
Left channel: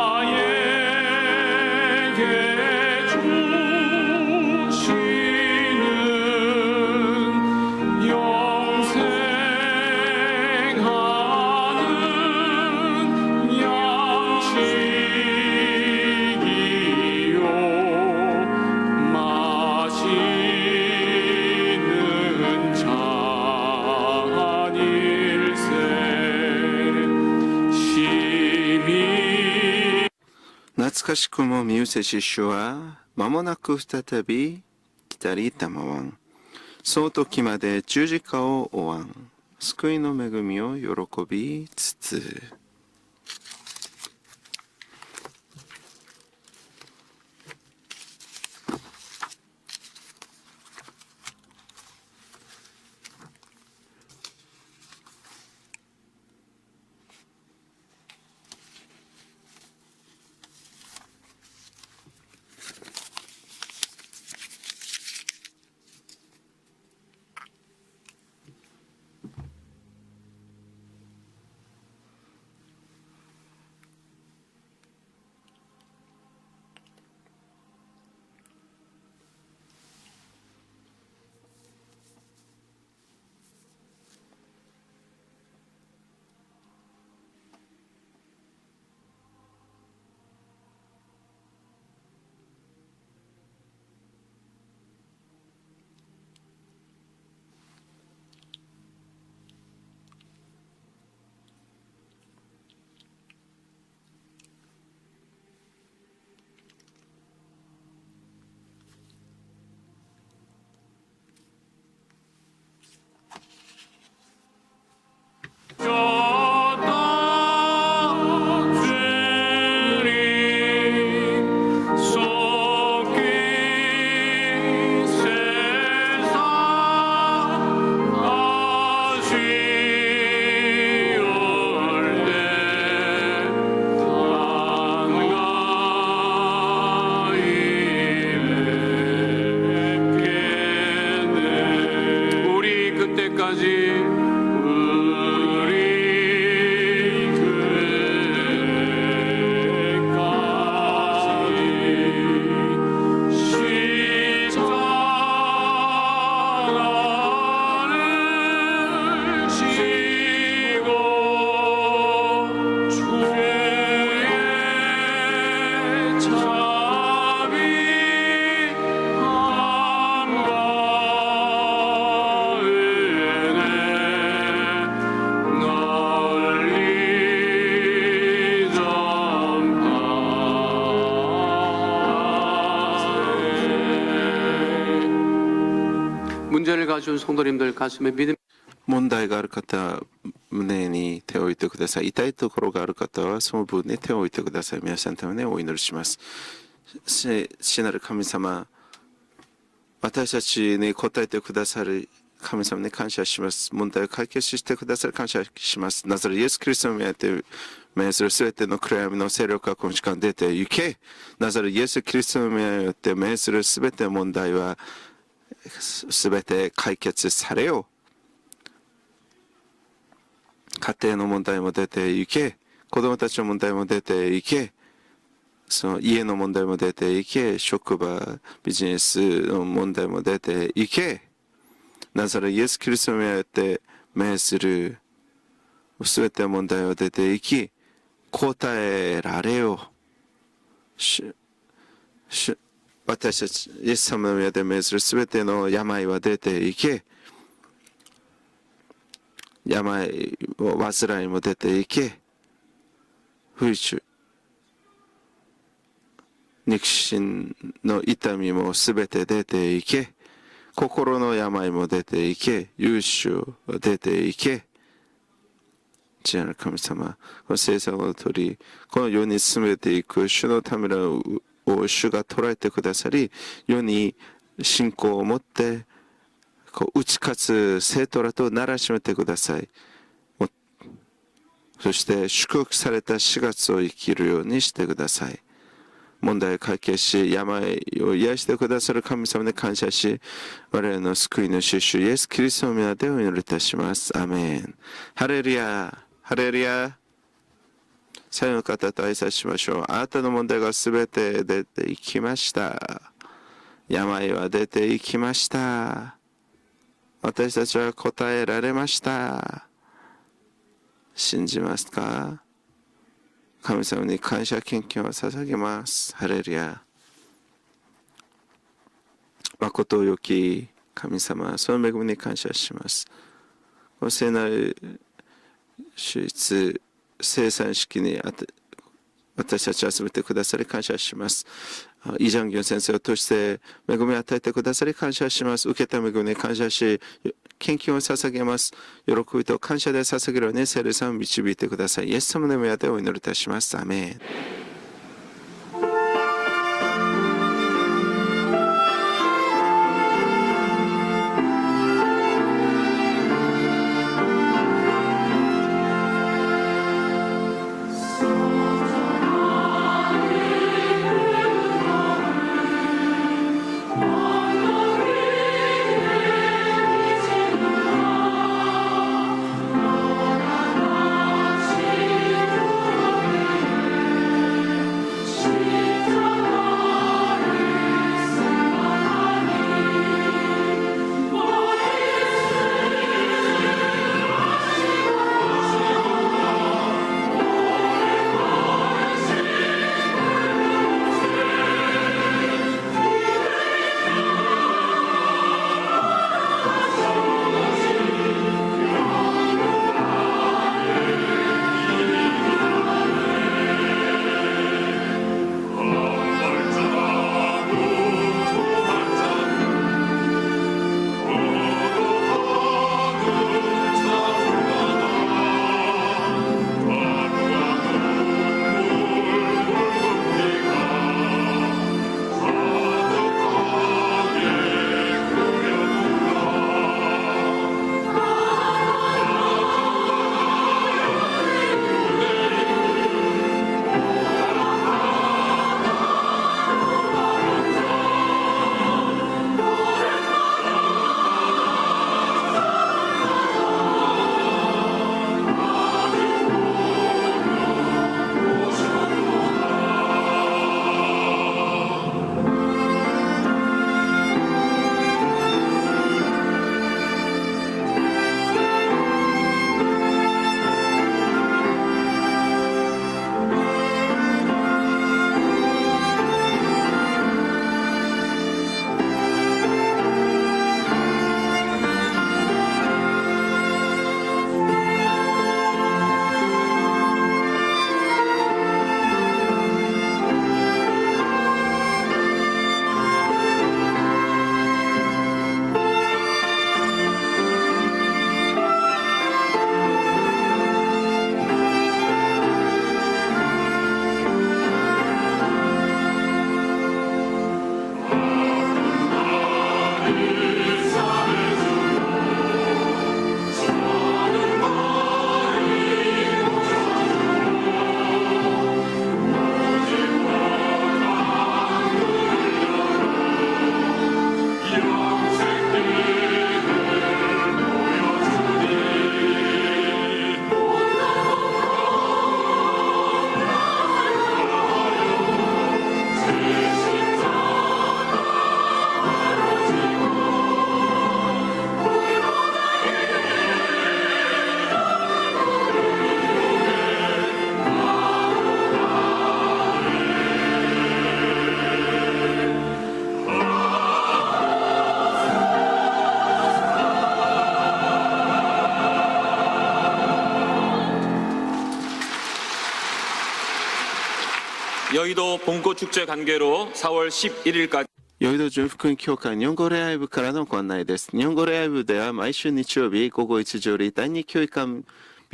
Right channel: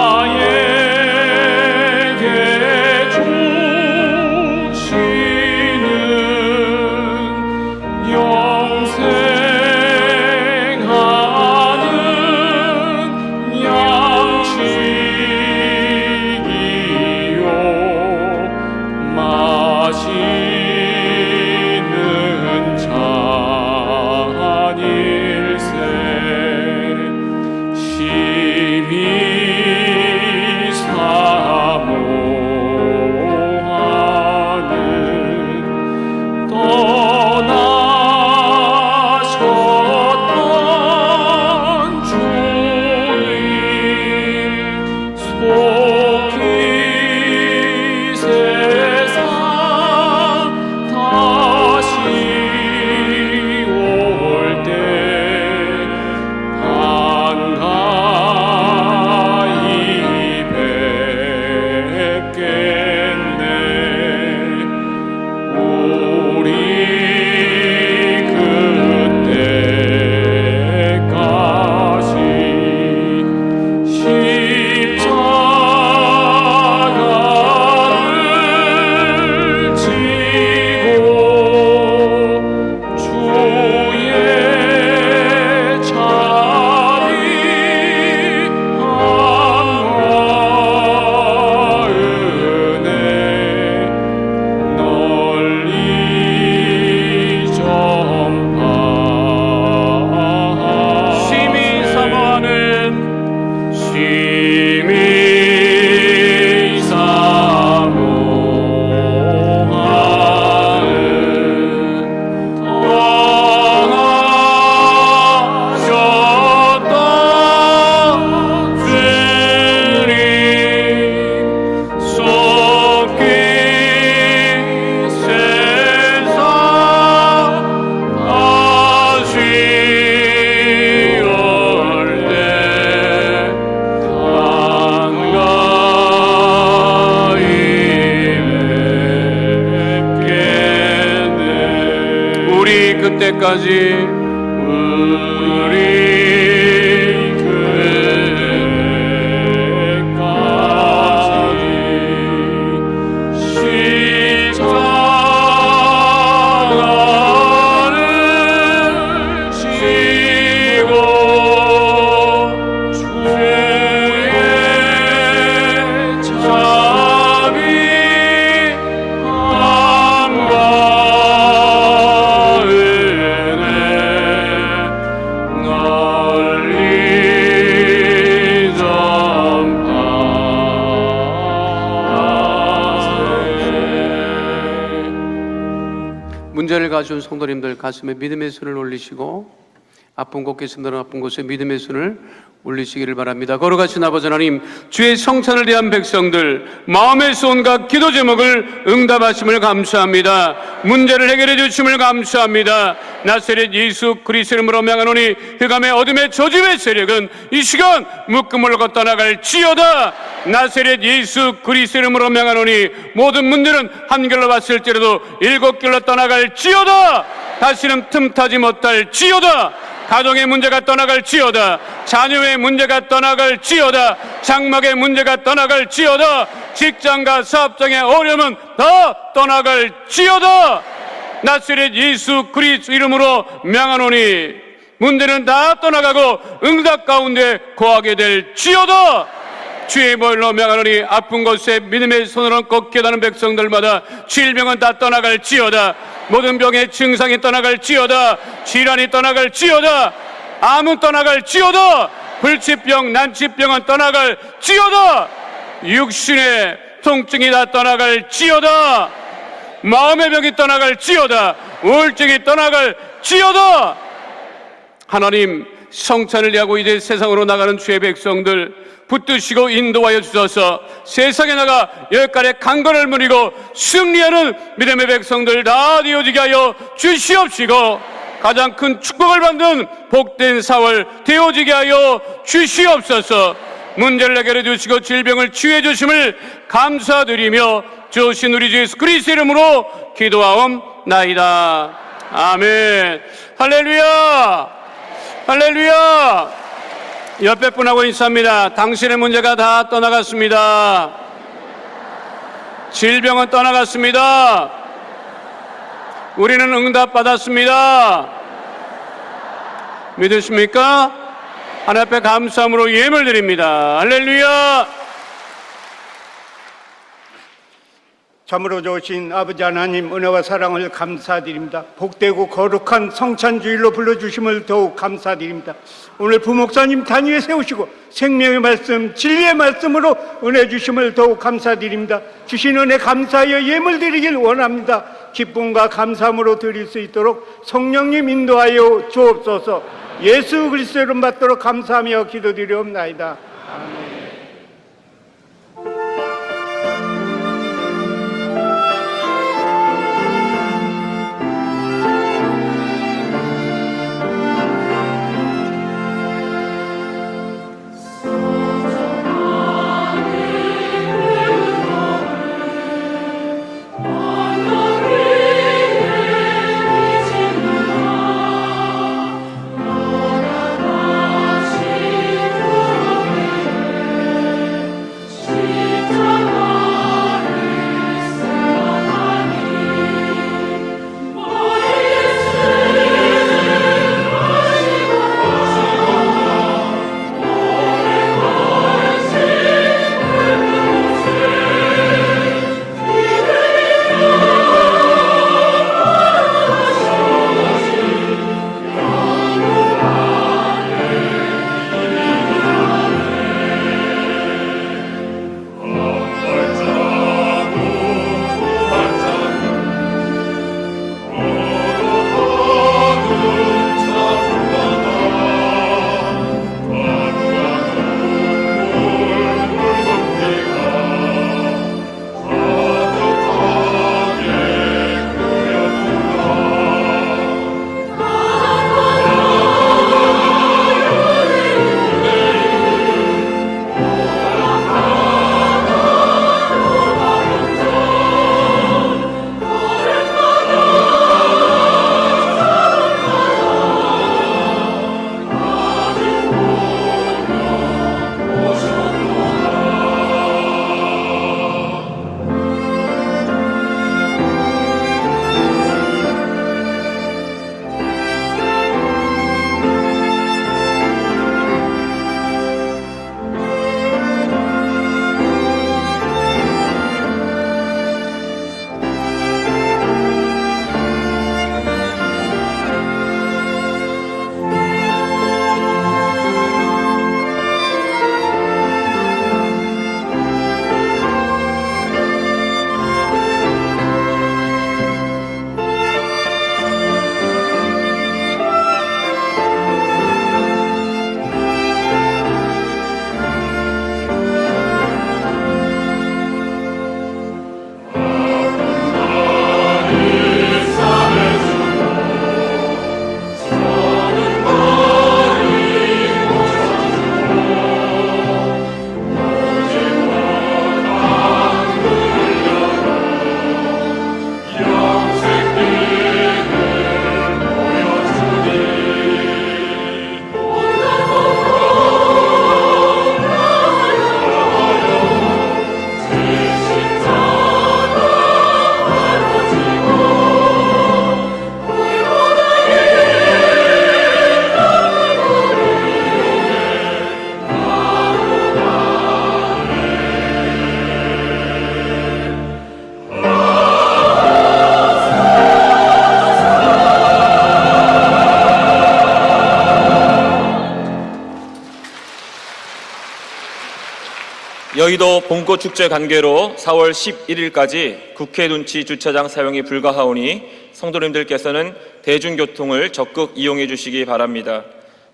때까지 우리 문제를 가진 성도님들 가슴에 믿음의 손을 올리시고 아픈 곳 계신다는 아픈 곳에 믿음의 손을 올리시기를 바랍니다. 거룩하신 아버지 하나님, 주의 성찬을 위한 백성들 마음의 소원과 기도 제목을 응답하심을 감사합니다. 문제를 해결해 주심을 감사합니다. 나사렛 예수 그리스도를 이름으로 명하노니 흑암의 어둠의 저주의 세력은 이 시간 묶음을 걷 떠나갈지어다. 나사렛 예수 그리스도를 이름으로 명하노니 모든 문제는 한 결로 봤을지라도 7결로 떠나갈지어다. 다시는 틈타지 못할지어다. 가정의 문제가 떠나갈지어다. 자녀의 문제가 떠나갈지어다. 장막의 문제가 떠나갈지어다. 직장과 사업장의 어려움은 다 떠나갈지어다. 나사렛 예수 그리스도 이름으로 명하노니 문제는 다 떠나가고 응답 가운데 거하게 될지어다. 주의 보혈로 명하노니 아픈 곳에 믿음의 손으로 꼭 깨닫는 백성들마다 질병은 다 떠나갈지어다. 모든 병의 증상이 떠나갈지어다. 질환이 떠나갈지어다. 암은 떠나갈지어다. 불치병, 난치병은 떠나갈지어다. 육신의 통증이 다 떠나갈지어다. 마음의 병이 떠나갈지어다. 우울증이 떠나갈지어다. 하나님, 성찬을 위하고 이제 세상으로 나가는 주의 백성들 붙드시고 인도하여 주셔서 세상에 나가 열간의 강건을 누리고 승리하는 믿음의 백성들 다 되어지게 하여 주시옵시고 가장 큰 축복을 받는 복된 4월 되어지게 하여 주시옵소서. 문제를 해결해 주시고 질병을 치유해 주심을 감사드리며 주신 우리 주 예수 그리스도 이름으로 기도하옵나이다. 아멘. 할렐루야. 할렐루야. 옆에 분하고 인사합니다. 당신의 문제가 다 떠나갔습니다. 질병은 떠나갔습니다. 우리는 응답 받았습니다. 믿으십니까? 하나님 앞에 감사함으로 예물 드립니다. 할렐루야. 참으로 좋으신 아버지 하나님 은혜와 사랑을 감사드립니다. 복되고 거룩한 성찬주일로 불러주심을 더욱 감사드립니다. 오늘 부목사님 단위에 세우시고 생명의 말씀, 진리의 말씀으로 은혜 주심을 더욱 감사드립니다. 주신 은혜 감사하여 예물 드리길 원합니다. 기쁨과 감사함으로 드릴 수 있도록 성령님 인도하여 주옵소서. 예수 그리스도 이름 받도록 감사하며 기도드리옵나이다. 여의도 봄꽃 축제 관계로 4월 11일까지 국회 둔치 주차장 사용이 불가하오니 성도님들께서는 대중교통을 적극 이용해 주시기 바랍니다.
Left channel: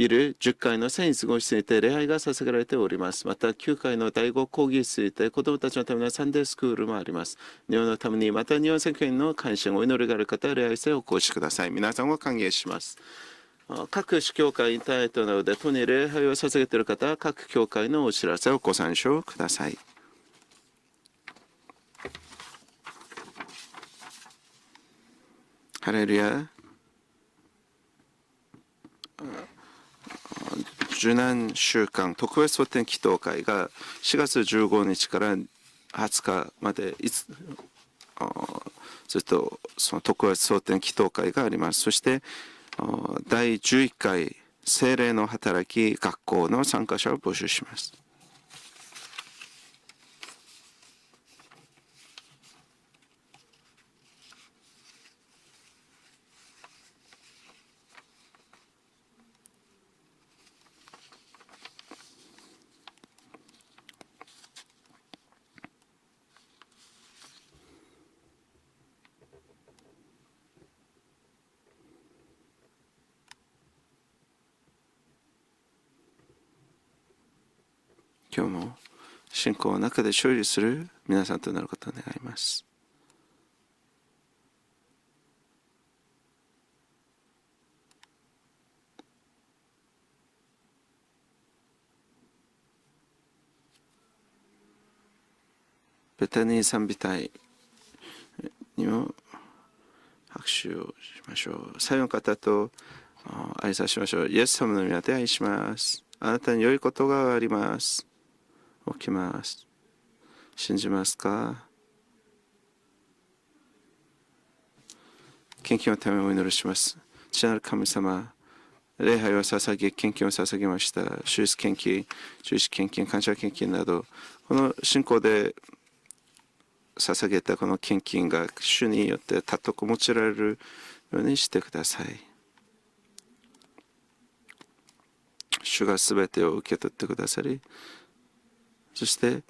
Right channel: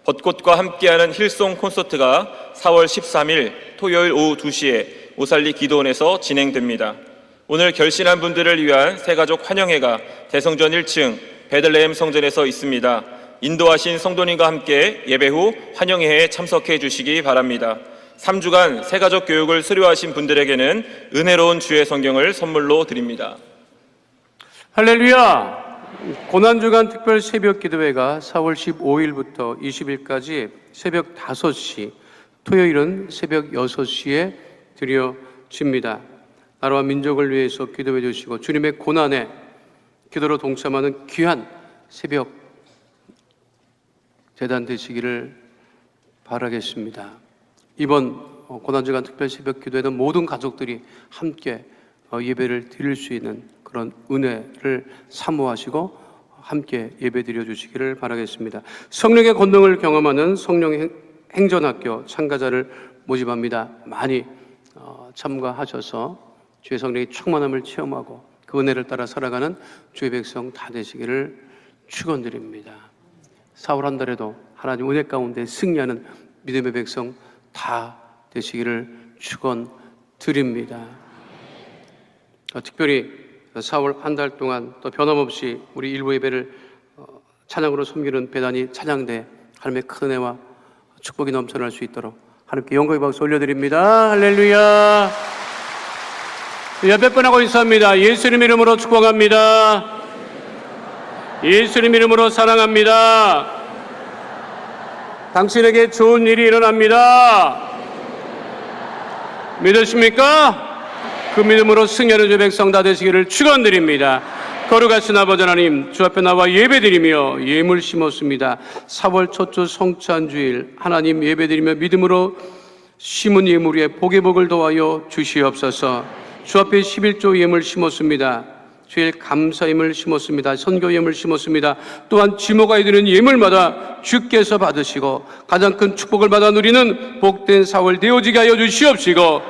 벚꽃과 함께하는 힐송 콘서트가 4월 13일 토요일 오후 2시에 오살리 기도원에서 진행됩니다. 오늘 결신한 분들을 위한 새가족 환영회가 대성전 1층 베들레헴 성전에서 있습니다. 인도하신 성도님과 함께 예배 후 환영회에 참석해 주시기 바랍니다. 3주간 새가족 교육을 수료하신 분들에게는 은혜로운 주의 성경을 선물로 드립니다. 할렐루야! 할렐루야. 고난주간 특별 새벽 기도회가 4월 15일부터 20일까지 새벽 5시, 토요일은 새벽 6시에 드려집니다. 나라와 민족을 위해서 기도해 주시고 주님의 고난에 기도로 동참하는 귀한 새벽 第11回 대단 聖霊の 되시기를 働き学校の参加者を募集します。 이번 고난주간 특별 새벽 기도회는 모든 가족들이 함께 예배를 드릴 수 있는 그런 은혜를 사모하시고 함께 예배 드려 주시기를 바라겠습니다. 성령의 권능을 경험하는 성령 행전학교 참가자를 모집합니다. 많이 참가하셔서 주의 성령의 충만함을 체험하고 그 은혜를 따라 살아가는 주의 백성 다 되시기를 축원드립니다. 4월 한 달에도 하나님 은혜 가운데 승리하는 믿음의 백성 다 되시기를 축원드립니다. 특별히 4월 한 달 동안 또 변함없이 우리 일부 예배를 찬양으로 섬기는 배단위 찬양대 하나님의 큰 은혜와 축복이 넘쳐날 수 있도록 하나님께 영광의 박수 올려드립니다. 할렐루야. 몇 번 하고 있습니다. 예수님 이름으로 축복합니다. 예수님 이름으로 사랑합니다. 당신에게 좋은 일이 일어납니다. 믿으십니까? 그 믿음으로 승리하는 주 백성 다 되시기를 축원드립니다. 거룩하신 아버지 하나님, 주 앞에 나와 예배드리며 예물 심었습니다. 4월 초초 성찬주일 하나님 예배드리며 믿음으로 심은 예물 위에 복의 복을 더하여 주시옵소서. 주 앞에 11조 예물 심었습니다. 주일 감사 예물 심었습니다. 선교 예물 심었습니다. 또한 지모가 드리는 예물마다 주께서 받으시고 가장 큰 축복을 받아 누리는 복된 4월 되어지게 하여 주시옵시고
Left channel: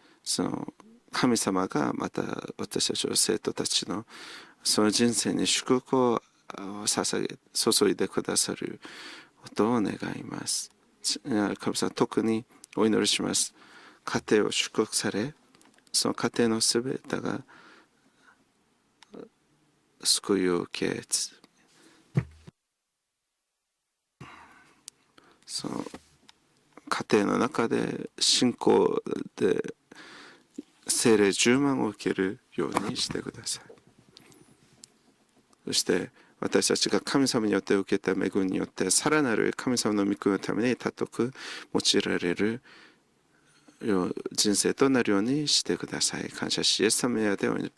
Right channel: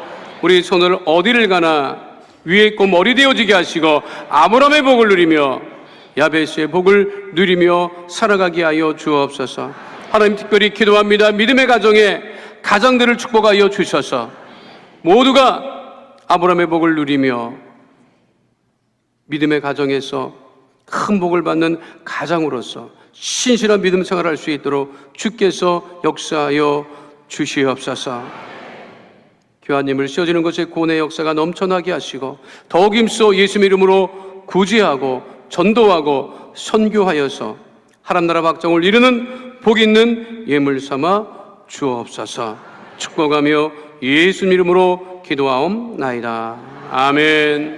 우리 손을 어디를 가나 위에 있고 머리 되어지게 하시고 아브라함의 복을 누리며 야베스의 복을 누리며 살아가게 하여 주옵소서. 하나님 특별히 기도합니다. 믿음의 가정에 가정들을 축복하여 주셔서 모두가 아브라함의 복을 누리며 믿음의 가정에서 큰 복을 받는 가장으로서 신실한 믿음 생활할 수 있도록 주께서 역사하여 주시옵소서. 교환님을 씌워지는 것에 고뇌의 역사가 넘쳐나게 하시고 더욱 힘써 예수님 이름으로 구제하고 전도하고 선교하여서 하나님 나라 박정을 이루는 복 있는 예물 삼아 주옵소서. 축복하며 예수님 이름으로 기도하옵나이다. 아멘.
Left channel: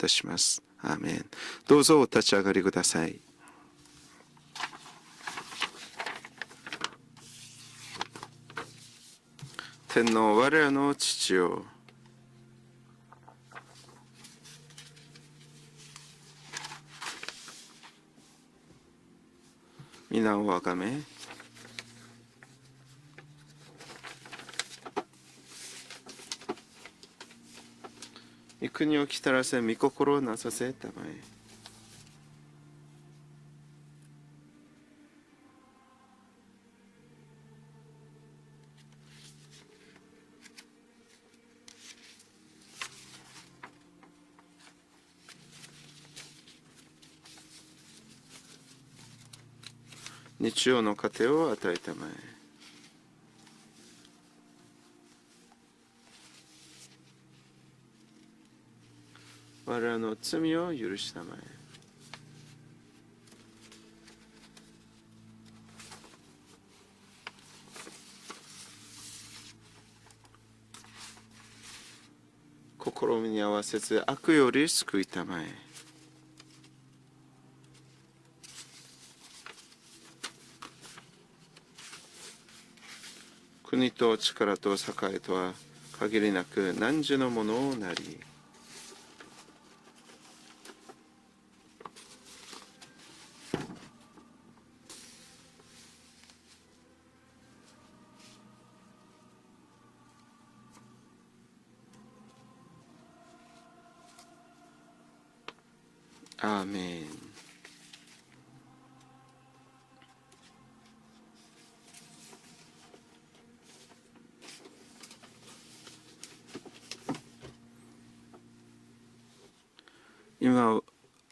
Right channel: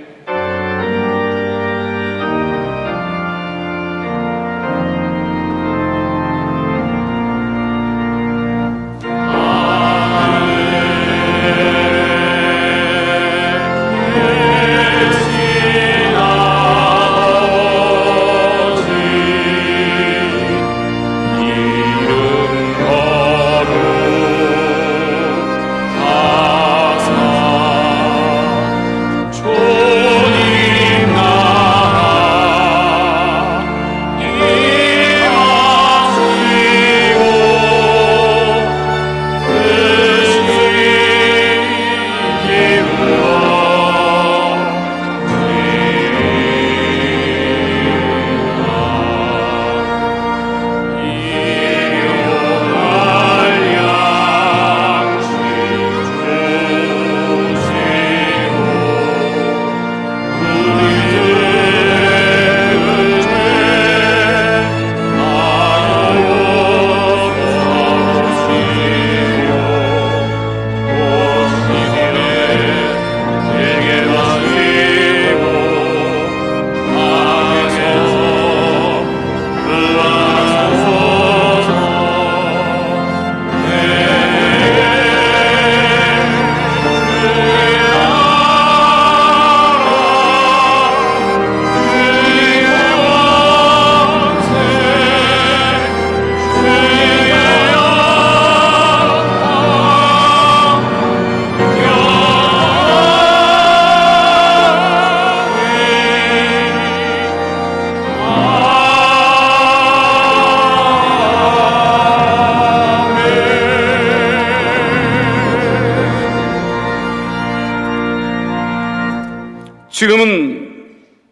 지금은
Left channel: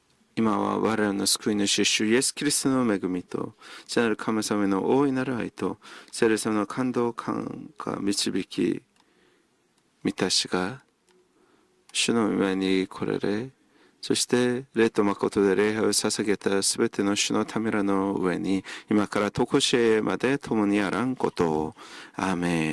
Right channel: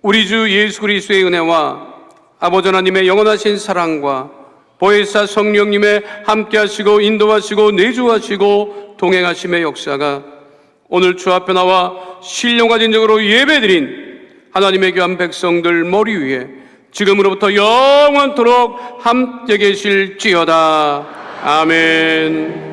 우리 주 예수 그리스도의 은혜와 아버지 하나님의 영원하신 사랑과 보혜사 성령님의 함께하시고 인도하시고 내주하시고 동행하심의 역사가 오늘 주 앞에 나와 신령과 진정으로 예배드린 하나님의 귀한 백성들 머리 위에 지금으로부터 영원토록 함께 계실지어다. 아멘.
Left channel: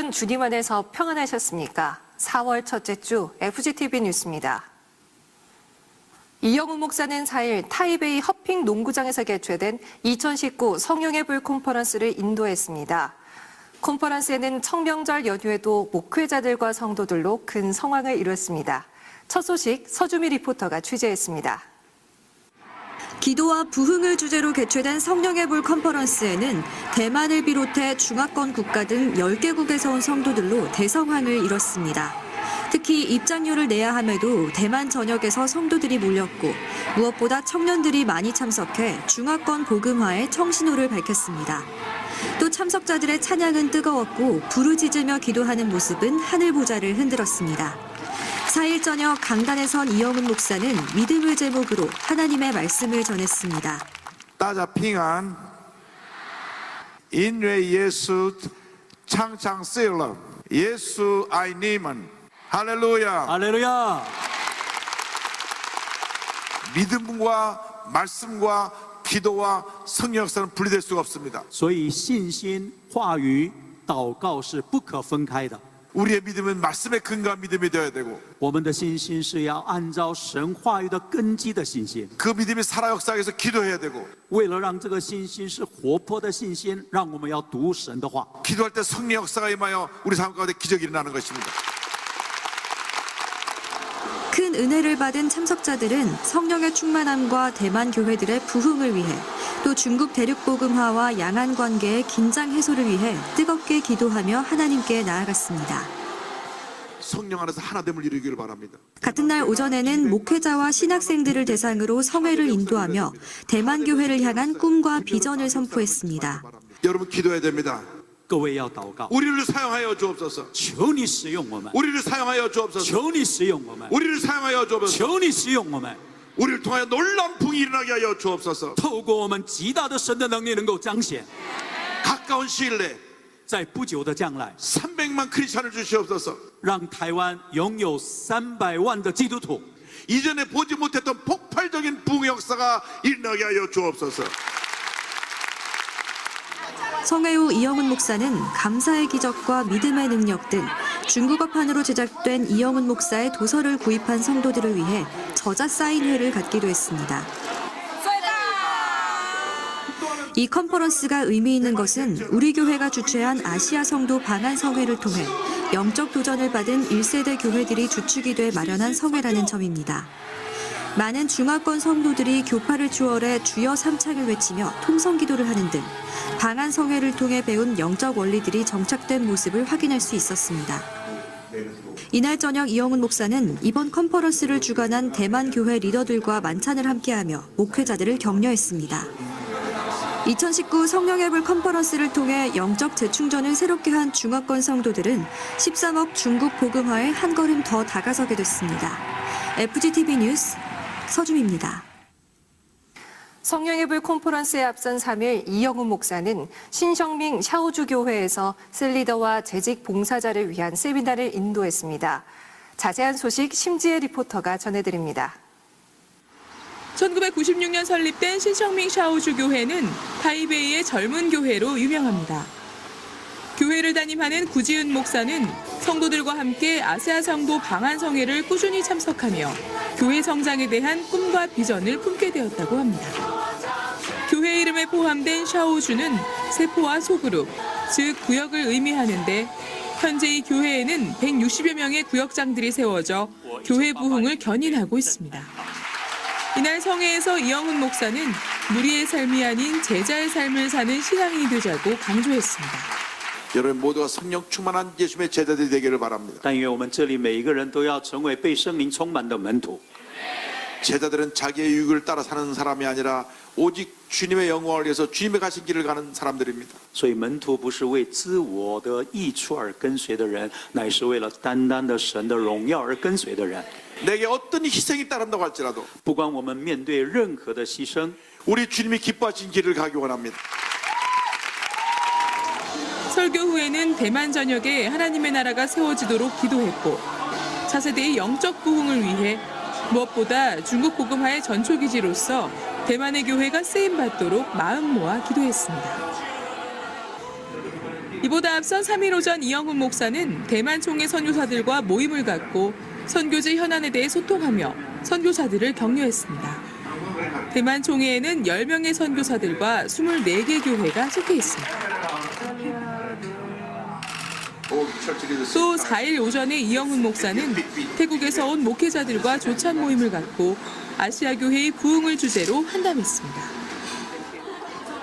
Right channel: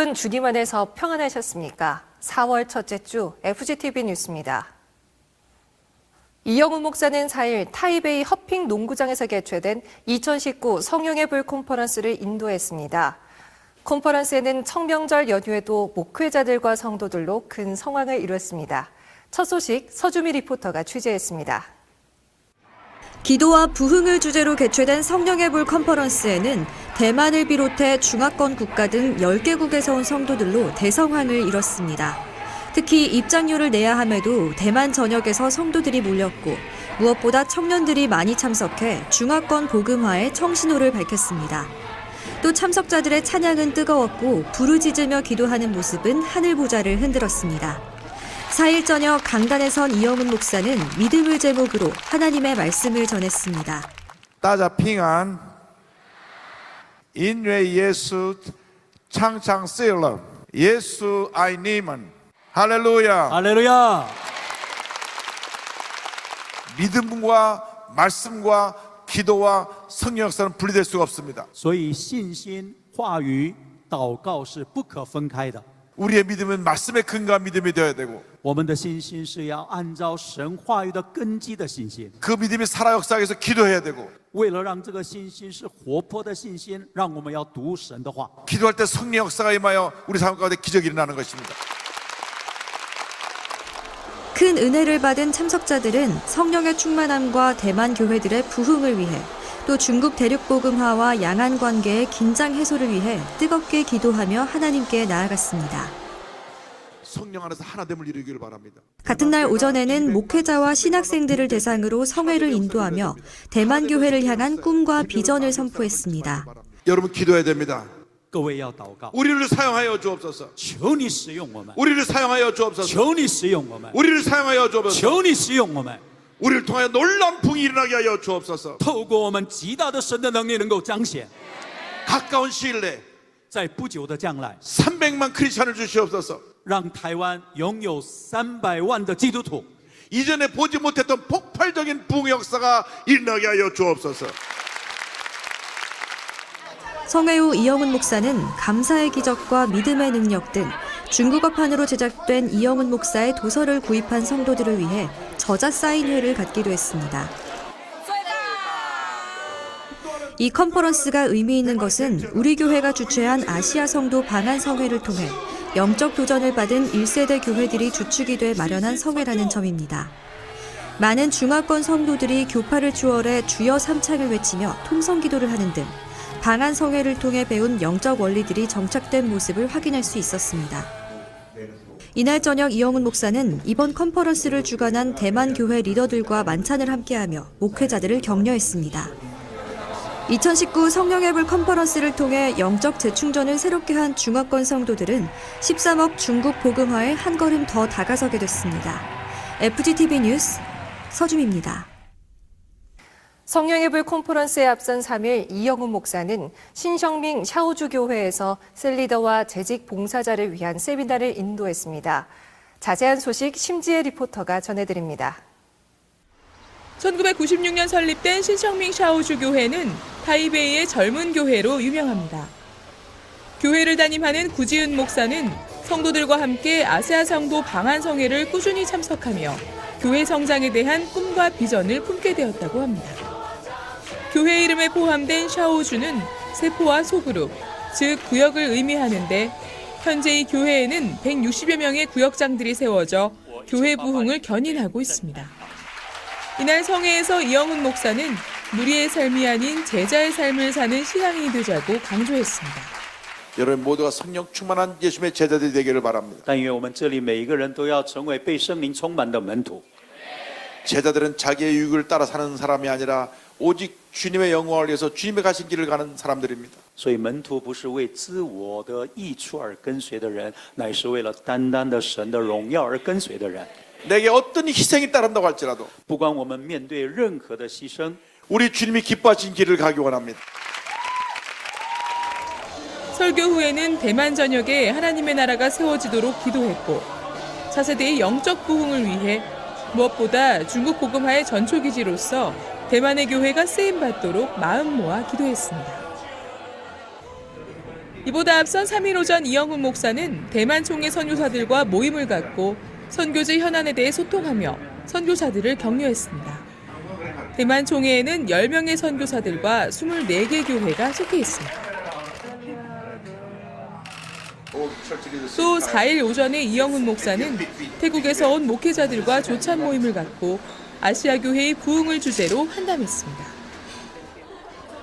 여러분 주님 안에서 평안하셨습니까? 4월 첫째 주 FGTV 뉴스입니다. 이영훈 목사는 4일 타이베이 허핑 농구장에서 개최된 2019 성령의 불 컨퍼런스를 인도했습니다. 컨퍼런스에는 청명절 연휴에도 목회자들과 성도들로 큰 성황을 이뤘습니다. 첫 소식 서주미 리포터가 취재했습니다. 기도와 부흥을 주제로 개최된 성령의 불 컨퍼런스에는 대만을 비롯해 중화권 국가 등 10개국에서 온 성도들로 대성황을 이뤘습니다. 특히 입장료를 내야 함에도 대만 전역에서 성도들이 몰렸고 무엇보다 청년들이 많이 참석해 중화권 복음화에 청신호를 밝혔습니다. 또 참석자들의 찬양은 뜨거웠고 부르짖으며 기도하는 모습은 하늘 보좌를 흔들었습니다. 4일 저녁 강단에선 이영훈 목사는 믿음을 제목으로 하나님의 말씀을 전했습니다. 大家平安，因为耶稣常常死了，耶稣爱你们，哈利路亚！ 할렐루야! 믿음과 말씀과 기도와 성령 역사는 분리될 수가 없습니다. 所以信心、话语、祷告是不可分开的。 우리의 믿음은 말씀의 근거가 믿음이 되어야 되고 我们的信心是要按照神话语的根基的信心。 그 믿음이 살아 역사하기 위해서 기도해야 되고 为了让这个信心是活泼的信心，让我们要读神的话。 기도할 때 성령 역사가 임하여 우리 삶 가운데 기적이 일어나는 것입니다. 큰 은혜를 받은 참석자들은 성령의 충만함과 대만 교회들의 부흥을 위해 또 중국 대륙 복음화와 양안 관계의 긴장 해소를 위해 뜨겁게 기도하며 하나님께 나아갔습니다. 성령 안에서 하나됨을 이루기를 바랍니다. 같은 날 오전에는 목회자와 신학생들을 대상으로 성회를 인도하며 대만 교회를 향한 꿈과 비전을 선포했습니다. 여러분 기도해야 됩니다. 各位要祷告， 우리를 사용하여 주옵소서. 求你使用我们， 우리를 사용하여 주옵소서. 求你使用我们， 우리를 사용하여 주옵소서. 求你使用我们。 우리를 통해 놀라운 풍이 일어나게 하여 주옵소서. 透过我们极大的神的能力能够彰显， 가까운 시일 내에 在不久的将来， 300만 크리스천을 주시옵소서. 让台湾拥有300万的基督徒。 이전에 보지 못했던 폭발적인 부흥 역사가 일어나게 하여 주옵소서. 성회 후 이영훈 목사는 감사의 기적과 믿음의 능력 등 중국어판으로 제작된 이영훈 목사의 도서를 구입한 성도들을 위해 저자 사인회를 갖기도 했습니다. 이 컨퍼런스가 의미 있는 것은 우리 교회가 주최한 아시아 성도 방한 성회를 통해 영적 도전을 받은 1세대 교회들이 주축이 돼 마련한 성회라는 점입니다. 많은 중화권 성도들이 교파를 추월해 주여 삼창을 외치며 통성기도를 하는 등 방한 성회를 통해 배운 영적 원리들이 정착된 모습을 확인할 수 있었습니다. 이날 저녁 이영훈 목사는 이번 컨퍼런스를 주관한 대만 교회 리더들과 만찬을 함께하며 목회자들을 격려했습니다. 2019 성령의 불 컨퍼런스를 통해 영적 재충전을 새롭게 한 중화권 성도들은 13억 중국 복음화에 한 걸음 더 다가서게 됐습니다. FGTV 뉴스 서주미입니다. 성령의 불 컨퍼런스에 앞선 3일 이영훈 목사는 신성밍 샤오주 교회에서 셀리더와 재직 봉사자를 위한 세미나를 인도했습니다. 자세한 소식 심지혜 리포터가 전해드립니다. 1996년 설립된 신성밍 샤오주 교회는 타이베이의 젊은 교회로 유명합니다. 교회를 담임하는 구지은 목사는 성도들과 함께 아시아 성도 방한 성회를 꾸준히 참석하며 교회 성장에 대한 꿈과 비전을 품게 되었다고 합니다. 교회 이름에 포함된 샤오주는 세포와 소그룹, 즉 구역을 의미하는데 현재 이 교회에는 160여 명의 구역장들이 세워져 교회 부흥을 견인하고 있습니다. 이날 성회에서 이영훈 목사는 무리의 삶이 아닌 제자의 삶을 사는 신앙이 되자고 강조했습니다. 여러분 모두가 성령 충만한 예수의 제자들이 되기를 바랍니다. 但愿我们这里每一个人都要成为被圣灵充满的门徒。 제자들은 자기의 유익을 따라 사는 사람이 아니라 오직 주님의 영광을 위해서 주님의 가신 길을 가는 사람들입니다. 所以门徒不是为自我的益处而跟随的人，乃是为了单单的神的荣耀而跟随的人。 내게 어떤 희생이 따른다고 할지라도 不管我们面对任何的牺牲， 우리 주님이 기뻐하신 길을 가기 원합니다. 설교 후에는 대만 전역에 하나님의 나라가 세워지도록 기도했고 차세대의 영적 부흥을 위해 무엇보다 중국 복음화의 전초기지로서 대만의 교회가 쓰임받도록 마음 모아 기도했습니다. 이보다 앞서 3일 오전 이영훈 목사는 대만 총회 선교사들과 모임을 갖고 선교지 현안에 대해 소통하며 선교사들을 격려했습니다. 대만 총회에는 10명의 선교사들과 24개 교회가 속해 있습니다. 또 4일 오전에 이영훈 목사는 태국에서 온 목회자들과 조찬 모임을 갖고 아시아 교회의 부흥을 주제로 한담했습니다.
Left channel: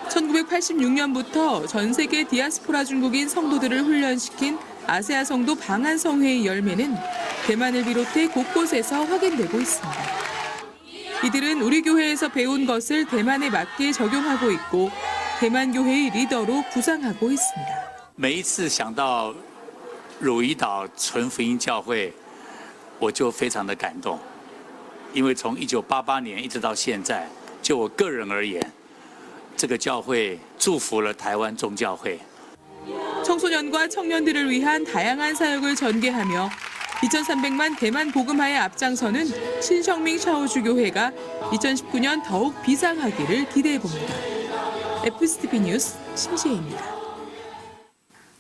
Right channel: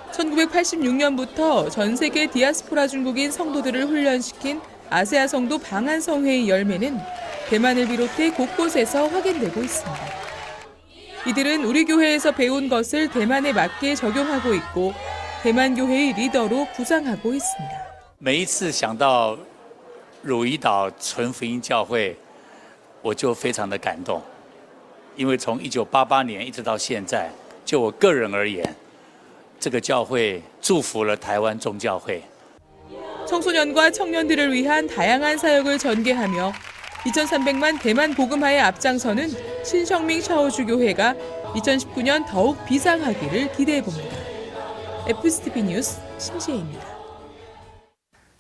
1986년부터 전 세계 디아스포라 중국인 성도들을 훈련시킨 아세아 성도 방한성회의 열매는 대만을 비롯해 곳곳에서 확인되고 있습니다. 이들은 우리 교회에서 배운 것을 대만에 맞게 적용하고 있고 대만 교회의 리더로 부상하고 있습니다. 每一次想到汝矣岛纯福音教会，我就非常的感动，因为从1988年一直到现在，就我个人而言，这个教会祝福了台湾众教会。 청소년과 청년들을 위한 다양한 사역을 전개하며 2,300만 대만 복음화에 앞장서는 신성밍 샤오주교회가 2019년 더욱 비상하기를 기대해봅니다. FSTV 뉴스 신지혜입니다.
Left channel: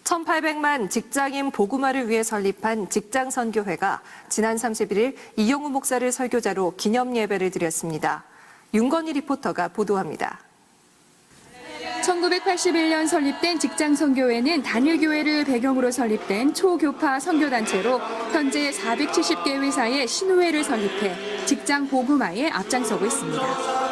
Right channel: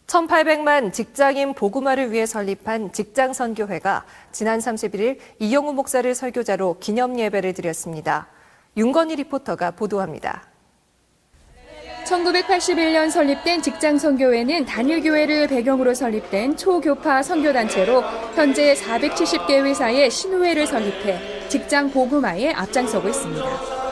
1,800만 직장인 복음화를 위해 설립한 직장선교회가 지난 31일 이영우 목사를 설교자로 기념 예배를 드렸습니다. 윤건희 리포터가 보도합니다. 1981년 설립된 직장선교회는 단일교회를 배경으로 설립된 초교파 선교단체로 현재 470개 회사의 신우회를 설립해 직장 복음화에 앞장서고 있습니다.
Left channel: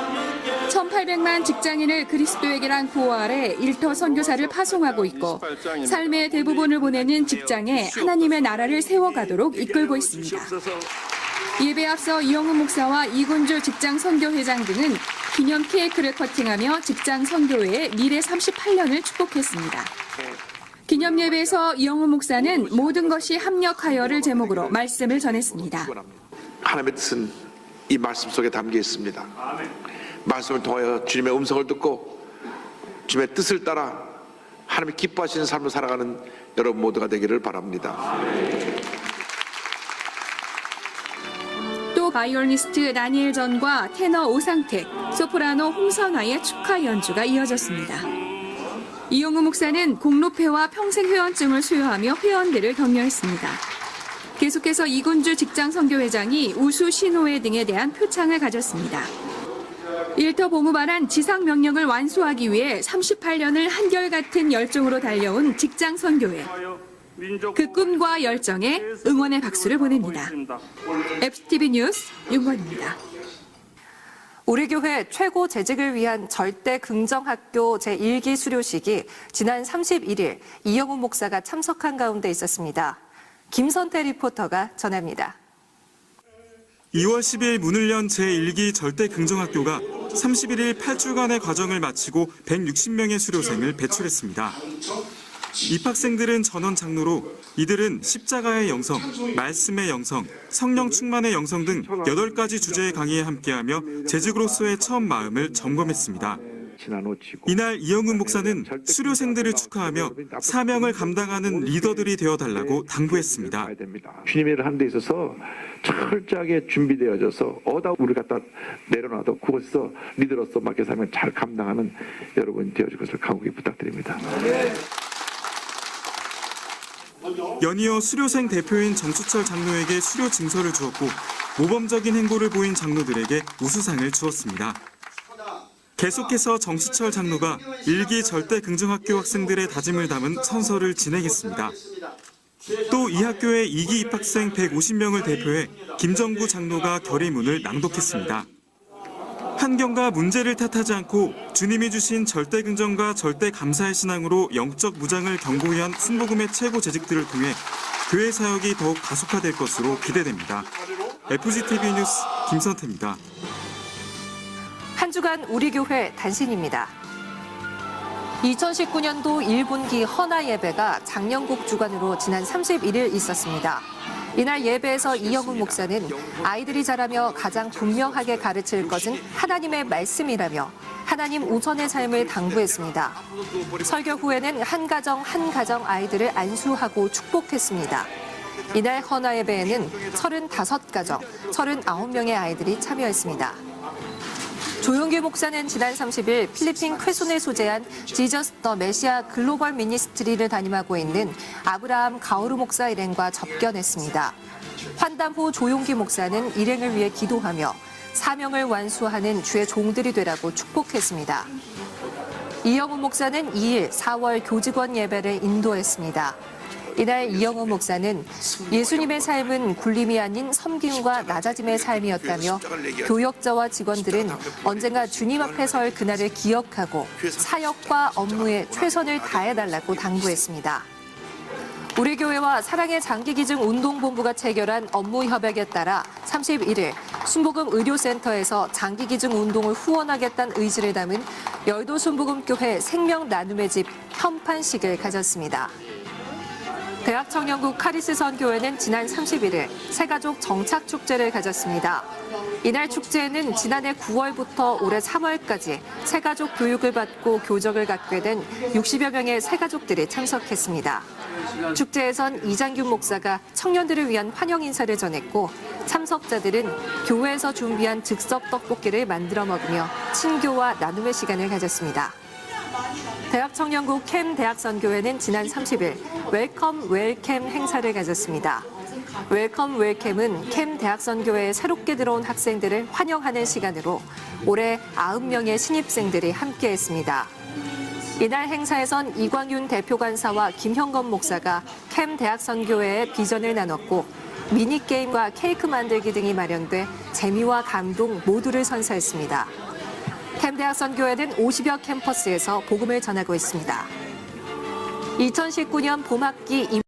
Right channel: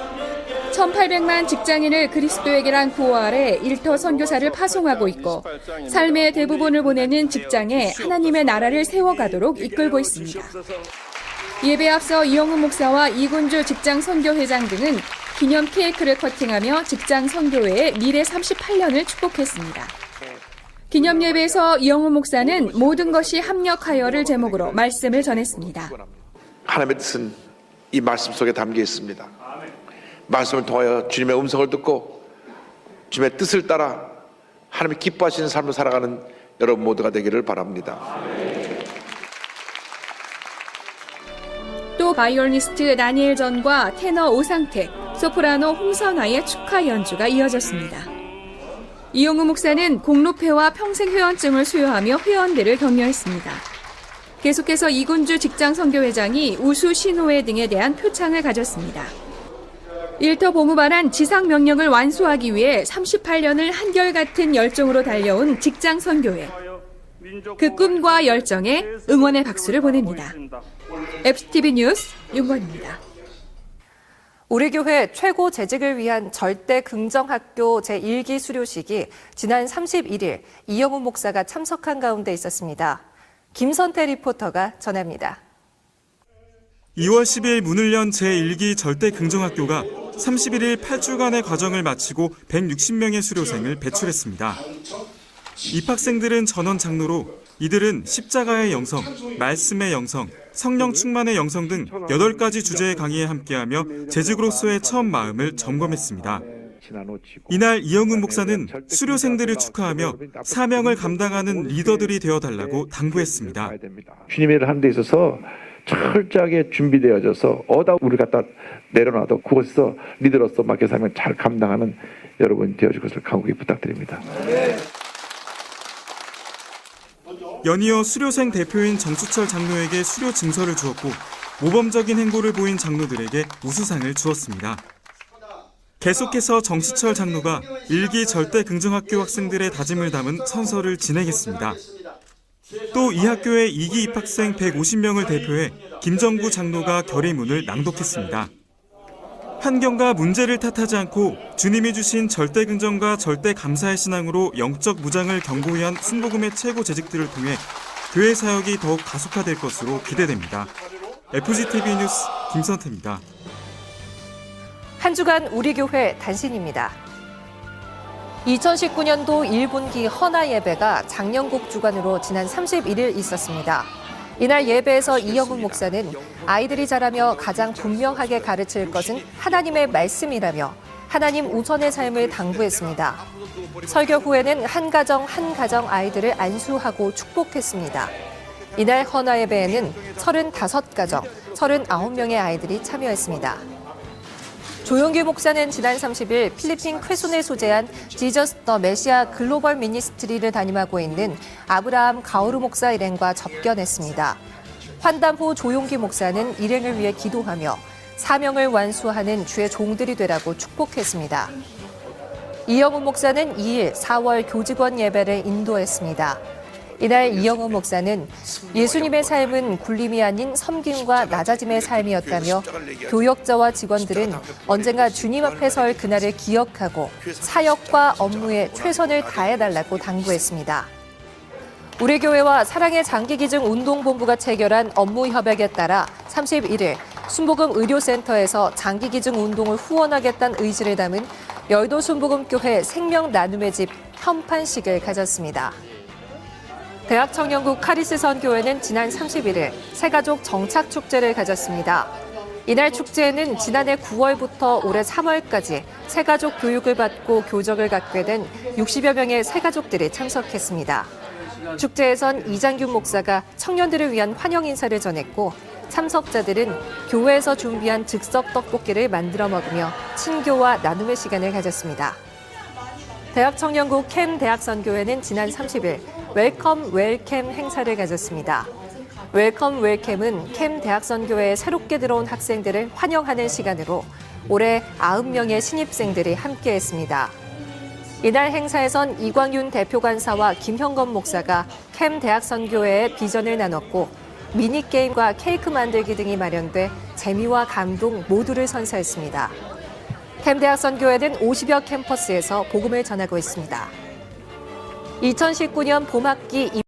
1,800만 직장인을 그리스도에게란 구호 아래 일터 선교사를 파송하고 있고 삶의 대부분을 보내는 직장에 하나님의 나라를 세워가도록 이끌고 있습니다. 예배 앞서 이영우 목사와 이군주 직장선교회장 등은 기념 케이크를 커팅하며 직장선교회의 미래 38년을 축복했습니다. 기념 예배에서 이영우 목사는 모든 것이 합력하여를 제목으로 말씀을 전했습니다. 하나님의 뜻은 이 말씀 속에 담겨 있습니다. 말씀을 통하여 주님의 음성을 듣고 주님의 뜻을 따라 하나님이 기뻐하시는 삶을 살아가는 여러분 모두가 되기를 바랍니다. 또 바이올리니스트 다니엘 전과 테너 오상택, 소프라노 홍선아의 축하 연주가 이어졌습니다. 이영우 목사는 공로패와 평생회원증을 수여하며 회원들을 격려했습니다. 계속해서 이군주 직장선교회장이 우수 신호회 등에 대한 표창을 가졌습니다. 일터 복음화란 지상 명령을 완수하기 위해 38년을 한결같은 열정으로 달려온 직장선교회. 그 꿈과 열정에 응원의 박수를 보냅니다. FTV 뉴스 윤건입니다. 우리 교회 최고 재직을 위한 절대 긍정학교 제1기 수료식이 지난 31일 이영우 목사가 참석한 가운데 있었습니다. 김선태 리포터가 전합니다. 2월 10일 문을 연 제1기 절대 긍정학교가 31일 8주간의 과정을 마치고 160명의 수료생을 배출했습니다. 입학생들은 전원 장로로 이들은 십자가의 영성, 말씀의 영성, 성령 충만의 영성 등 8가지 주제의 강의에 함께하며 재직으로서의 처음 마음을 점검했습니다. 이날 이영우 목사는 수료생들을 축하하며 사명을 감당하는 리더들이 되어달라고 당부했습니다. 주님의 일을 하는 데 있어서 철저하게 준비되어져서 어디다 우리 갖다 내려놔도 그곳에서 리더로서 맡겨 사명 잘 감당하는 여러분 되어줄 것을 간곡히 부탁드립니다. 연이어 수료생 대표인 정수철 장로에게 수료 증서를 주었고 모범적인 행보를 보인 장로들에게 우수상을 주었습니다. 계속해서 정수철 장로가 1기 절대 긍정학교 학생들의 다짐을 담은 선서를 진행했습니다. 또 이 학교의 2기 입학생 150명을 대표해 김정구 장로가 결의문을 낭독했습니다. 환경과 문제를 탓하지 않고 주님이 주신 절대 긍정과 절대 감사의 신앙으로 영적 무장을 견고히 한 순복음의 최고 재직들을 통해 교회 사역이 더욱 가속화될 것으로 기대됩니다. FGTV 뉴스 김선태입니다. 한 주간 우리 교회 단신입니다. 2019년도 1분기 헌화 예배가 장영국 주관으로 지난 31일 있었습니다. 이날 예배에서 이영훈 목사는 아이들이 자라며 가장 분명하게 가르칠 것은 하나님의 말씀이라며 하나님 우선의 삶을 당부했습니다. 설교 후에는 한 가정 아이들을 안수하고 축복했습니다. 이날 헌화 예배에는 35가정, 39명의 아이들이 참여했습니다. 조용기 목사는 지난 30일 필리핀 쾌순에 소재한 지저스 더 메시아 글로벌 미니스트리를 담임하고 있는 아브라함 가오르 목사 일행과 접견했습니다. 환담 후 조용기 목사는 일행을 위해 기도하며 사명을 완수하는 주의 종들이 되라고 축복했습니다. 이영우 목사는 2일 4월 교직원 예배를 인도했습니다. 이날 이영우 목사는 예수님의 삶은 굴림이 아닌 섬김과 낮아짐의 삶이었다며 교역자와 직원들은 언제가 주님 앞에 설 그날을 기억하고 사역과 업무에 최선을 다해달라고 당부했습니다. 우리 교회와 사랑의 장기기증 운동본부가 체결한 업무 협약에 따라 31일 순복음 의료센터에서 장기기증 운동을 후원하겠다는 의지를 담은 여의도 순복음교회 생명 나눔의 집 현판식을 가졌습니다. 대학 청년부 카리스 선교회는 지난 31일 새가족 정착축제를 가졌습니다. 이날 축제에는 지난해 9월부터 올해 3월까지 새가족 교육을 받고 교적을 갖게 된 60여 명의 새가족들이 참석했습니다. 축제에선 이장균 목사가 청년들을 위한 환영 인사를 전했고 참석자들은 교회에서 준비한 즉석 떡볶이를 만들어 먹으며 친교와 나눔의 시간을 가졌습니다. 대학 청년부 캠 대학선교회는 지난 30일 웰컴 웰캠 행사를 가졌습니다. 웰컴 웰캠은 캠 대학선교회에 새롭게 들어온 학생들을 환영하는 시간으로 올해 90명의 신입생들이 함께했습니다. 이날 행사에선 이광윤 대표간사와 김형건 목사가 캠 대학선교회의 비전을 나눴고 미니게임과 케이크 만들기 등이 마련돼 재미와 감동 모두를 선사했습니다. 캠 대학선교회는 50여 캠퍼스에서 복음을 전하고 있습니다. 2019년 봄학기